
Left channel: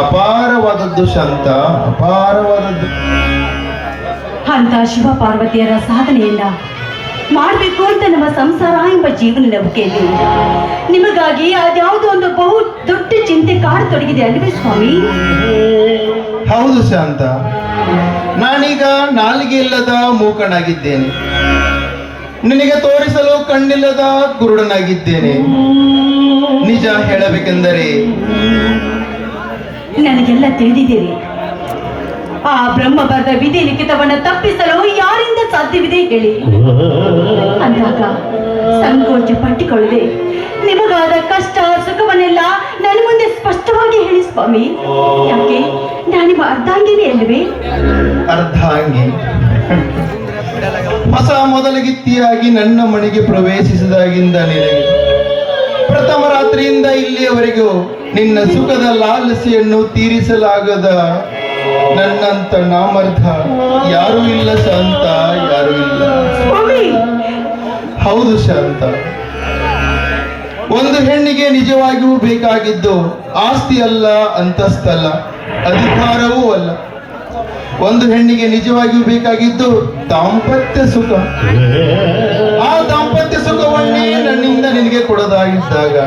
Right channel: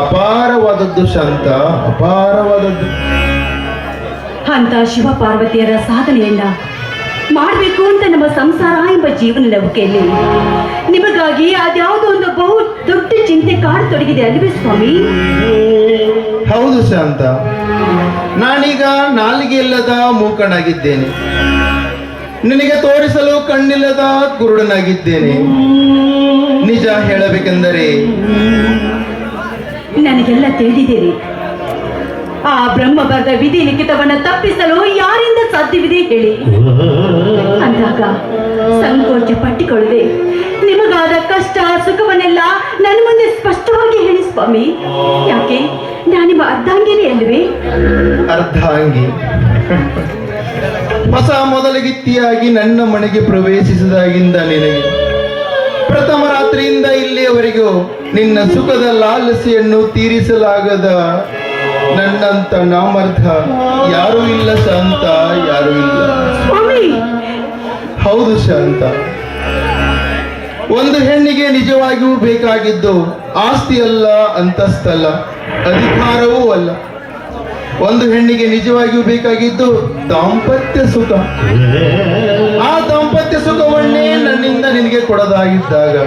ಅಪಾರವಾದದ್ದು, ಶಾಂತ, ಅಪಾರವಾದದ್ದು. ಅಂತ ಶಿವ ಪಾರ್ವತಿಯರ ಸಾಧನೆಯನ್ನ ಮಾಡಬೇಕು ಅಂತ ನಮ್ಮ ಸಂಸಾರ ಎಂಬ ಜೀವನ ನೌಕೆಯಲ್ಲಿ ನಿಮಗಾಗಿ ಅದ್ಯಾವುದೋ ಒಂದು ಬಹು ದೊಡ್ಡ ಚಿಂತೆ ಕಾಡತೊಡಗಿದೆ ಅಲ್ವೇ ಸ್ವಾಮಿ? ಹೌದು ಶಾಂತ, ನಾನೀಗ ನಾಲಿಗೆ ಇಲ್ಲದ ಮೂಕನಾಗಿದ್ದೇನೆ, ನಿನಗೆ ತೋರಿಸಲು ಕಣ್ಣಿಲ್ಲದ ಕುರುಡನಾಗಿದ್ದೇನೆ. ನಿಜ ಹೇಳಬೇಕೆಂದರೆ ನನಗೆಲ್ಲ ತಿಳಿದಿದ್ದೀರಿ. ಆ ಬ್ರಹ್ಮ ಬರೆದ ವಿಧಿ ಲಿಖಿತವನ್ನ ತಪ್ಪಿಸಲು ಯಾರಿಂದ ಸಾಧ್ಯವಿದೆ ಹೇಳಿ? ಅಂದಾಗ ಸಂಕೋಚ ಪಟ್ಟಿಕೊಳ್ಳದೆ ನಿಮಗಾದ ಕಷ್ಟ ಸುಖವನ್ನೆಲ್ಲ ನನ್ನ ಮುಂದೆ ಸ್ಪಷ್ಟವಾಗಿ ಹೇಳಿ ಸ್ವಾಮಿ. ಯಾಕೆ, ನಾನು ನಿಮ್ಮ ಅರ್ಧಾಂಗಿನಿ ಅಲ್ವೇ? ಅರ್ಧಾಂಗಿ. ಹೊಸ ಮೊದಲಗಿತ್ತಿಯಾಗಿ ನನ್ನ ಮನೆಗೆ ಪ್ರವೇಶಿಸಿದಾಗಿಂದ ನಿನಗೆ ಪ್ರಥಮ ರಾತ್ರಿಯಿಂದ ಇಲ್ಲಿಯವರೆಗೂ ನಿನ್ನ ಸುಖದ ಲಾಲಸೆಯನ್ನು ತೀರಿಸಲಾಗದ ನನ್ನಂತ ನಾಮರ್ಥ ಯಾರೂ ಇಲ್ಲ ಶಾಂತ, ಯಾರೂ ಇಲ್ಲ. ಸ್ವಾಮಿ, ಹೌದು ಶಾಂತ, ಒಂದು ಹೆಣ್ಣಿಗೆ ನಿಜವಾಗಿಯೂ ಬೇಕಾಗಿದ್ದು ಆಸ್ತಿ ಅಲ್ಲ, ಅಂತಸ್ತಲ್ಲ, ಅಧಿಕಾರವೂ ಅಲ್ಲ. ಒಂದು ಹೆಣ್ಣಿಗೆ ನಿಜವಾಗಿಯೂ ಬೇಕಾಗಿದ್ದು ದಾಂಪತ್ಯ ಸುಖ. ಆ ದಾಂಪತ್ಯ ಸುಖವನ್ನೇ ನನ್ನಿಂದ ನಿನಗೆ ಕೊಡದಾಗಿದ್ದಾಗ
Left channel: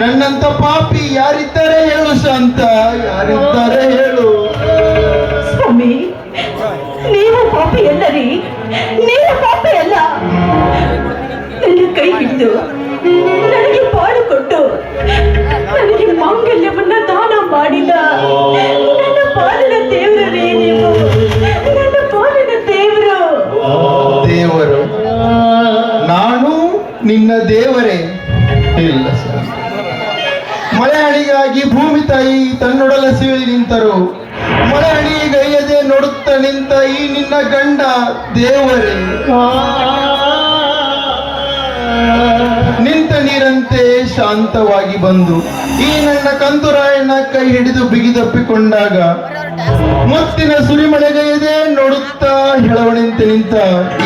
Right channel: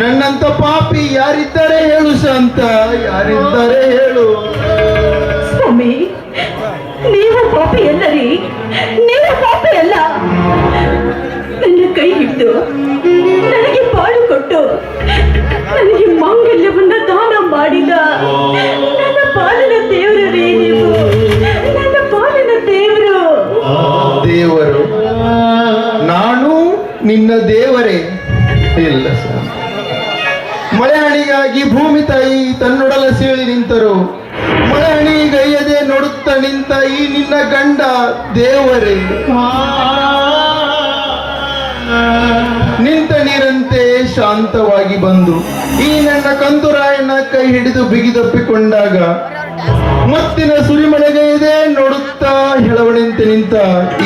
ನನ್ನಂತ ಪಾಪಿ ಯಾರಿದ್ದಾರೆ ಹೇಳು ಶಾಂತ, ಯಾರಿದ್ದಾರೆ ಹೇಳು? ಸ್ವಾಮಿ, ನೀವು ಪಾಪಿ ಅಲ್ಲ ರೀ, ನೀವು ಪಾಪಿ ಅಲ್ಲ. ನನ್ನ ಕೈ ಹಿಡಿದು ನನಗೆ ಬಾಳು ಕೊಟ್ಟು ನನಗೆ ಮಾಂಗಲ್ಯವನ್ನ ದಾನ ಮಾಡಿದ ನನ್ನ ಪಾಲಿನ ದೇವರು ರೀ ನೀವು, ನನ್ನ ಪಾಲಿನ ದೇವರು. ದೇವರು? ನಾನು ನಿನ್ನ ದೇವರೇ? ಇಲ್ಲ ಶಾಂತ. ಮಳೆ ಹಣಿಗಾಗಿ ಭೂಮಿ ತಾಯಿ ತನ್ನೊಡಲ ಸೀಳಿ ನಿಂತರು. ಮಳೆ ಹಣಿಗೈಯದೆ ನೋಡುತ್ತ ನಿಂತ ಈ ನಿನ್ನ ಗಂಡ ದೇವರೇ? ನಿಂತ ನೀರಂತೆ ಶಾಂತವಾಗಿ ಬಂದು ಈ ನನ್ನ ಕಂದುರಾಯನ ಕೈ ಹಿಡಿದು ಬಿಗಿದಪ್ಪಿಕೊಂಡಾಗ ಮತ್ತಿನ ಸುರಿಮಳೆಗೈಯದೆ ನೋಡುತ್ತಾ ಹೆಳವಣೆಂತೆ ನಿಂತ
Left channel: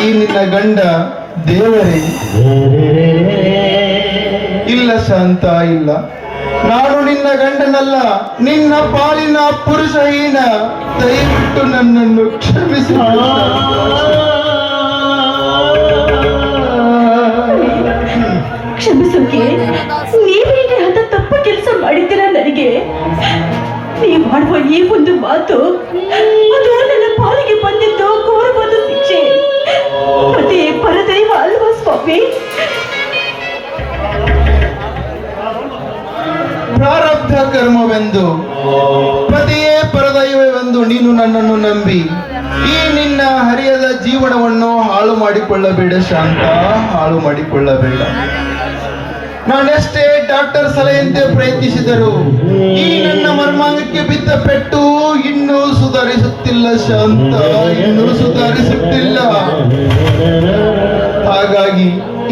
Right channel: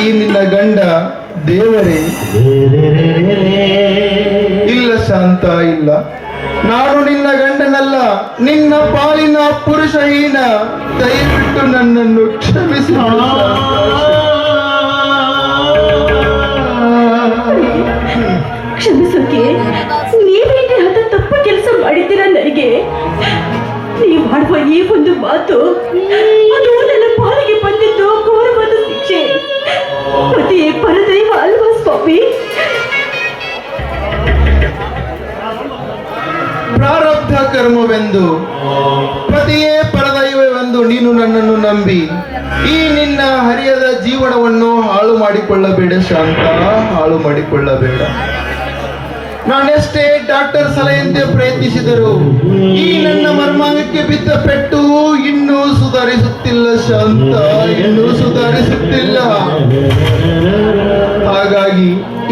ಈ ನಿನ್ನ ಗಂಡ ದೇವರೇ? ಇಲ್ಲ ಶಾಂತ, ಇಲ್ಲ. ನಾನು ನಿನ್ನ ಗಂಡನಲ್ಲ, ನಿನ್ನ ಪಾಲಿನ ಪುರುಷಹೀನ. ದಯವಿಟ್ಟು ನನ್ನನ್ನು ಕ್ಷಮಿಸಿ. ಕ್ಷಮಿಸೋಕೆ ನೀವೇನೇ ಅಂತ ತಪ್ಪು ಕೆಲಸ ಮಾಡಿದ್ದೀರ? ನನಗೆ ನೀವು ಮಾಡುವ ಈ ಒಂದು ಮಾತು ಅದು ನನ್ನ ಪಾಲಿಗೆ ಬಂದಿದ್ದು ಘೋರವಾದ ಶಿಕ್ಷೆ. ಅದೇ ಪರದೈವ ಅಲ್ವಾ ಸ್ವಾಮಿ? ಪ್ರಾರಬ್ಧ ಕರ್ಮವೆಂದು, ಪತಿಯೇ ಪರದೈವವೆಂದು ನೀನು ನನ್ನನ್ನು ನಂಬಿ ಈ ನಿನ್ನ ಹರಿಯದ ಜೀವನವನ್ನು ಹಾಳು ಮಾಡಿಕೊಳ್ಳಬೇಡ ಶಾಂತ, ಹಾಳು ಮಾಡಿಕೊಳ್ಳಬೇಡ. ನಾನೆಷ್ಟೇ ಡಾಕ್ಟರ್ ಸಲಹೆಯಂತೆ ಪ್ರಯತ್ನಿಸಿದರು ಈ ನನ್ನ ಮರ್ಮಾಂಗಕ್ಕೆ ಬಿದ್ದ ಪೆಟ್ಟು ಇನ್ನೂ ಸುಧಾರಿಸುತ್ತಿಲ್ಲ ಶಾಂತ, ಇನ್ನೂ ಸುಧಾರಿಸುತ್ತಿಲ್ಲ. ಹಾಗಾಗಿ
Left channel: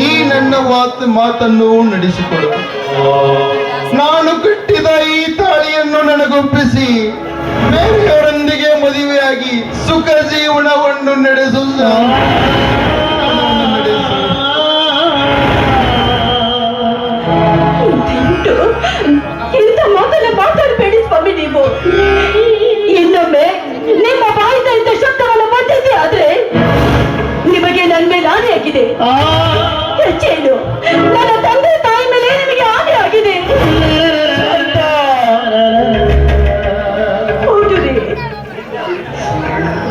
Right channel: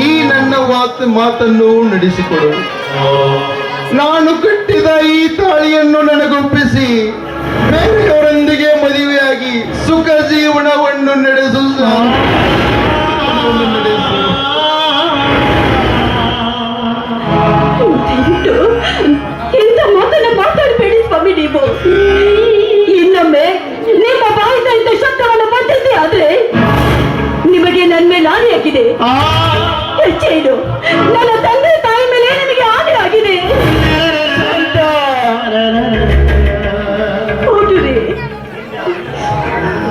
ಈ ನನ್ನ ಮಾತನ್ನು ನಡೆಸಿಕೊಡು. ನಾನು ಕಟ್ಟಿದ ಈ ತಾಳಿಯನ್ನು ನನಗೊಪ್ಪಿಸಿ ಬೇರೆಯವರೊಂದಿಗೆ ಮದುವೆಯಾಗಿ ಸುಖ ಜೀವನವನ್ನು ನಡೆಸು. ದಯವಿಟ್ಟು ಇಂಥ ಮಾತನ್ನ ಮಾತಾಡಬೇಡಿ ಸ್ವಾಮಿ. ನೀವು ಇನ್ನೊಮ್ಮೆ ನಿಮ್ಮ ಬಾಯಿಂದ ಇಂಥ ಶಬ್ದವನ್ನು ಬಂದಿದ್ದೆ ಆದ್ರೆ ನಿಮಗೆ ನನ್ನ ಮೇಲೆ ಆಣೆ ಆಗಿದೆ. ಹೆಚ್ಚೇನು, ನನ್ನ ತಂದೆ ತಾಯಿ ಮೇಲೆ ನಿಮಗೆ ಆಣೆ ಆಗಿದೆ. ಹೌದು ರೀ,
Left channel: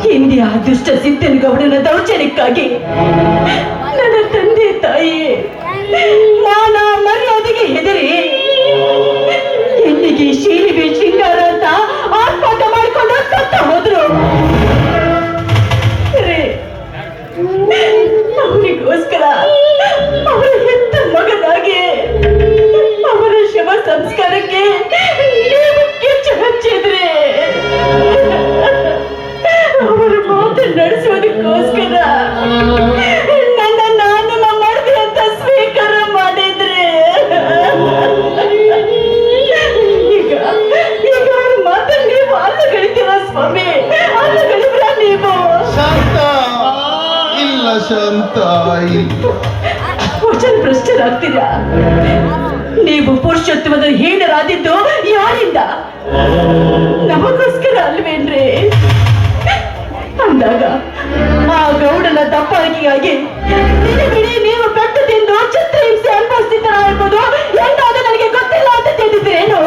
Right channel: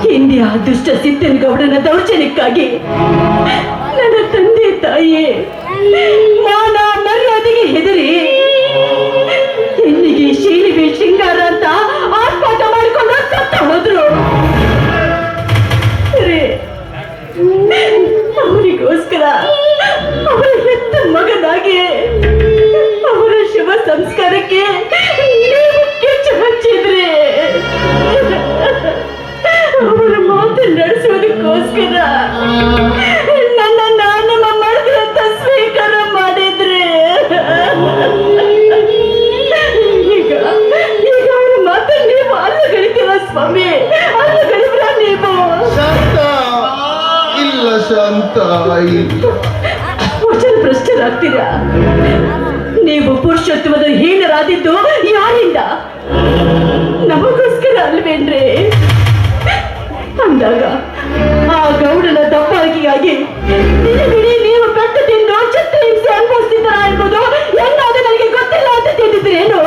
ಹಿಂದೆ ಆ ದುಷ್ಟ ಸಿದ್ದನಗೌಡನ ದೌರ್ಜನ್ಯಕ್ಕಾಗಿ ನನ್ನ ತಂದೆ ತಾಯಿ ಮಾನ ಮರ್ಯಾದೆಗೆ ಹೆದರಿ ಎಂದಿಗೆ ಶೀಲಿಗೆ ಶೃಂಗಾರ ಅಂತ ಆತ್ಮಹತ್ಯೆ ಮಾಡಿಕೊಂಡು ಸತ್ತ ಹೋದ್ರು. ತಾಯಿ. ವಚನ ಭ್ರಷ್ಟರಾಗ್ತೀರಾ? ನೀವು ಪುರುಷೋತ್ತಮದ ಹೀನರಾದಿದ್ದು ಯಾರಿಂದ? ನಮಗೋಸ್ಕರ ಅಲ್ವೇನ್ರಿ? ಅಂದಾಗ ಆ ಗೌಡನ ದಬ್ಬಾಳಿಕೆಗಾಗಿ ಬಿಡಿ ನೀವು ಕಟ್ಟು ತಿಂದು ಚಿತ್ತ ಹಿಂಸೆ ಅನುಭವಿಸ್ತಿದ್ದಾರ ಅನ್ನೋದು ಎಂದಾದ ನನಗೆ ಗೊತ್ತಿಲ್ಲ ಅಂತ ತಿಳಿದಿದ್ರೇನು?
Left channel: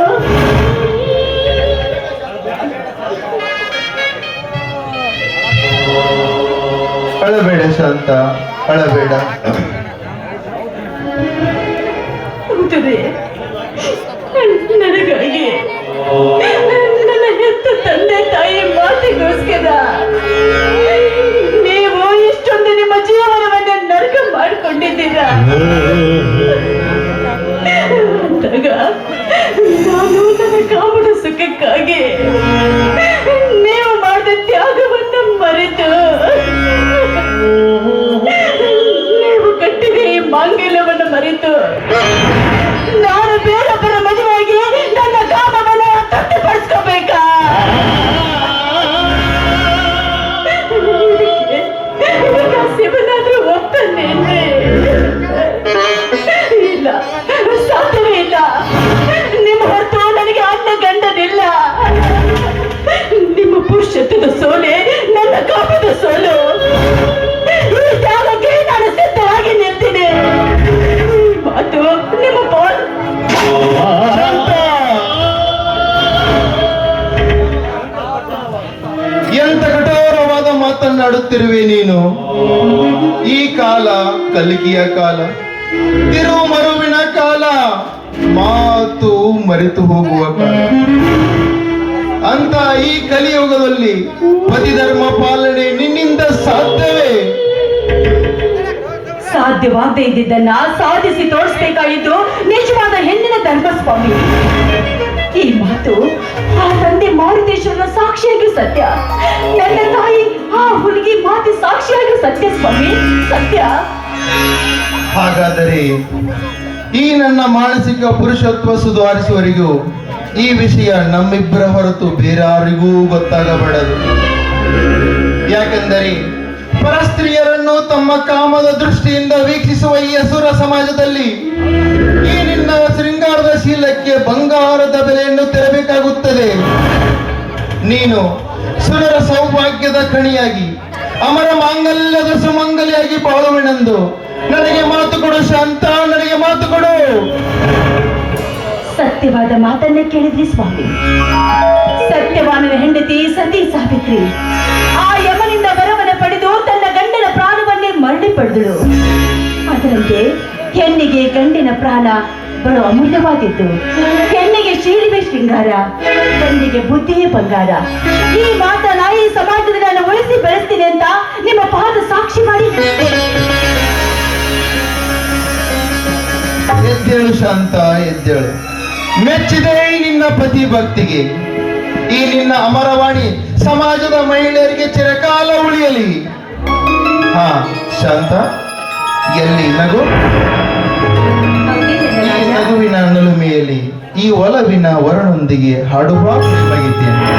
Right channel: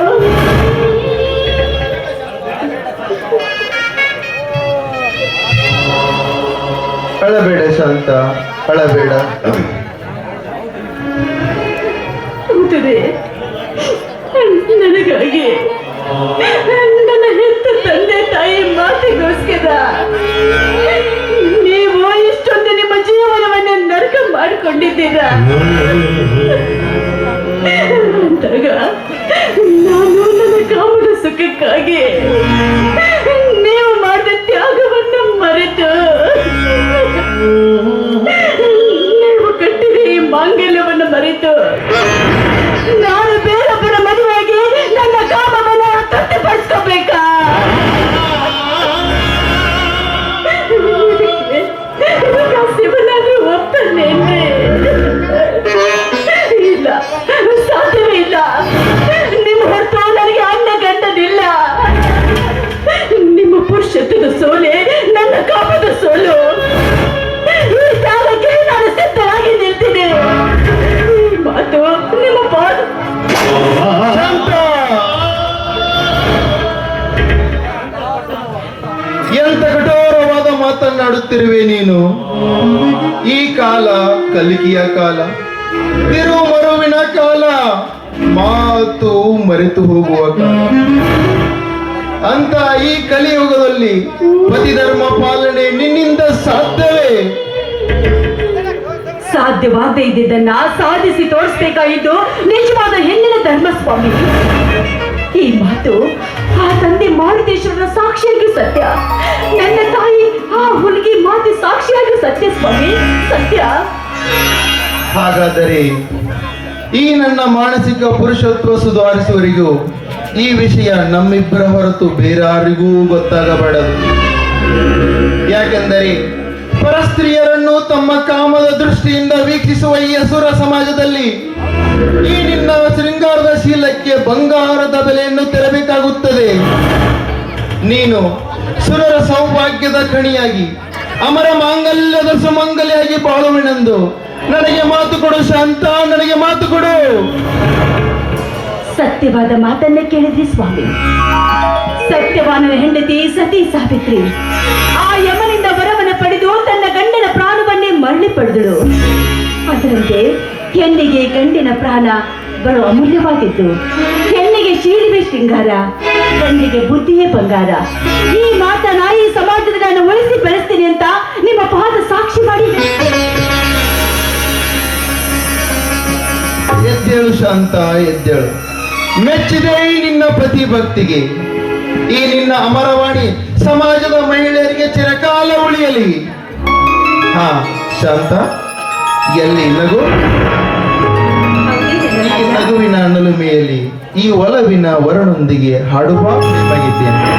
ಅಳಬೇಡ ಶಾಂತ, ಅಳಬೇಡ. ನನಗಾಗಿ ನನ್ನ ಹೆತ್ತ ತಂದೆ ತಾಯಿ ಮಾತಿಗೋಸ್ಕರ ನೀವು ಇಷ್ಟೊಂದು ನಿಮ್ಮ ಜೀವನವನ್ನೇ ನರಕ ಮಾಡಿಕೊಂಡಿದ್ದೀರಾ. ಅಂದಾಗ ನಾನು ನನ್ನ ಕಾಮದ ಸುಖಕ್ಕಾಗಿ ನೀವು ಮಾಡಿದ ತ್ಯಾಗವನ್ನು ಮರೆತು ನೀವು ಕಟ್ಟಿದ ಈ ಮಾಂಗಲ್ಯವನ್ನು ಮರೆತು ನಾನು ಬೇರೊಬ್ಬರ ಮದುವೆಯಾಗಿ ನನ್ನ ಕಾಮವನ್ನು ತೃಪ್ತಿಪಡಿಸ್ಕೋಬೇಕಾ? ಶಿವನಾದ್ರೂ ಒಪ್ತಾನೇನ್ರಿ? ಇಲ್ಲ, ಸಾಧ್ಯವೇ ಇಲ್ಲ. ನಿಮ್ಮ ಹೊರತು ನನಗೆ ಅನ್ನ ಗಂಡನಿಲ್ಲ. ನಿಮ್ಮ ಪುರುಷತ್ವದ ಸೋಲೆ ನನ್ನ ಕಾಮದ ಸೋಲು. ಈ ತ್ಯಾಗಕ್ಕೆ ನಾನು ಸಿದ್ಧರಾಗಿ ನಿಲ್ತೀನಿ. ಈ ಮಾತು ನಿಮ್ಮ ಪಾಡು. ಎಂತ ಕಠೋರವಾದ ಮಾತನ್ನಾಡುತ್ತಿರುವೆ ನೀನು. ಈ ಕಾಲ ಕಲಿಕೆಯ ಕಾಲ, ತಿರುವು ಮರುವಿನ ಕಾಲ, ಮಾತು ಮರೆತು ಹೋಗುವ ಕಾಲ. ಅಂತ ಈ ಕಲಿಯುಗದಲ್ಲಿ ಪತಿ ಧರ್ಮ ಪಾಲನೆ ನಿನ್ನಿಂದ ಸಾಧ್ಯವೇ? ಸಾಧ್ಯವಾಗದೇ ಇದ್ದಿದ್ದನ್ನ ಸಾಧಿಸಿ ತೋರಿಸಬೇಕಾಗಿದ್ದು ನಿಜವಾದ ಹೆಣ್ಣಿನ ಧರ್ಮ ಸ್ವಾಮಿ. ಈ ಮಾತು ಆ ತಂದೆ ಮಾರುತೇಶ್ವರನ ಸಾಕ್ಷಿಯಾಗಿ ಸತ್ಯ. ನನ್ನ ತಾಯಿ ಆ ಹುಡುಗಿ ಮಾತಿ ಸಾಕ್ಷಿಯಾಗಿ ಸತ್ಯ ಸ್ವಾಮಿ, ಸತ್ಯ. ಹಾಗಾದರೆ ಈ ನನ್ನ ಮಾನಸಿಕ ಪುರುಷತ್ವ ಸುಧಾರಿಸುವವರಿಗೂ ಈ ವಿಷಯ ನಮ್ಮಿಬ್ಬರ ಹೊರತು ಬೇರಾರಿಗೂ ಗೊತ್ತಾಗಬಾರದು. ಯಾಕೆಂದರೆ ಪರಸ್ತ್ರೀಯರನ್ನು ತಮ್ಮ ಕಾಮದ ದೃಷ್ಟಿಯಿಂದ ವೀಕ್ಷಿಸುವ ಈ ಅಸುರ ಸಮಾಜದಲ್ಲಿ ಈ ನಿನ್ನ ಶೃಂಗಾರದ ಶೀಲಕ್ಕೆ ಬಂಗಾರದ ಬೆಲೆಯನ್ನು ತೆರಬೇಕಾಗುತ್ತದೆ. ನೀನು ಸುರರ ಸೌಭಾಗ್ಯದ ಕಣಿಯಾಗಿ ಅಮರ ಮಾಂಗಲ್ಯದ ಸುಮಂಗಲಿಯಾಗಿ ಬಾಳುವೆನೆಂದು ನನಗೆ ಮಾತು ಕೊಡು ಶಾಂತ, ನನಗೆ ಮಾತು ಕೊಡು. ಸತ್ಯವಾದ ಮಾತನ್ನ ಕೇಳಿದ್ರಿ ಸ್ವಾಮಿ. ಸತ್ಯವಾನನ ಹೆಂಡತಿ ಸತಿ ಸಾವಿತ್ರಿ ಆ ಯಮನಿಂದ ವರವನ್ನ ಪಡೆದು ತನ್ನ ಗಂಡನ ಪ್ರಾಣವನ್ನೇ ಮರಳಿ ಪಡೆದಳು. ಅದರಂತೆ ಹೆಣ್ಣಿಗೆ ಗಂಡಿನ ಪ್ರಾಣ ಬಹಳ ಅಮೂಲ್ಯವಾಗಿತ್ತು. ಹೆಣ್ಣಿಗೆ ಶೀಲವೇ ಶೃಂಗಾರ, ಗಂಡಿಗೆ ಬುದ್ಧಿಯೇ ಬಂಗಾರ. ಈ ಮಾತನ್ನ ಈ ಸಮಾಜದಲ್ಲಿ ನಾನು ಉಳಿಸಿ ಬೆಳೆಸ್ತೀನಿ ಅಂತ ನಿಮ್ಮ ಪಾದ ಸಾಕ್ಷಿ ಮಾಡಿ. ಎದ್ದೇಳು ಶಾಂತ, ಎದ್ದೇಳು. ಮೆಚ್ಚಿದೆ ನಿನ್ನ ಪತಿ ಭಕ್ತಿಗೆ. ಈ ನಿನ್ನ ಅಮರವಾಣಿ ಸಮಾಜದ ಮಹಿಳೆಯರಿಗೆ ಚಿರಕಾಲ ಉಳಿಯಲಿ. ಹಾ ಶಾಂತ, ಎಲ್ಲಿ ನಗು? ಈ ನಗುವಿನ ನಲುಮೆಯಲ್ಲಿ ಈ ಒಲವಿನ ವರನೊಂದಿಗೆ ಹಾಡುವ ನಿಮಗಿದ್ದೇನೆ.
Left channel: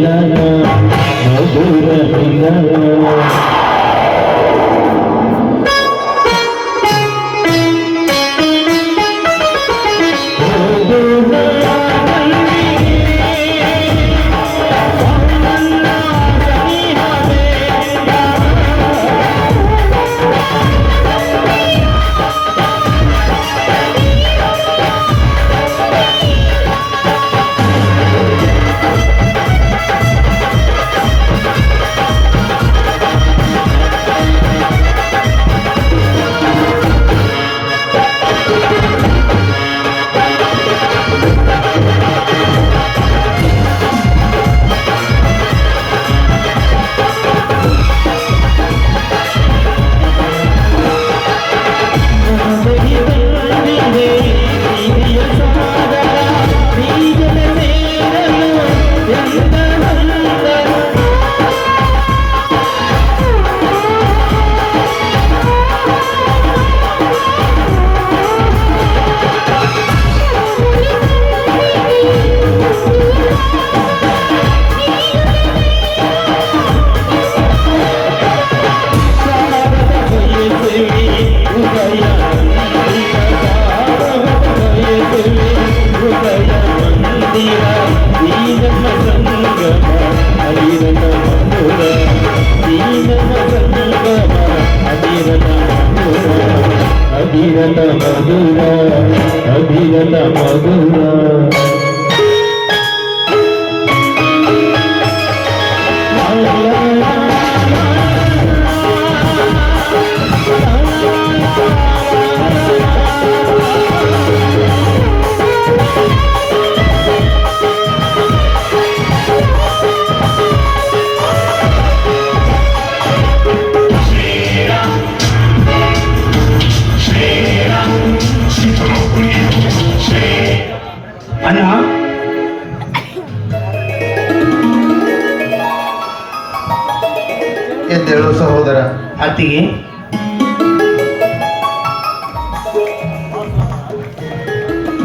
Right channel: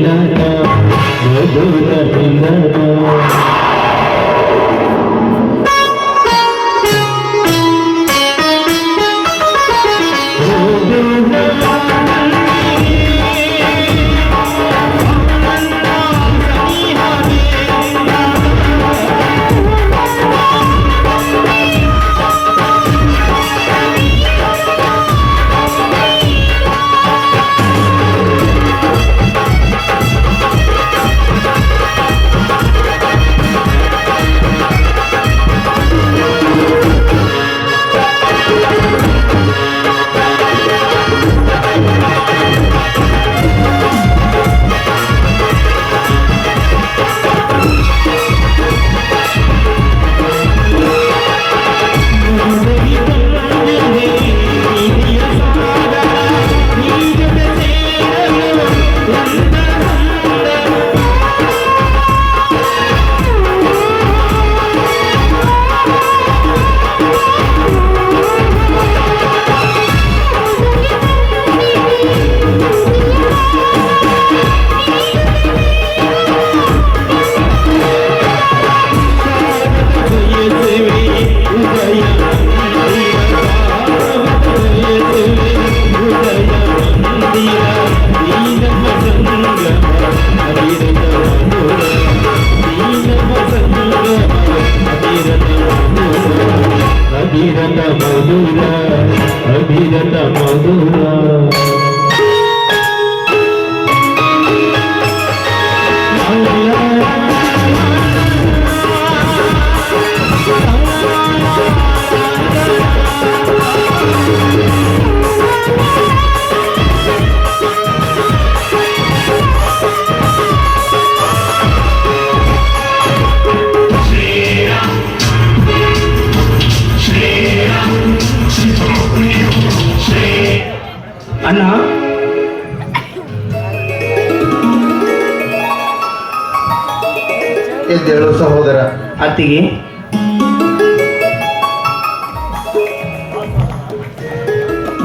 ಮಿಲನ ಮಧುರ ಮಿಲನ ಅಭಿರತ ಮಧುರ ಅಭಿರತ ಮಧುರ ಅಣ್ಣ, ಎದ್ದೇಳು ಸಹೋದರ. ಅತ್ತಿಗೆ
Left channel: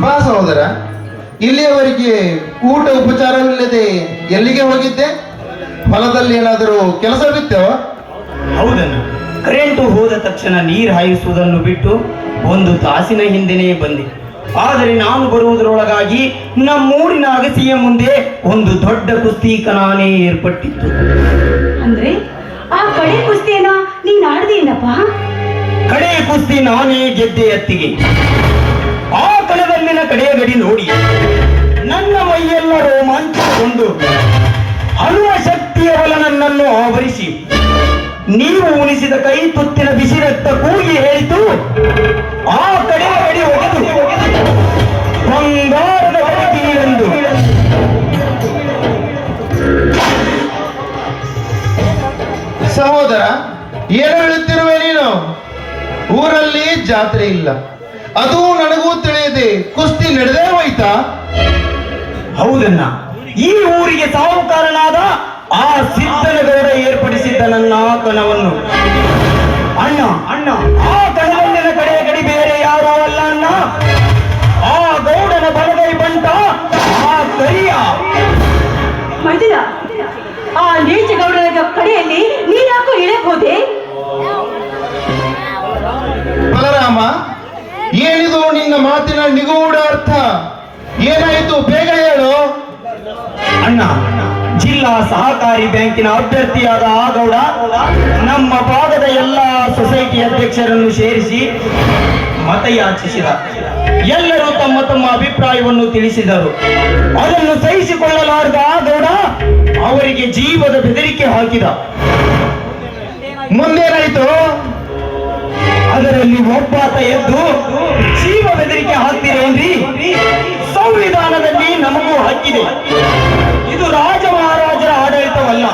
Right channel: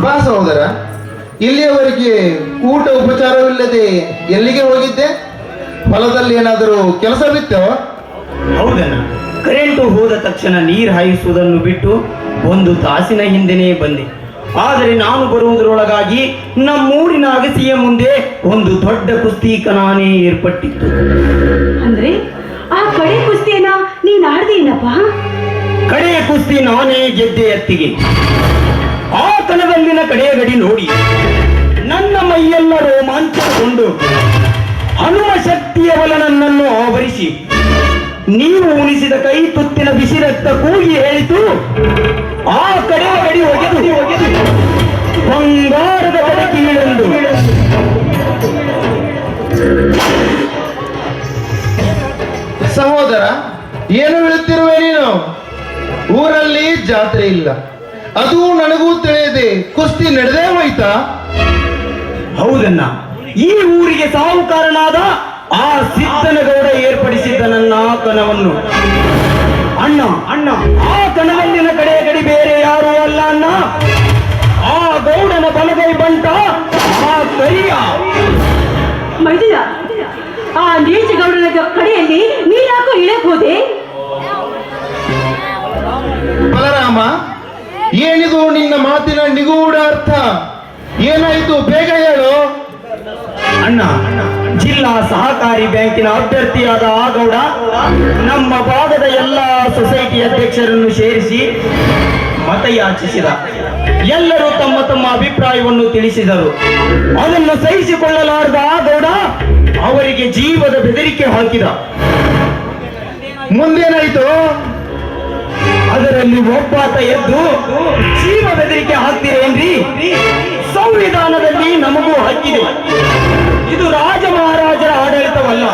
ಬಾ ಸಹೋದರ. ಇಲ್ಲಿಯವರೆಗೆ ಕೂಟ ಉಪಚಾರವಿಲ್ಲದೆ ಎಲ್ಲಿಗೆ ಹೋಗಿದ್ದೆ? ಹೊಲದಲ್ಲಿ ಏನಾದರೂ ಕೆಲಸವಿತ್ತೋ? ಹೌದಣ್ಣ, ಕರೆಂಟು ಹೋದ ತಕ್ಷಣ ನೀರು ಹಾಯಿಸುವುದನ್ನು ಬಿಟ್ಟು ಒಂದು ತಾಸಿನ ಹಿಂದೆನೇ ಬಂದೆ. ಆದರೆ ನಾನು ಬರುವುದರೊಳಗಾಗಿ ನಮ್ಮೂರಿನ ಅಗಸಿಯ ಮುಂದೆ ಒಂದು ದೊಡ್ಡ ಕುಸ್ತಿ ಕಲಾನೇ ಏರ್ಪಟ್ಟಿತ್ತು. ಅಂದ್ರೆ ಆ ಕಡೆ ಕುಸ್ತಿಯನ್ನ ನೀನ್ ಆಡ್ದೇನಪ್ಪ? ಕಡೆ ಕುಸ್ತಿ ನಾನೇ ಗೆದ್ದೆ ಅತ್ತಿಗೆ. ಆ ಕಣದಲ್ಲಿನ ಕಡೆಯ ಗಡಿ ನೋಡಿ ನನ್ನ ಮೈಯೆಲ್ಲ ರೋಮಾಂಚನಗೊಂಡು ಹನುಮ ಶಕ್ತಿಯ ಬಲ ನನ್ನನ್ನು ಆವರಿಸಿ ನೀವು ಉಣಿಸಿದ ಕೈ ತುತ್ತಿನ ಬಿಸಿ ರಕ್ತ ಕೂಗಿ ಹೇಳಿತು. ಆ ಕಡೆಯ ಗಡಿ ಒಗೆದು ಬಂಗಾರದ ಬಡಕಿಳೆಂದು ಸಹೋದರ, ಏನು ಹೇಳುತ್ತಿರುವೆ ನೀನು? ಊರಲ್ಲಿ ಜಾತ್ರೆ ಇಲ್ಲ, ಅದು ನನಗೂ ತಿಳಿಯದೆ ಕುಸ್ತಿ ನಡೆದೇ ಹೋಯ್ತಾ? ಹೌದಣ್ಣ, ಈ ಊರಿಗೆ ಸಾಹುಕಾರನಾದ ಆ ಸಿದ್ದನಗೌಡ ಏರ್ಪಡಿಸಿದ್ದ ನನ್ನ ಕಣವನ್ನು ಅಣ್ಣ ಅಣ್ಣ ಆ ಕಣದಲ್ಲಿನ ಕಡೆಯ ಗಡಿ ಬೇರೆ ಯಾರೂ ಅಲ್ಲ ಅಣ್ಣ, ಆ ಗೌಡನ ಬಲಗೈ ಬಂಟ ಆ ಕರಿಯ. ಮೈದಿನ ಆ ನೀಚ ಗೌಡನ ಕಡೆಯಲ್ಲಿ ನೀನ್ಯಾಕೋ ಇಳಕ್ ಹೋದೆ? ಬಲರಾಮ, ಏನಿದು ನಿನ್ನ ಮಾತಿನ ನಿಗೂಢ ಅರ್ಥ? ಏನಾಯಿತು? ಬೇಗ ಹೇಳು. ಅಣ್ಣ, ಜಿಲ್ಲಾ ಸಹಕಾರಿ ಬ್ಯಾಂಕಿನ ಅಭ್ಯರ್ಥಿಯಾದ ಆ ಗೌಡ ನಮ್ಮ ಭಾಗದ ಎಲ್ಲ ಸೊಸೈಟಿ ಅಧ್ಯಕ್ಷರನ್ನು ಸೇರಿಸಿ ಮತಯಾಚಿಸಿದ. ಎಲ್ಲರೂ ತಮ್ಮ ತಮ್ಮ ಅಭಿಪ್ರಾಯವನ್ನು ತಿಳಿಸಿದರು. ಅದನ್ನು ಸಹಿಸಿಕೊಳ್ಳಲಾರದ ಆ ಗೌಡ ಅವರಿಗೆ ಜೀವದ ಬೆದರಿಕೆ ಹಾಕಿದ. ಮುಂದೇನಾಯ್ತು? ಅದರಲ್ಲಿ ಒಬ್ಬಾತ ಎದ್ದು ಜೀವ ಬೆದರಿಕೆ ಹಾಕ್ತೀರೇನ್ರಿ? ಸಂವಿಧಾನದಲ್ಲಿ ನಮಗೂ ಹಕ್ಕಿದೆ. ಇದು ರಾಜ ಮಹಾರಾಜರ ಆಡಳಿತವಲ್ಲ,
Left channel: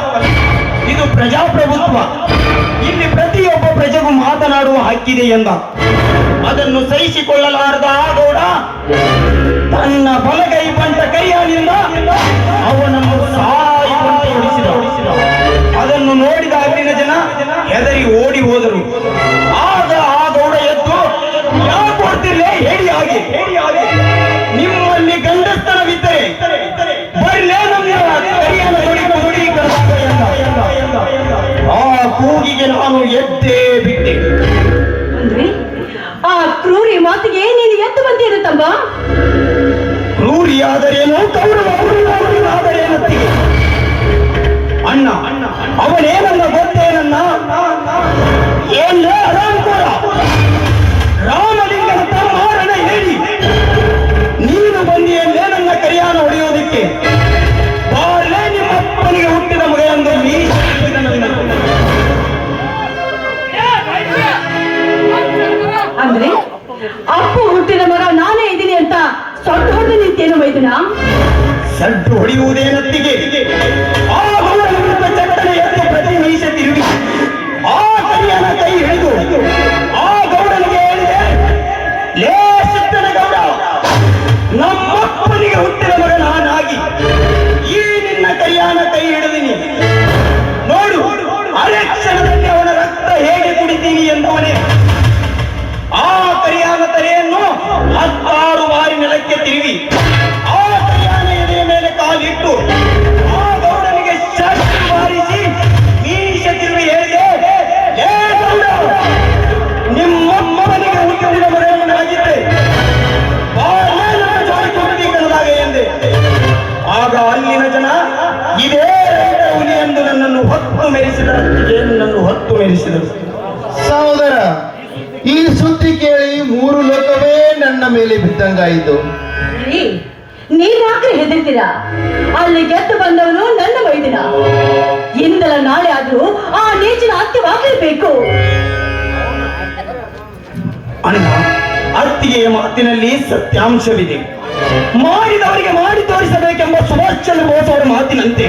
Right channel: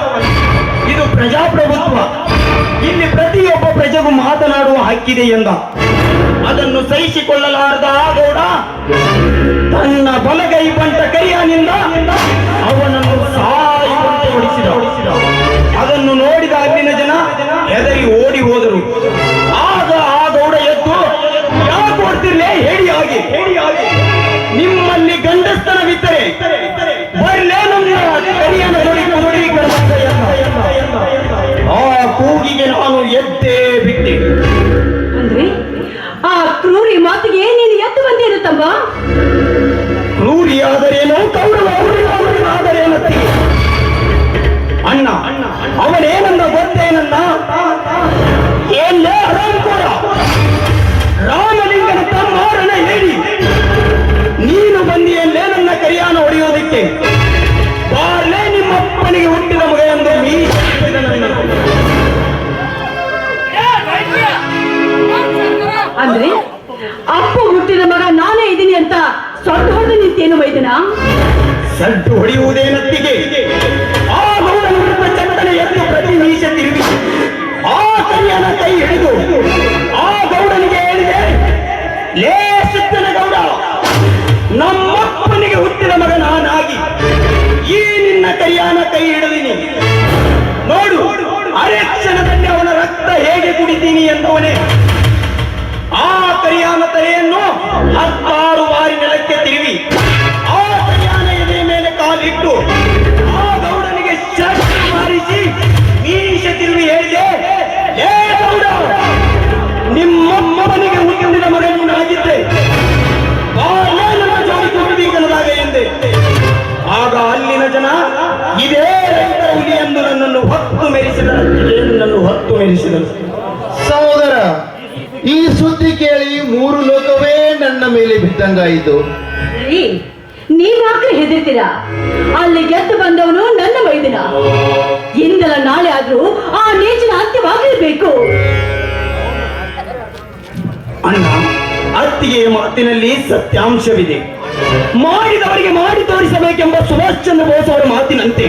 ಇದು ಪ್ರಜಾಪ್ರಭುತ್ವ. ಇಲ್ಲಿ ಪ್ರತಿಯೊಬ್ಬ ಪ್ರಜೆಗೂ ಮಾತನಾಡುವ ಹಕ್ಕಿದೆ ಎಂದ. ಅದನ್ನು ಸಹಿಸಿಕೊಳ್ಳಲಾರದ ಆ ಗೌಡ ತನ್ನ ಬಲಗೈ ಬಂಟ ಕೈಯಾನಿಂದ ಅವನನ್ನು ಸಾಯುವಂತೆ ಹೊಡಿಸಿದ. ಅದನ್ನು ನೋಡಿದ ಅಲ್ಲಿನ ಜನ ಹೆದರಿ ಓಡಿ ಹೋದರು. ಆಗ ಆ ಗೌಡ ಎದ್ದು, ಯಾಕೆ ಕೊಡ್ತಿರ್ಲೇ ಹೇಳಿ ಆಗಿ ನಿಮ್ಮಲ್ಲಿ ಗಂಡಸ್ತನವಿದ್ದರೆ ಬರಲೇ ಮುಂದೆ ಕರಿಯನ್ನು ಹೊಡಿತು ಉಂಟೆ. ಬಾರ್ಲೆ ನಿಮ್ಮ ಅಪ್ಪನಿಗೆ ಹುಟ್ಟಿದ ಮಗ ಎಂದು ಮೀಸೆ ತಿರುವಿದ ನನ್ನ. ಅಂದ್ರೆ ಅಪ್ಪ ಹುಟ್ಟಿದ ಮಗ ನಾನೇ ಇದ್ದೀನಿ ಅಂತ ಸೊಂಟ ಹೊಡೆದು ನಿಂತೇನು ವೈದ್ಯನ? ಸಡ್ಡು ಹೊಡೆಯುವುದೇನತ್ತಿಗೆ ಆ ಗೌಡ ವಿರುದ್ಧ ಚಟ್ಟನೆ ಎದ್ದು ಪ್ರತಿ ಮೀಸೆ ತಿರುಗಿ ಆ ಕರಿಯನ ಕೈ ಹಿಡಿದು ಆ ಗೌಡನಿಗೆ ಹೇಳಿದೆ, ಲೇ ಸಿದ್ದನ ಗೌಡ, ನಮ್ಮಪ್ಪನಿಗೆ ಹುಟ್ಟಿದ ಮಗ ನಾನಾಗಿ ಈ ನಿನ್ನ ಕರಿಯನ ಕೈ ಹಿಡಿದೀನಿ. ನೋಡು ಅರೆ ಕ್ಷಣದಲ್ಲಿ ಅವನ ರಕ್ತ ಹೇಗೆ ಕುಡಿತೀನಿ ಎಂಬುವನೇ. ಆ ಕರಿಯಾನ ತಲೆಯನ್ನು 16 ಬಾರಿ ನೆಲಕ್ಕೆ ತಿರುವಿ ಆ ಕರಿಯಾನ ಎದೆ ಮೇಲೆ ಕಾಲಿಟ್ಟು ಆ ಗೌಡನಿಗೆ ಶಕ್ತಿ ಮಾರಿಸಿ ಮೀಸೆ ತಿರುವಿ ಹೇಳಿದೆ, ಏ ಗೌಡ, ನಿಮ್ಮಮ್ಮನಿಗೆ ಹುಟ್ಟಿದ ಮಗನು ನಾಗಿದ್ದೆ, ಬಾಲ್ಯ ನನ್ನ ಜೋಡಿ ಕೊಡಬೇಕನ್ನದಾಗ ಎಂದೆ. ಆಗ ಅಲ್ಲಿನ ಜನ ಇದೇ ರೈತ ಹುಲಿ ಎಂದು ನನ್ನನ್ನು ಹೊತ್ತು ಮೆರೆಸಿದರು. ನನ್ನನ್ನು ಹೊತ್ತು ಮೆರೆಸಿದರು. ಸಹೋದರ, ಈ ಸುದ್ದಿ ಕೇಳಿ 3 ಲೋಕವೇ ನನ್ನ ಮೇಲೆ ಬಿದ್ದಂಗಾಯಿತು. ರೀ, ನೀವ್ಯಾಕ್ರೆ ಹೆದರ್ತೀರಾ? ಅಲ್ಲಿ ಗೆದ್ದು ಬಂದವನು ನನ್ನ ವೈದ್ಯನ. ಇಂದಲ ನಾಳೆ ಆದ್ರೂ ಆ ನೀಚನ ಅಂತ್ಯವಾಗಲೇಬೇಕು. ಅಣ್ಣ, ಅತ್ತಿಗೆಯ ಮಾತಿನಲ್ಲಿ ಸತ್ಯಾಂಶವಿದೆ. ಮಾಡಿದವರಿಗೆ ಮಾಡಿ ತೋರಿಸಬೇಕೆಂಬ ಸುಭಾಷ್ ಚಂದ್ರ ಬೋಸ್ ಅವರ ಮಾತಿನಂತೆ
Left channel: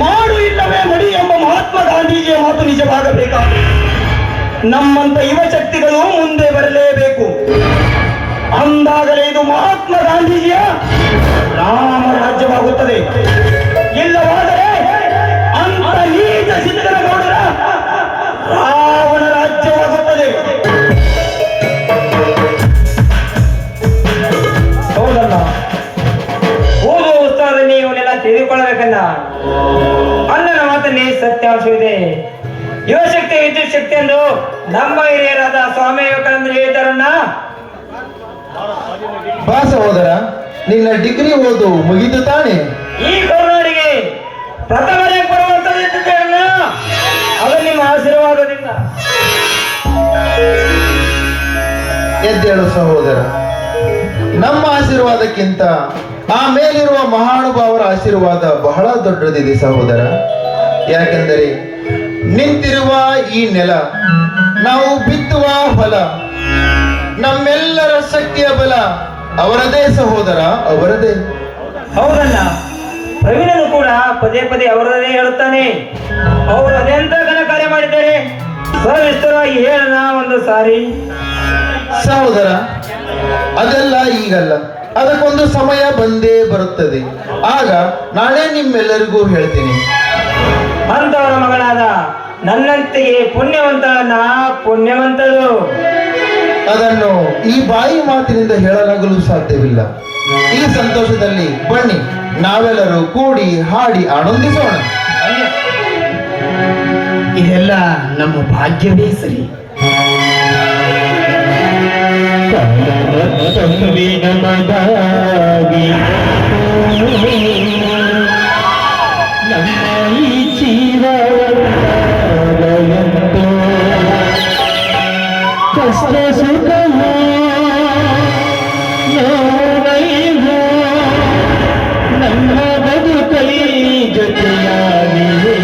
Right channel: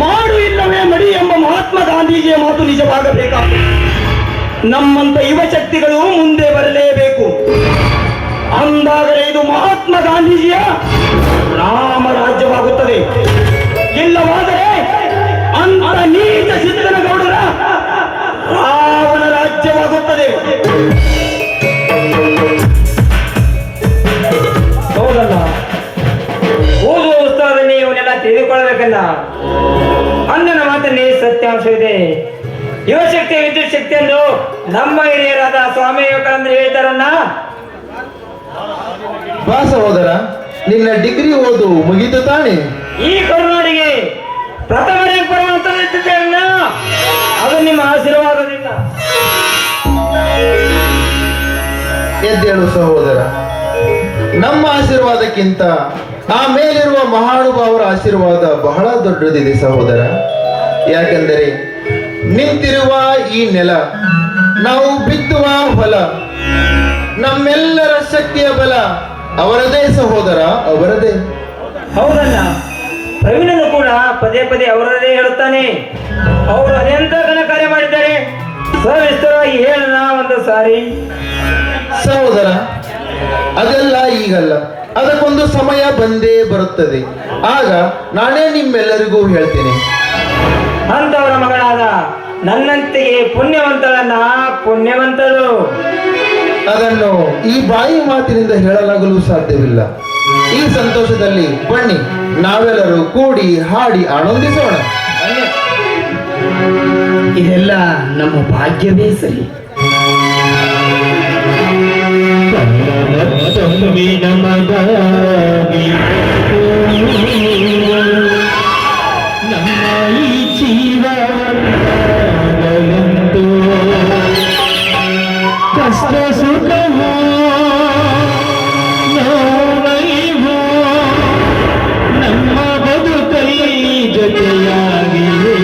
ಮಾಡು ಇಲ್ಲವೇ ಮಡಿ ಎಂಬ ಮಹಾತ್ಮ ಗಾಂಧೀಜಿಯ ಮಾತು ನಿಜವಾಗಬೇಕಾ? ನಮ್ಮಂತ ಯುವ ಶಕ್ತಿಗಳು ಮುಂದೆ ಬರಲೇಬೇಕು. ಅಂದಾಗಲೇ ಇದು ಮಹಾತ್ಮ ಗಾಂಧೀಜಿಯ ರಾಮ ರಾಜ್ಯವಾಗುತ್ತದೆ. ಇಲ್ಲವಾದರೆ ಅಂತ ನೀಚ ಸಿದ್ದನಗೌಡರ ರಾವಣ ರಾಜ್ಯವಾಗುತ್ತದೆ. ಹೌದಲ್ಲ, ಓದುವ ಉತ್ಸಾಹದಲ್ಲಿ ಇವನ್ನೆಲ್ಲ ತಿಳಿದುಕೊಳ್ಳಬೇಕಲ್ಲ. ಅಣ್ಣನ ಮಾತಲ್ಲಿ ಸತ್ಯಾಂಶವಿದೆ. ಯುವಶಕ್ತಿ ವಿದ್ಯುತ್ ಶಕ್ತಿ ಎಂದು ನಮ್ಮ ಹಿರಿಯರಾದ ಸ್ವಾಮಿ ವಿವೇಕಾನಂದ ಹೇಳಿದಾರನ್ನ. ಬಾ ಸಹೋದರ, ನಿನ್ನ ಡಿಗ್ರಿ ಓದು ಮುಗಿದು ತಾನೆ? ಈ ಕರುನಾಡಿಗೆ ಪ್ರಥಮ ರ್ಯಾಂಕ್ ಬರುವಂತಲ್ಲ, ಅದು ನಿಮ್ಮ ಆಶೀರ್ವಾದದಿಂದ. ಎದ್ದೇಳು ಸಹೋದರ, ನಮ್ಮ ಆಶೀರ್ವಾದಕ್ಕಿಂತ ಆ ಮೇಲಿರುವ ಮಹಾನುಭಾವರ ಆಶೀರ್ವಾದ ಬಹಳ ದೊಡ್ಡದಿದೆ ಸಹೋದರ. ಯಾಕೆಂದರೆ ನಿಂತಿರುವ ಈ ನೆಲ, ನಾವು ಬಿತ್ತುವ ಹೊಲ, ನಮ್ಮೆಲ್ಲರ ಶಕ್ತಿಯ ಬಲ ಅವರದೇ ಸಹೋದರ, ಅವರದೇ. ಹೌದಣ್ಣ, ಪ್ರವೀಣನು ಕೂಡ ಪದೇ ಪದೇ ಅವರದೇ ಹೇಳುತ್ತಾನೆ. ಅವರು ಅದೆಂತ ಘನ ಕಾರ್ಯ ಮಾಡಿದ್ದಾರೆ, ಸವಿಸ್ತರವಾಗಿ ಹೇಳೋಣ ಒಂದು ಸಾರಿ. ಸಹೋದರ, ಅದೆಲ್ಲ ಈಗಲ್ಲ, ಅದಕ್ಕೊಂದು ಸಮಯ ಬಂದೇ ಬರುತ್ತದೆ. ಆಗ ನಾನೇ ನಿಮ್ಮೆಲ್ಲರಿಗೂ ಹೇಳ್ತೀನಿ. ಅಂತವರ ಮಗಳಾದ ನನ್ನಂತೆಯೇ ಪುಣ್ಯವಂತಳನ್ನ ಪುಣ್ಯವಂತಳು. ಅದನ್ನು ಈ ಬಾಯಿ ಮಾತಿನಿಂದ ಹೇಳಲಾಗಲು ಸಾಧ್ಯವಿಲ್ಲ. ಈ ಸಂತೋಷದಲ್ಲಿ ಬನ್ನಿ, ನಾವೆಲ್ಲರೂ ಕೂಡಿ ಹಾಡಿ ಆನಂದಿಸೋಣ. ಇದೆಲ್ಲ ನಮ್ಮ ಭಾಗ್ಯವೇ ಸರಿ. ನಮ್ಮ ಈ ಜೀವನವಂತೋ ಕಷ್ಟ ಸುಖವೋ ನೋವೈವೋ ನಮ್ಮ ಬದುಕಲ್ಲಿ ಜೊತೆಯಾಗಿವೆ.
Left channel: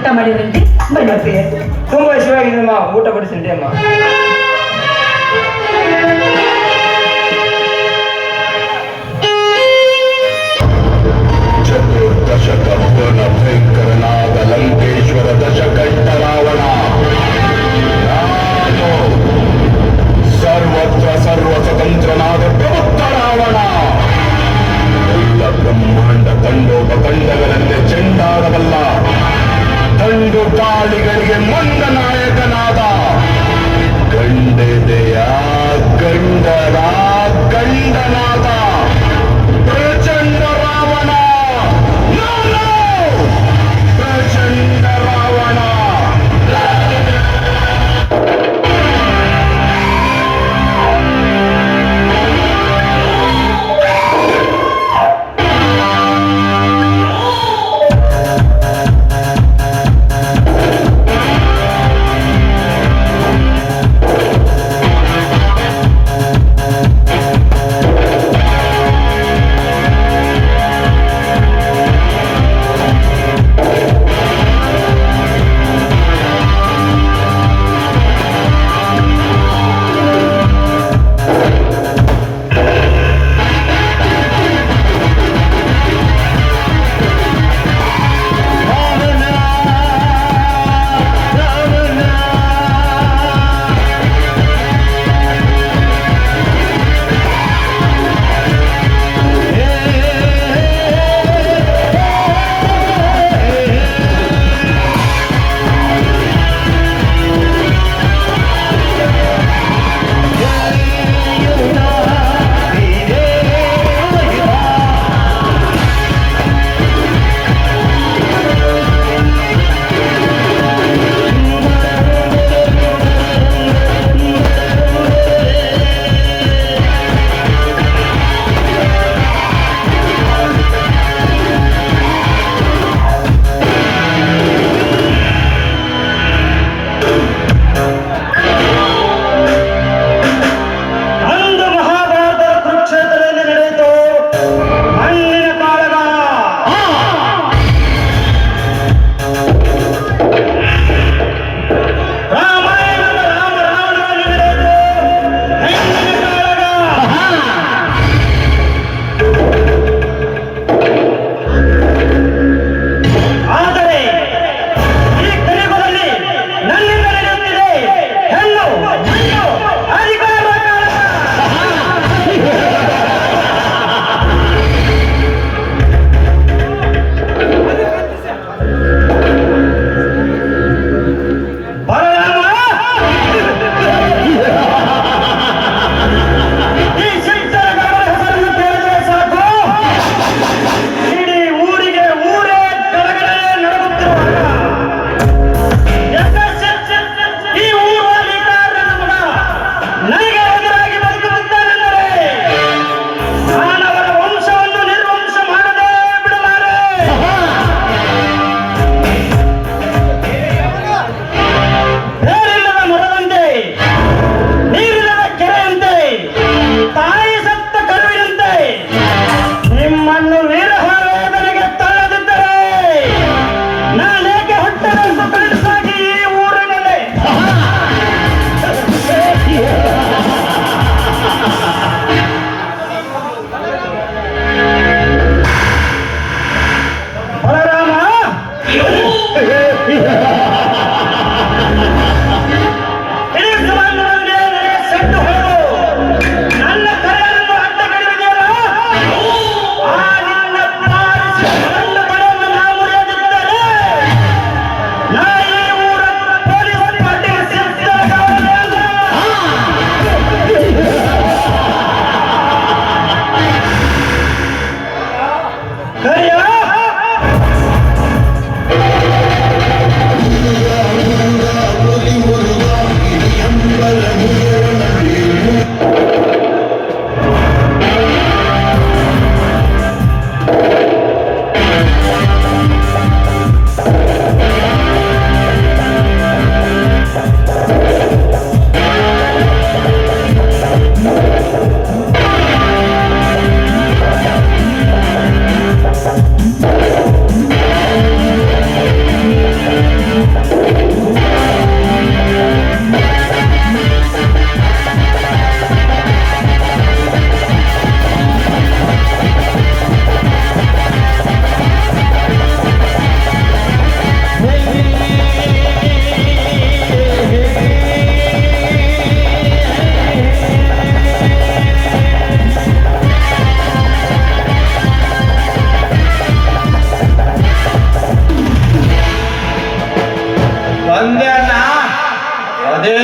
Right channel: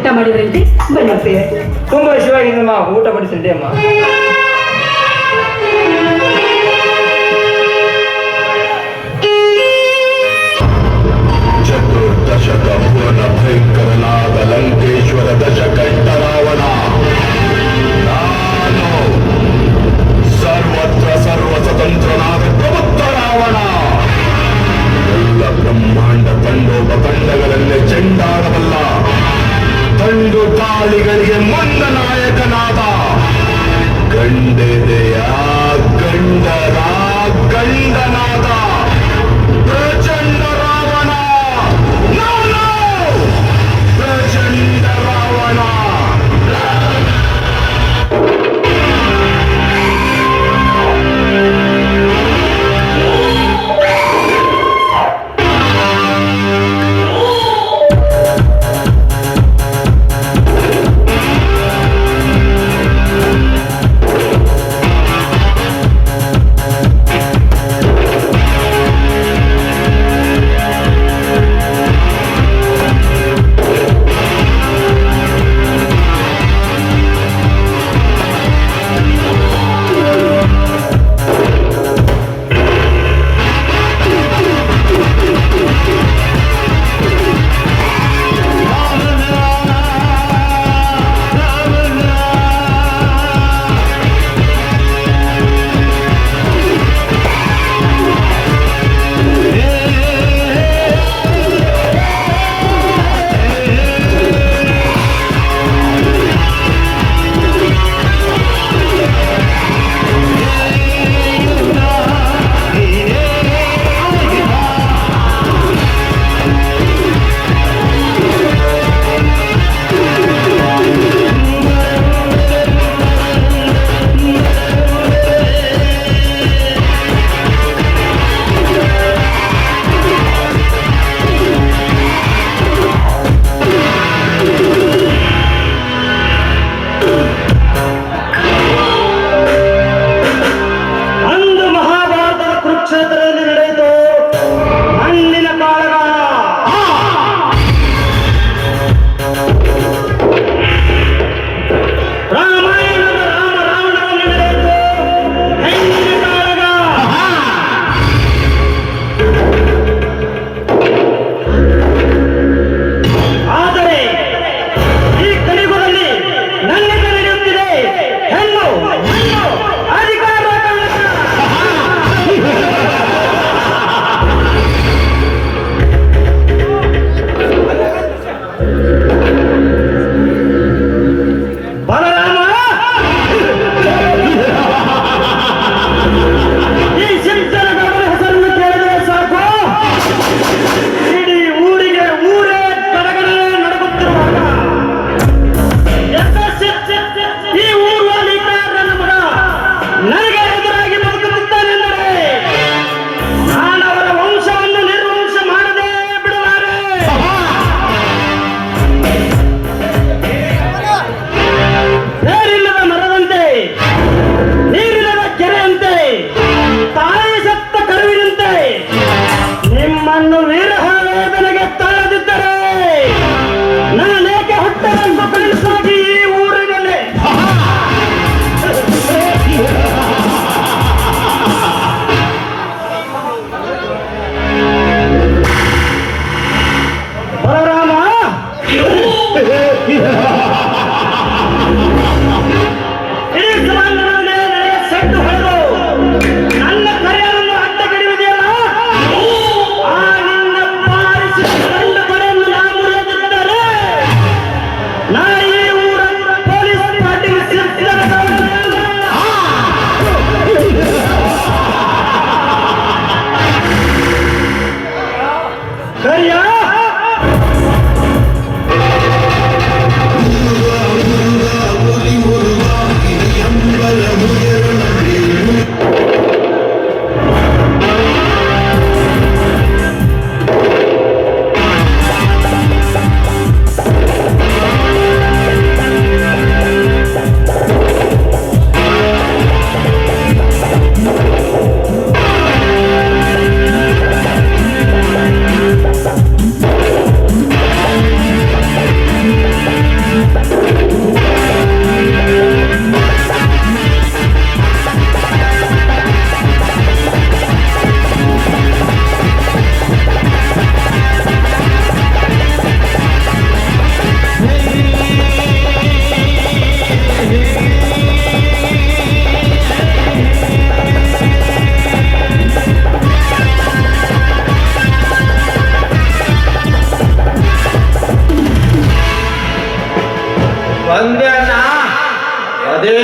ಊಟ ಮಾಡಿದ್ರಂತೆ ಬನ್ನಿ ಪ್ರಿಯ. ತುಂಬಾ ಶಿವಾಗಿದ್ದಮ್ಮ, ಊಟ ಬಡಿಸಿದ್ದೆ ಅಮ್ಮ. ಚತುರ್ದಶಕ ಭುವನ ಭಯಂಕರನಾದ ಲಂಕೇಶ್ವರ ದಶಕೈತ ರಾವಣ ನಾನು ಸರ್ವತ್ರ ಸರ್ವ ಸ್ವತಂತ್ರನಾದ ಪ್ರಬುದ್ಧ ರಾವಣ. ಎಲ್ಲ ಬ್ರಹ್ಮಾಂಡ ತಂಡೋಪತಂಡಗಳಲ್ಲಿ ಚೆಂಡಾಡಬಲ್ಲ ತಂಡು ಗಾಳಿಗಳಿಗೆ ಮಂದ ನಾಯಕನಾದ ಗಂಡೆದೆಯ ಗಂಡರ ಗಂಡನಾದ ಪ್ರಚಂಡ ರಾವಣ. ನಾನು ಪ್ರಚಂಡ ರಾವಣ.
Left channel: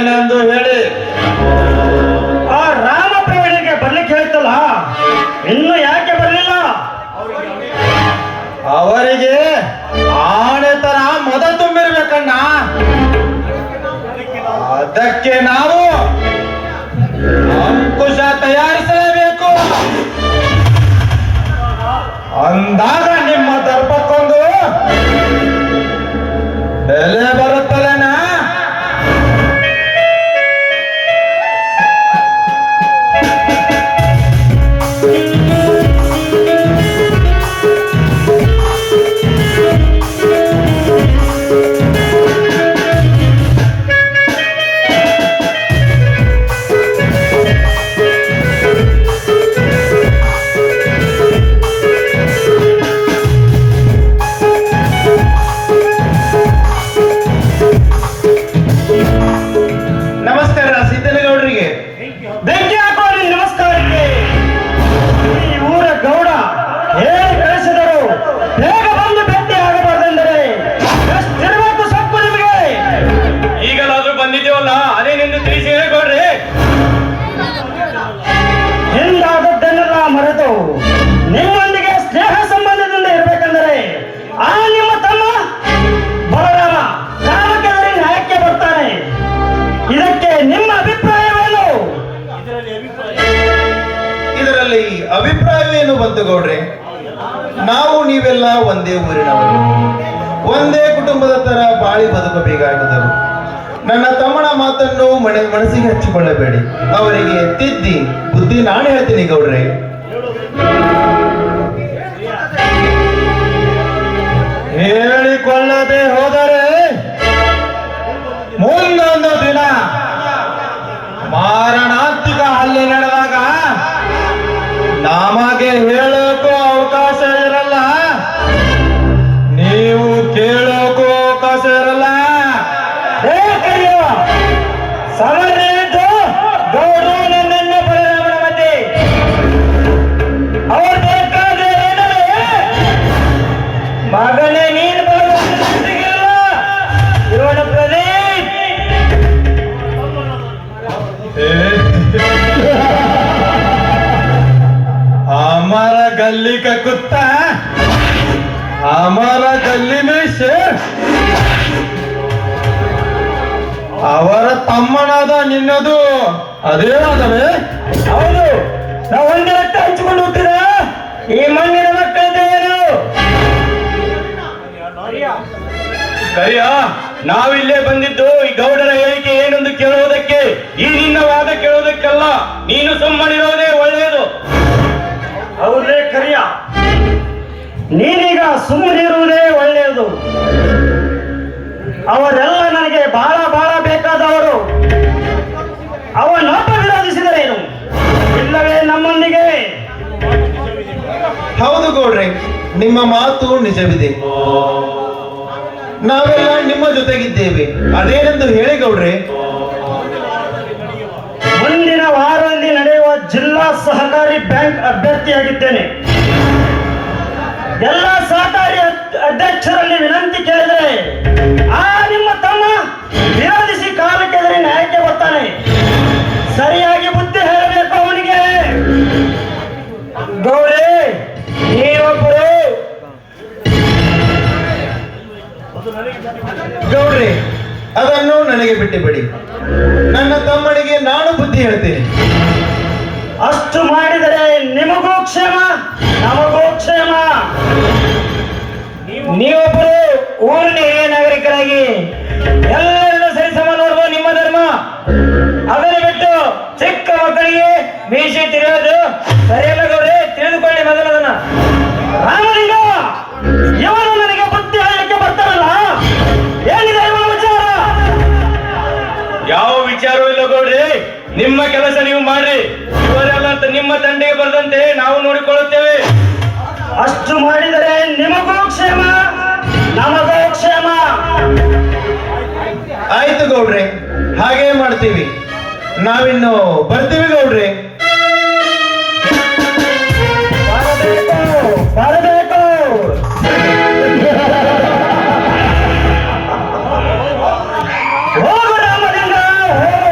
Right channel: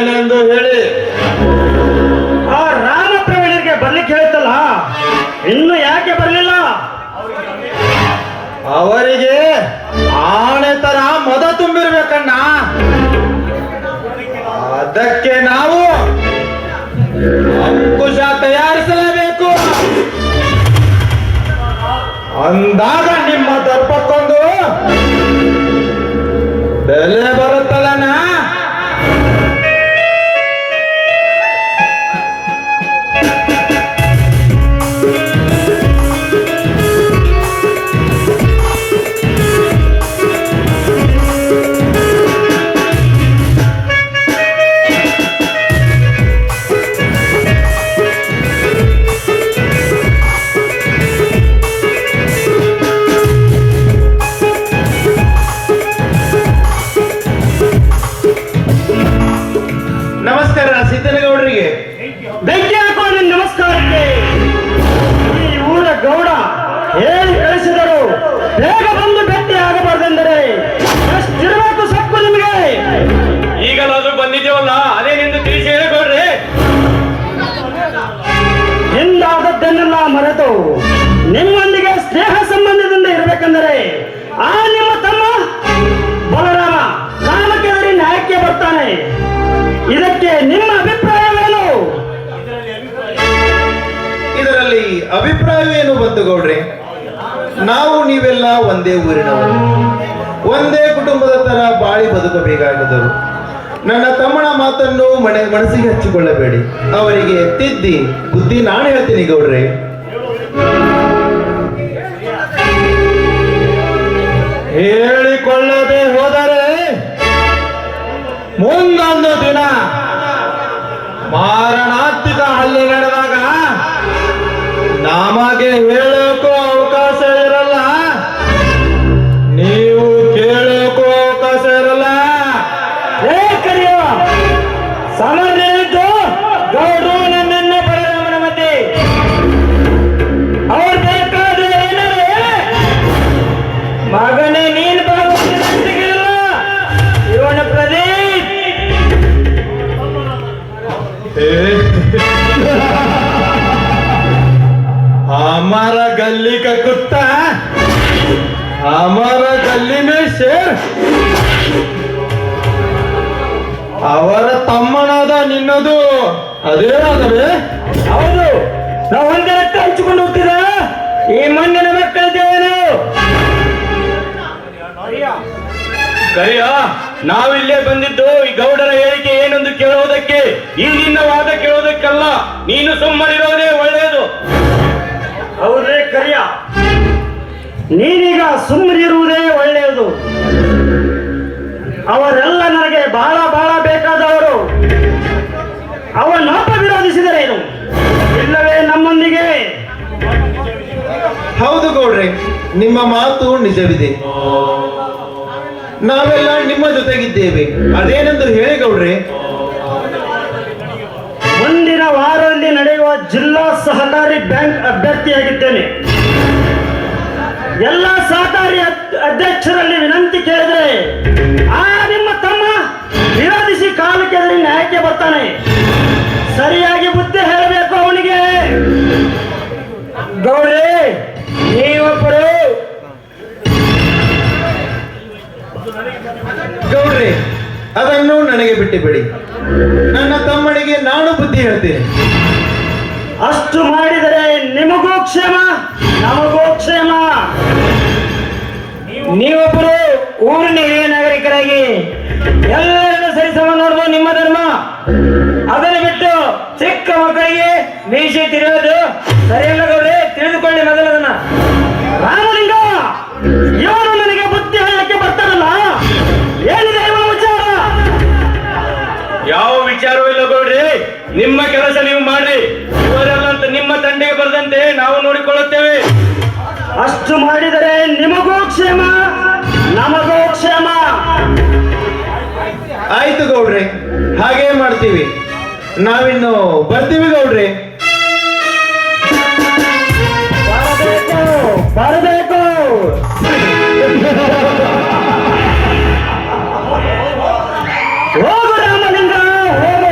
ಏನೆಂದು ಹೇಳಿ. ಆ ರಾಮ ಪ್ರವೀಣರಿಗೆ ಬರ್ಲಿಕ್ಕೆ ಹೇಳ್ತಲ್ಲ, ಇನ್ನು ಯಾಕೆ ಬರಲಿಲ್ಲ? ಅವರಿಗೆ ಆಣೆತನ ಮದ ತುಂಬಿರ್ಬೇಕಣ್ಣ. ಅದಕ್ಕೆ ನಾವು ಅಂಕುಶ ತಯಾರಿಸಲೇಬೇಕು. ಅಂದಾಗ ನಿಮ್ಮ ದರ್ಪಕ್ಕೊಂದು ಬೆಲೆ ಬರುತ್ತಲ್ಲಣ್ಣ. ನಮಸ್ಕಾರ ಸಿದ್ದನಗೌಡರಿಗೆ. ಬೆಂಕಿ ಹಾಕೋ ನಿನ್ ನಮಸ್ಕಾರಕ್ಕೆ. ಈ ಊರ ಗೌಡ ಹೇಳಿ ಕಳಿಸಿದರು, ಬೇಗ ಬಂದು ಭೇಟಿ ಆಗಬಾರ್ದೆಂದರೆ ಎಷ್ಟಿರಬೇಕು ಸಕ್ಕು ನಿಮಗೆ? ಈಗಲಾದ್ರೂ ಬಂದಿದ್ದೇವಲ್ಲ, ಅದೇ ನಿಂದು ತಿಳಿಸಿ ಹೇಳಿಕೊಡ್ರಿ. ಹಿಂದಾದದ್ದನ್ನೆಲ್ಲ ಮರೆತು ನಿಮ್ಮೊಂದಿಗೆ ಸ್ನೇಹ ಸಂಬಂಧದಿಂದ ಇರಬೇಕೆಂದರೆ ಆ ನಿಮ್ಮ ತಮ್ಮ ಬಲರಾಮ ಕಾಮಕೆದರಿ ನ್ಯಾಯಕ್ಕೆ ಬರ್ತಾನೆ. ಇದಕ್ಕೆ ನಿಮ್ಮ ಅಭಿಪ್ರಾಯವೇನು? ಇದರಲ್ಲಿ ಅಭಿಪ್ರಾಯವೇನು ಬಂತು ಗೌಡ್ರೆ? ನಾವು ನೀವೆಲ್ಲ ಒಂದೇ ಊರಿನವರು, ಒಂದೇ ಕುಟುಂಬದ ತರ ಬಾಳಿ ಬದುಕಬೇಕಾಗಿದ್ದರು. ನನ್ನ ತಮ್ಮನ ಮಾತನ್ನು ಮನಸ್ಸಿಗೆ ಹಚ್ಚಿಕೊಳ್ಳಬೇಡಿ. ಅವರಿಗೆ ತಿದ್ದಿ ಬುದ್ಧಿ ನಾನು ಹೇಳ್ತೀನಿ ಗೌಡ್ರೆ. ಹೇಳಿಕೊಳ್ಳದೆ ಹೋದರೆ ಮುಂದೊಂದು ದಿನ ಮಾರಣಾಂತಿಕ ಹಲ್ಲೆ ನಡೆದಾಗ ನಮಗೆ ಹೇಳೋಕ್ಕೂ ಅವಕಾಶ ಇರಲ್ಲ, ನೀವು ಕೇಳೋಕ್ಕೂ ಅವಕಾಶ ಇರಲ್ಲ. ಸಮರ್ಥ ಗೌಡು ನನ್ನನ್ನ ಬಲರಾಮನ ಮಧ್ಯೆ ಅವ್ರ ಬೇಕಾದ್ರೆ ಮಗನೇ ನೀನು ಇವನ ಪ್ರದೀಪ್ हमारा गली का कुत्ता हमारा गली में शेर. ಅವರ ತಮ್ಮನಾದ ನಿನ್ನದು ಅದೇ ಅದವೇ? ಹೌದು, ನಾವು ಒಂದೇ ರಕ್ತ ಹಂಚಿಕೊಂಡು ಹೋಗ್ತೀರಾ? ಈ ಮಣ್ಣಿನ ಮಕ್ಕಳಿದ್ದೇವೇನು? ಕರಿಯ, ನಾವಿಲ್ಲೇ ಬಂದಿದ್ದು ಈ ಗೌಡರ ಹೇಳಿಕೆ ಏನೆಂದು ಕೇಳುವುದಕ್ಕೆ, ಈ ನಿನ್ನ ವಾದ ಕೇಳುವುದಕ್ಕಲ್ಲ. ನೀನು ಸುಮ್ಮನಿರೋದೇ ಒಳ್ಳೆಯದು. ಹೌದೇ ಕರಿಯ, ನೀನೀಗ ಸುಮ್ಮನಿರುವುದೇ ಒಳ್ಳೆಯದು. ಅವರೆಲ್ಲ ನನಗೆ ಬಹಳ ಬಹಳ ಬೇಕಾದವರು. ಅವನೊಬ್ಬ ವಿರೋಧಿಸಿದರೇನು? ಇಲ್ಲವೇ ನಮ್ಮೊಂದಿಗೆ? ಹೌದು ಗೌಡ್ರೆ, ನಿಮ್ಮ ಮಾತು ನಿಜವಿದೆ. ನಾವೆಲ್ಲ ನಿಮ್ಮ ಜೊತೆಗಿದ್ದೇವೆ. ಅದೇನೆಂದು ಹೇಳಿ ಗೌಡ್ರೆ. ಮುಂದಿನ ವಾರದಲ್ಲಿ ನಡೆಯುವ ಜಿಲ್ಲಾ ಸಹಕಾರಿ ಬ್ಯಾಂಕ್ ಅಭ್ಯರ್ಥಿಯಾಗಿದ್ದೇನೆ. ಎಲ್ಲ ಸಹಕಾರಿ ಅಧ್ಯಕ್ಷರಲ್ಲಿ ವಿನಂತಿ ಕೇಳಿದರೆ ಆ ನಿಮ್ಮ ತಮ್ಮ ವಿರೋಧಿಸಿ ಕಾಲಕ್ಕೆದರೆ ನ್ಯಾಯಕ್ಕೆ ಬರ್ತಾನೆ. ಸರಿಯಾಗಿ ಬುದ್ಧಿ ಹೇಳಬೇಕು ಅವನಿಗೆ. ಗೌರಿ, ನೀವೊಬ್ಬರು ಗೌಡ್ರೆ, ಅದನ್ನು ನನಗೆ ಬಿಟ್ಟು ಬಿಡಿ. ನನ್ನ ತಮ್ಮನಿಗೆ ನಾನು ಬುದ್ಧಿ ಹೇಳ್ತೇನೆ. ಅಷ್ಟು ಮಾಡಿದರೆ ನಿಮಗೂ ಕ್ಷೇಮ, ನಮಗೂ ಕ್ಷೇಮ. ನೀವೊಬ್ಬರು ಊರಿನ ಹಿರಿಯ ನಾಗರಿಕರಾಗಿ ಎಲ್ಲರನ್ನು ಸರಿಸಮ ನೋಡ್ಬೋದು, ನಿಮ್ಮ ಧರ್ಮ. ಅದನ್ನು ಬಿಟ್ಟು ಚಿಕ್ಕ ಮಕ್ಕಳಿಗೆ ಮೀಸೆ ತಿರುವುದು ಸರಿಯಲ್ಲ ಗೌರಿ, ತಿಳಿದುಕೊಳ್ಳಿ ಮೊದಲದನ್ನ. ರಾಮಲಿಂಗ ಇವರ ಮನೆಗೆ ಬುದ್ಧಿ ಹೇಳಕ್ಕೆ ಬರ್ತಾರಲ್ಲ, ಏನಿದೆ ಇವರ ವಿಚಾರ? ಯಾವ ವಿಚಾರವೂ ಇಲ್ಲ ಗೌಡ್ರಿ, ನಿಮ್ಮ ಕೆಲಸ ನೀವು ಮಾಡ್ರಿ. ಇವರೆಲ್ಲ ನಿಮ್ಮ ತಂದೆಗೆ ಬರದಂತೆ ನಾವು ನೋಡಿಕೊಳ್ಳುತ್ತೇವೆ. ಅಷ್ಟು ಮಾಡಿದರೆ ನಿಮಗೂ ಕ್ಷೇಮ, ನಮಗೂ ಕ್ಷೇಮ. ಆಯ್ತು ಗೌಡ್ರೆ, ಹಾಗೇ ಮಾಡ್ತೀವಿ. ನಾವಿನ್ನು ಬರ್ತೀವಿ ಗೌಡ್ರೆ. ಬರಬೇಕು. ಹೋಗು ರಾಮಲಿಂಗ, ಹೋಗು.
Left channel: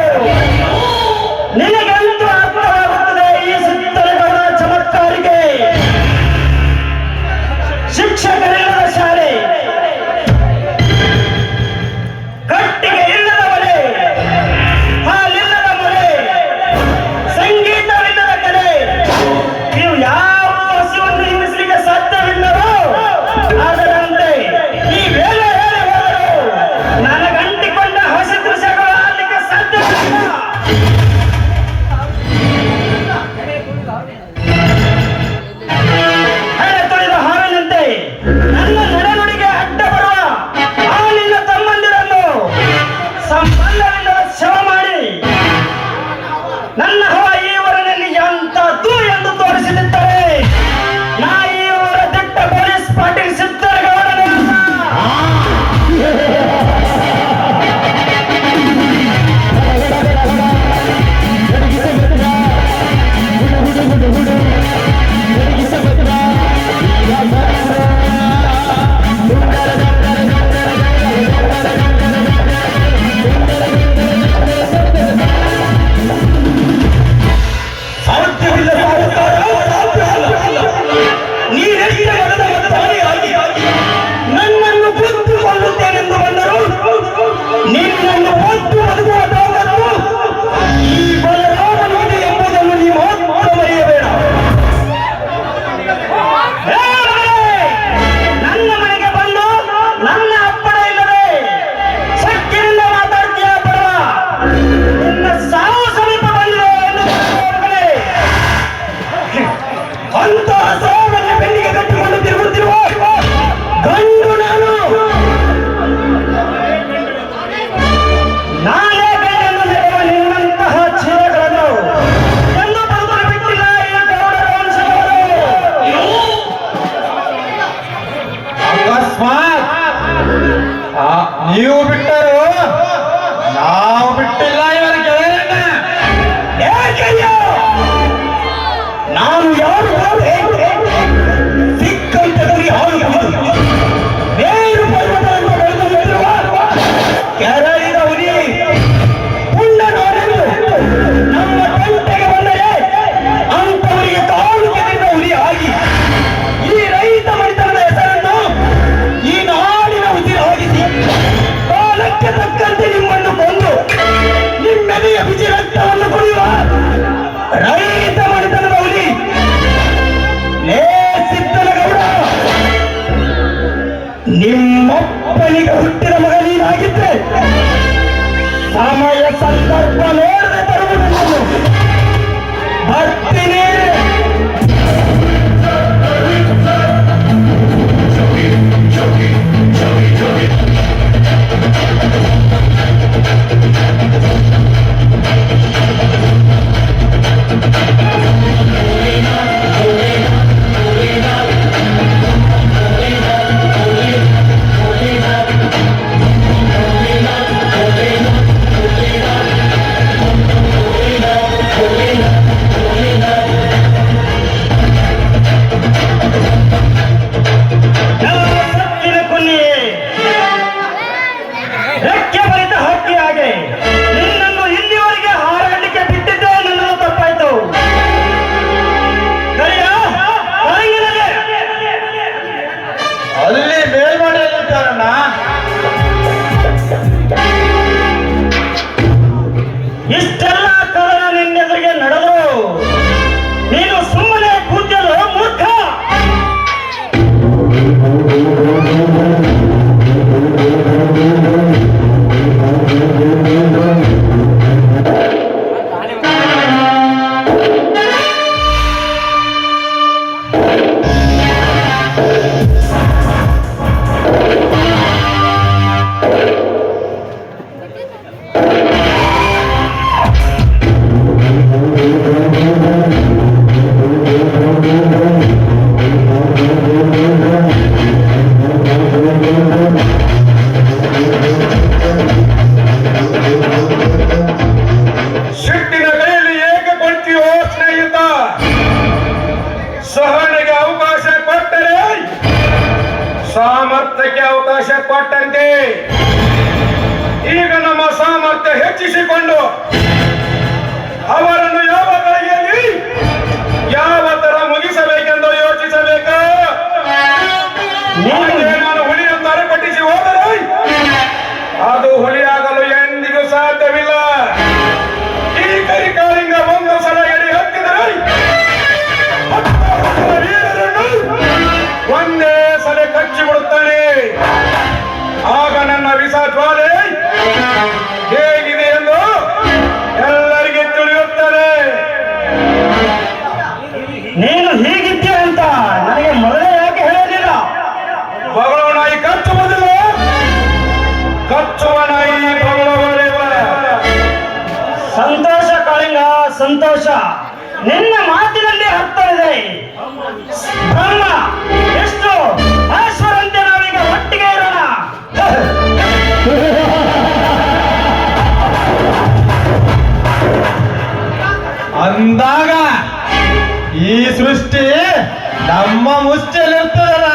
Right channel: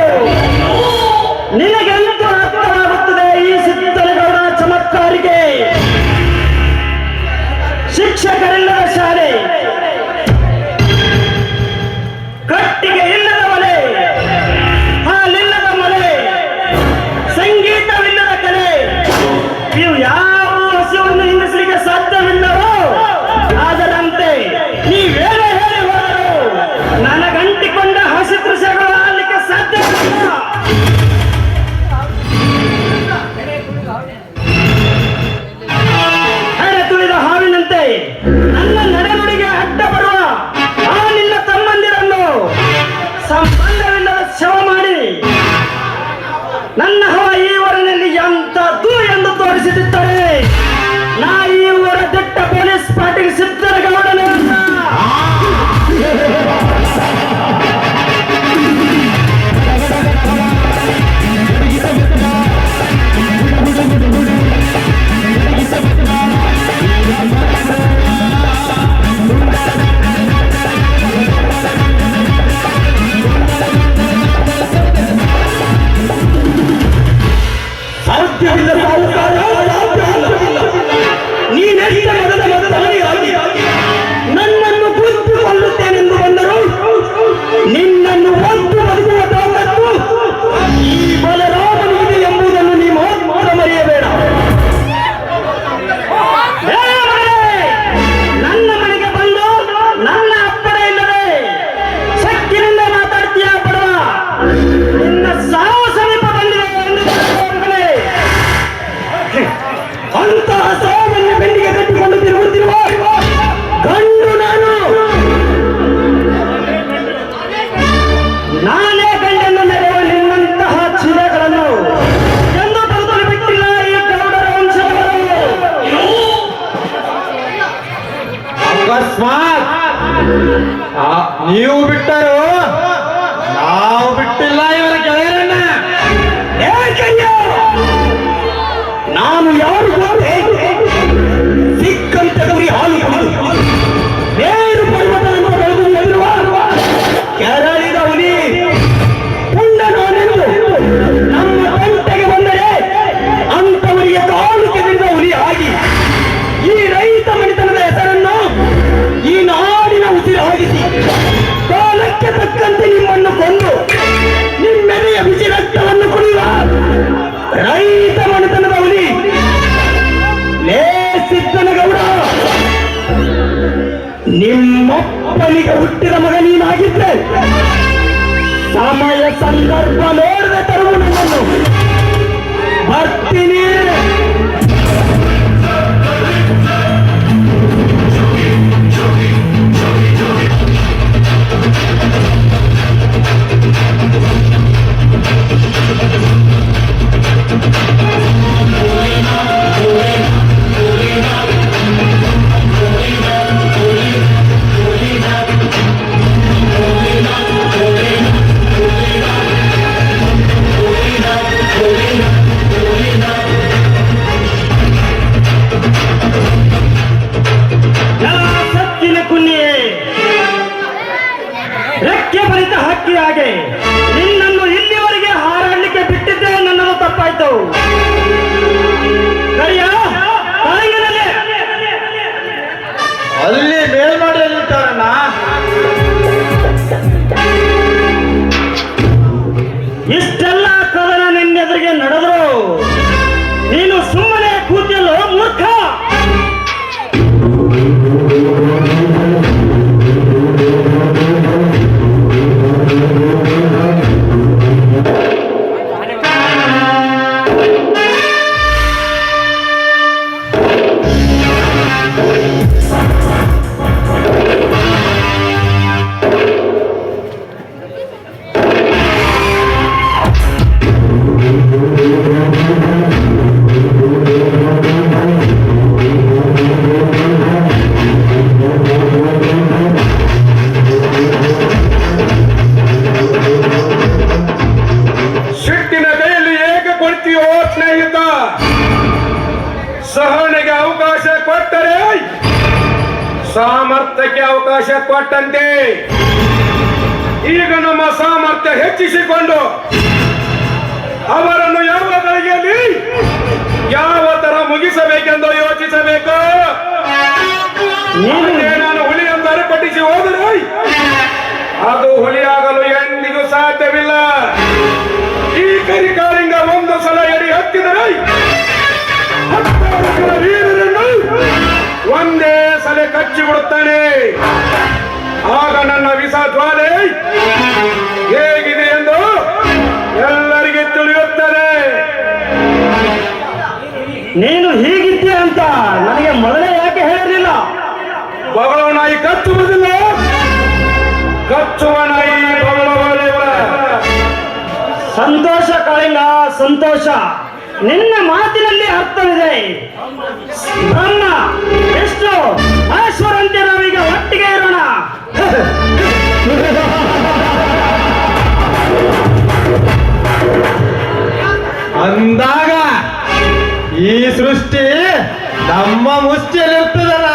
ಹೆಡೆ ತುಳಿದ ಹಾವಿನಂತೆ ನನ್ನ ನಡೆನುಡಿಗೆ ಅಡ್ಡ ಬರುವ ಆ ನಿನ್ನ ತಮ್ಮಂದಿರನ್ನು ಸಂಬಂಧವಿಲ್ಲದ ಶವ ಮಾಡಿ ನನ್ನ ಹವ ಈ ಊರಿನಲ್ಲಿ ಎಂತದ್ದು ಎಂದು ತೋರಿಸಿದಿದ್ದರೆ ನಾ ಈ ಊರ ದಿಟ್ಟ ಪೊಲೀಸ್ ಪಾಟೀಲ್ ಸಿದ್ದರಗೌಡನೇ ಅಲ್ಲ. ಸಾಧ್ಯವಿಲ್ಲ ಸಾಹುಕಾರ, ಸಾಧ್ಯವಿಲ್ಲ. ನೀನೆಷ್ಟು ಎಳೆದ ಮತ್ತವನಿಗಾಗಿ ನನ್ನನ್ನು ಬುದ್ಧಿಕೊಳ್ಳುತ್ತೇನೆಂದು ಬಂದರು ನಿನ್ನನ್ನು ಬುದ್ಧಿ ಬದುಕುವ ತಾಕತ್ತು ಈ ಬಲರಾಮನಿಗಿದೆ ಎಂಬುದನ್ನು ನೀವು ಮರೆಯಬೇಡ. ನನ್ನ ಮನೆಗೆ ಬಂದು ನನ್ನ ಅಪ್ಪಣೆ ಇಲ್ಲದೆ ಸಕ್ಕಿನಿಂದ ಮಾತಾಡ್ತೀಯ ಬರುವ ನಿನ್ನ ಸಾವು ಸಮೀಪ ಬಂದಿದೆ ಮಗನೇ. ಅಂತಹ ಸಾವನ್ನು ಬೆನ್ನಿಗೆ ಕಟ್ಟಿಕೊಂಡು ತಿರುಗುತ್ತಿರುವ ಗಂಡು ನಾನು. ನಾನೇ ಗಂಡನ್ನು ನೆರೆಯುವ ನಿನ್ನಂತಹ ಚೀಲಗಳನ್ನು ಎಂದು ಬದುಕಲು ಬಿಟ್ಟಿಲ್ಲ ಈ ಗೌಡರ ವಂಶದವರು. ಅಕಸ್ಮಾತ್ ನೀವು ಬಿಟ್ಟರು ನಾವು ಬಿಟ್ಟಿಲ್ಲ ಇವರ ಗೆಳೆಯರನ್ನ. ಏಕಯ್ಯ! ನಾನು ಯಾರು ಗೊತ್ತೇ? ಸಿಕ್ಕಂತೆ ಗುರಿ ಹಾಲು ಕುಡಿದು ಮೇರು ಪರ್ವತವನ್ನು ಬೆಳೆದು ನಿಂತಿರುವ ಕೆರಳಿದ ಹುಲಿ ಪುಂಡ ನಾನೆಂದು ನಮ್ಮ ಕಂಟೆಗೆ ಬಂದರೆ ಅಂತವರಿಗೆ ಕಾಲು ಕೆದರಿದ ಹುಲಿ ಆಗಿ ಈ ರೈತ ಮಣಿತನದ ಹೆಸರನ್ನು ಈ ನಾಡಿನ ಉಸಿರಾಗಿಸಿ ಕಾಲಕ್ಕೆ ತಕ್ಕಂತೆ ನಿಮ್ಮನ್ನು ಕೊಂದು ನಿಮ್ಮೆದೆಯ ಬಿಸಿ ರಕ್ತವನ್ನು ಕುಡಿಯುವ ರೈತ ಮಣಿತನದ ಹುಲಿ ಲೇ ಸಿದ್ದನಗೌಡ, ನಿಮ್ಮಪ್ಪನಿಗೆ ಹುಟ್ಟಿದ ಮಗ ನೀನಾಗಿದ್ರೆ ಸಮಯ ಸಂದರ್ಭ ನೋಡದೆ ತರುವುದು ಬರ್ತೀನಿ. ಸತ್ತಿನ ಕುನ್ನಿಯೇ, ರೆಕ್ಕೆ ಬರಿತ ಹಕ್ಕಿಯಾಗೆ ನಿನ್ನನ್ನು ಇಲ್ಲಿವರೆಗೆ ಹಾರಾಡಲಿಕ್ಕೆ ಬಿಟ್ಟಿದ್ದೆ ನನ್ನನ್ನು ತಪ್ಪಾಯ್ತು. ಸರಿಯಾ? ತಾಯಿಗೆ ಅಲ್ಲಿ ಮೇಲ್ಮಾಡಿಯಲ್ಲಿದ್ದಾರಣ್ಣ. ಇಷ್ಟೆಲ್ಲ ಕದನ ನಿನ್ನೆದುರಿಗೆ ನಡೆದು ನೀನು ಸುಮ್ಮನೆ ಕೂತಿಯಲ್ಲೋ ಮೂರ್ಖ. ಸಿಟ್ಟಿನ ಕೈಯಲ್ಲಿ ಏಕೆ ಕೊಡ್ತೀಯೋ ಸ್ನೇಹಿತ? ಸಹನೆಗೆ ಅವಕಾಶ ಕೊಟ್ಟರೆ ಸಾಮರ್ಥ್ಯಕ್ಕೆ ಅವಕಾಶ ಕೊಟ್ಟಂತೆ. ಈಗ ನಮ್ಮ ಸಾಮರ್ಥ್ಯ ಹೆಚ್ಚಿಸಿಕೊಂಡು ಅವರನ್ನು ಯಾವ ಗಳಿಗೆಯಲ್ಲಿ ಯಾವ ತರ ಮುಗಿಸಬೇಕೆಂದು ಯೋಚಿಸಬೇಕು. ನಿಮಗೆ ನಾನು ಹುಲಿಯನ್ನು ಅರ್ಪಡಿಸಿ ಹೋದರೆ ಅದು ಹುಲಿಯಾಗಲು ಎಂದಿಗೂ ಸಾಧ್ಯವಿಲ್ಲ. ಈ ಕರಿಕಾಲಿಂಗ ಒಂದು ಸಲ ಎಡಿ ಹತ್ತಿದರೆ ವೀರರನ್ನು ಒಂದೇ ಸಲ ಕಚ್ಚಿಬಿಡುತ್ತಾನೆ. ಆಗ ನನ್ನ ವಿಷ ಜ್ವಾಲೆ ಹೇಗಿದೆ ಎಂದು ಎಲ್ಲ ಸಂತೋಷ. ನಿನ್ನ ಮಾತಿನಲ್ಲಿ ಅರ್ಥವಿದೆ. ಬ್ರಹ್ಮ ಎಷ್ಟು ಮಹೇಶ್ವರಂತೆ ನಾವೀಗ ಒಟ್ಟಿಗೆ ಇರೋಣ. ಅಂದಾಗ ಈ ಸೃಷ್ಟಿ ನಮ್ಮ ಮುಷ್ಟಿಯಲ್ಲಿರ್ತದಲ್ಲ.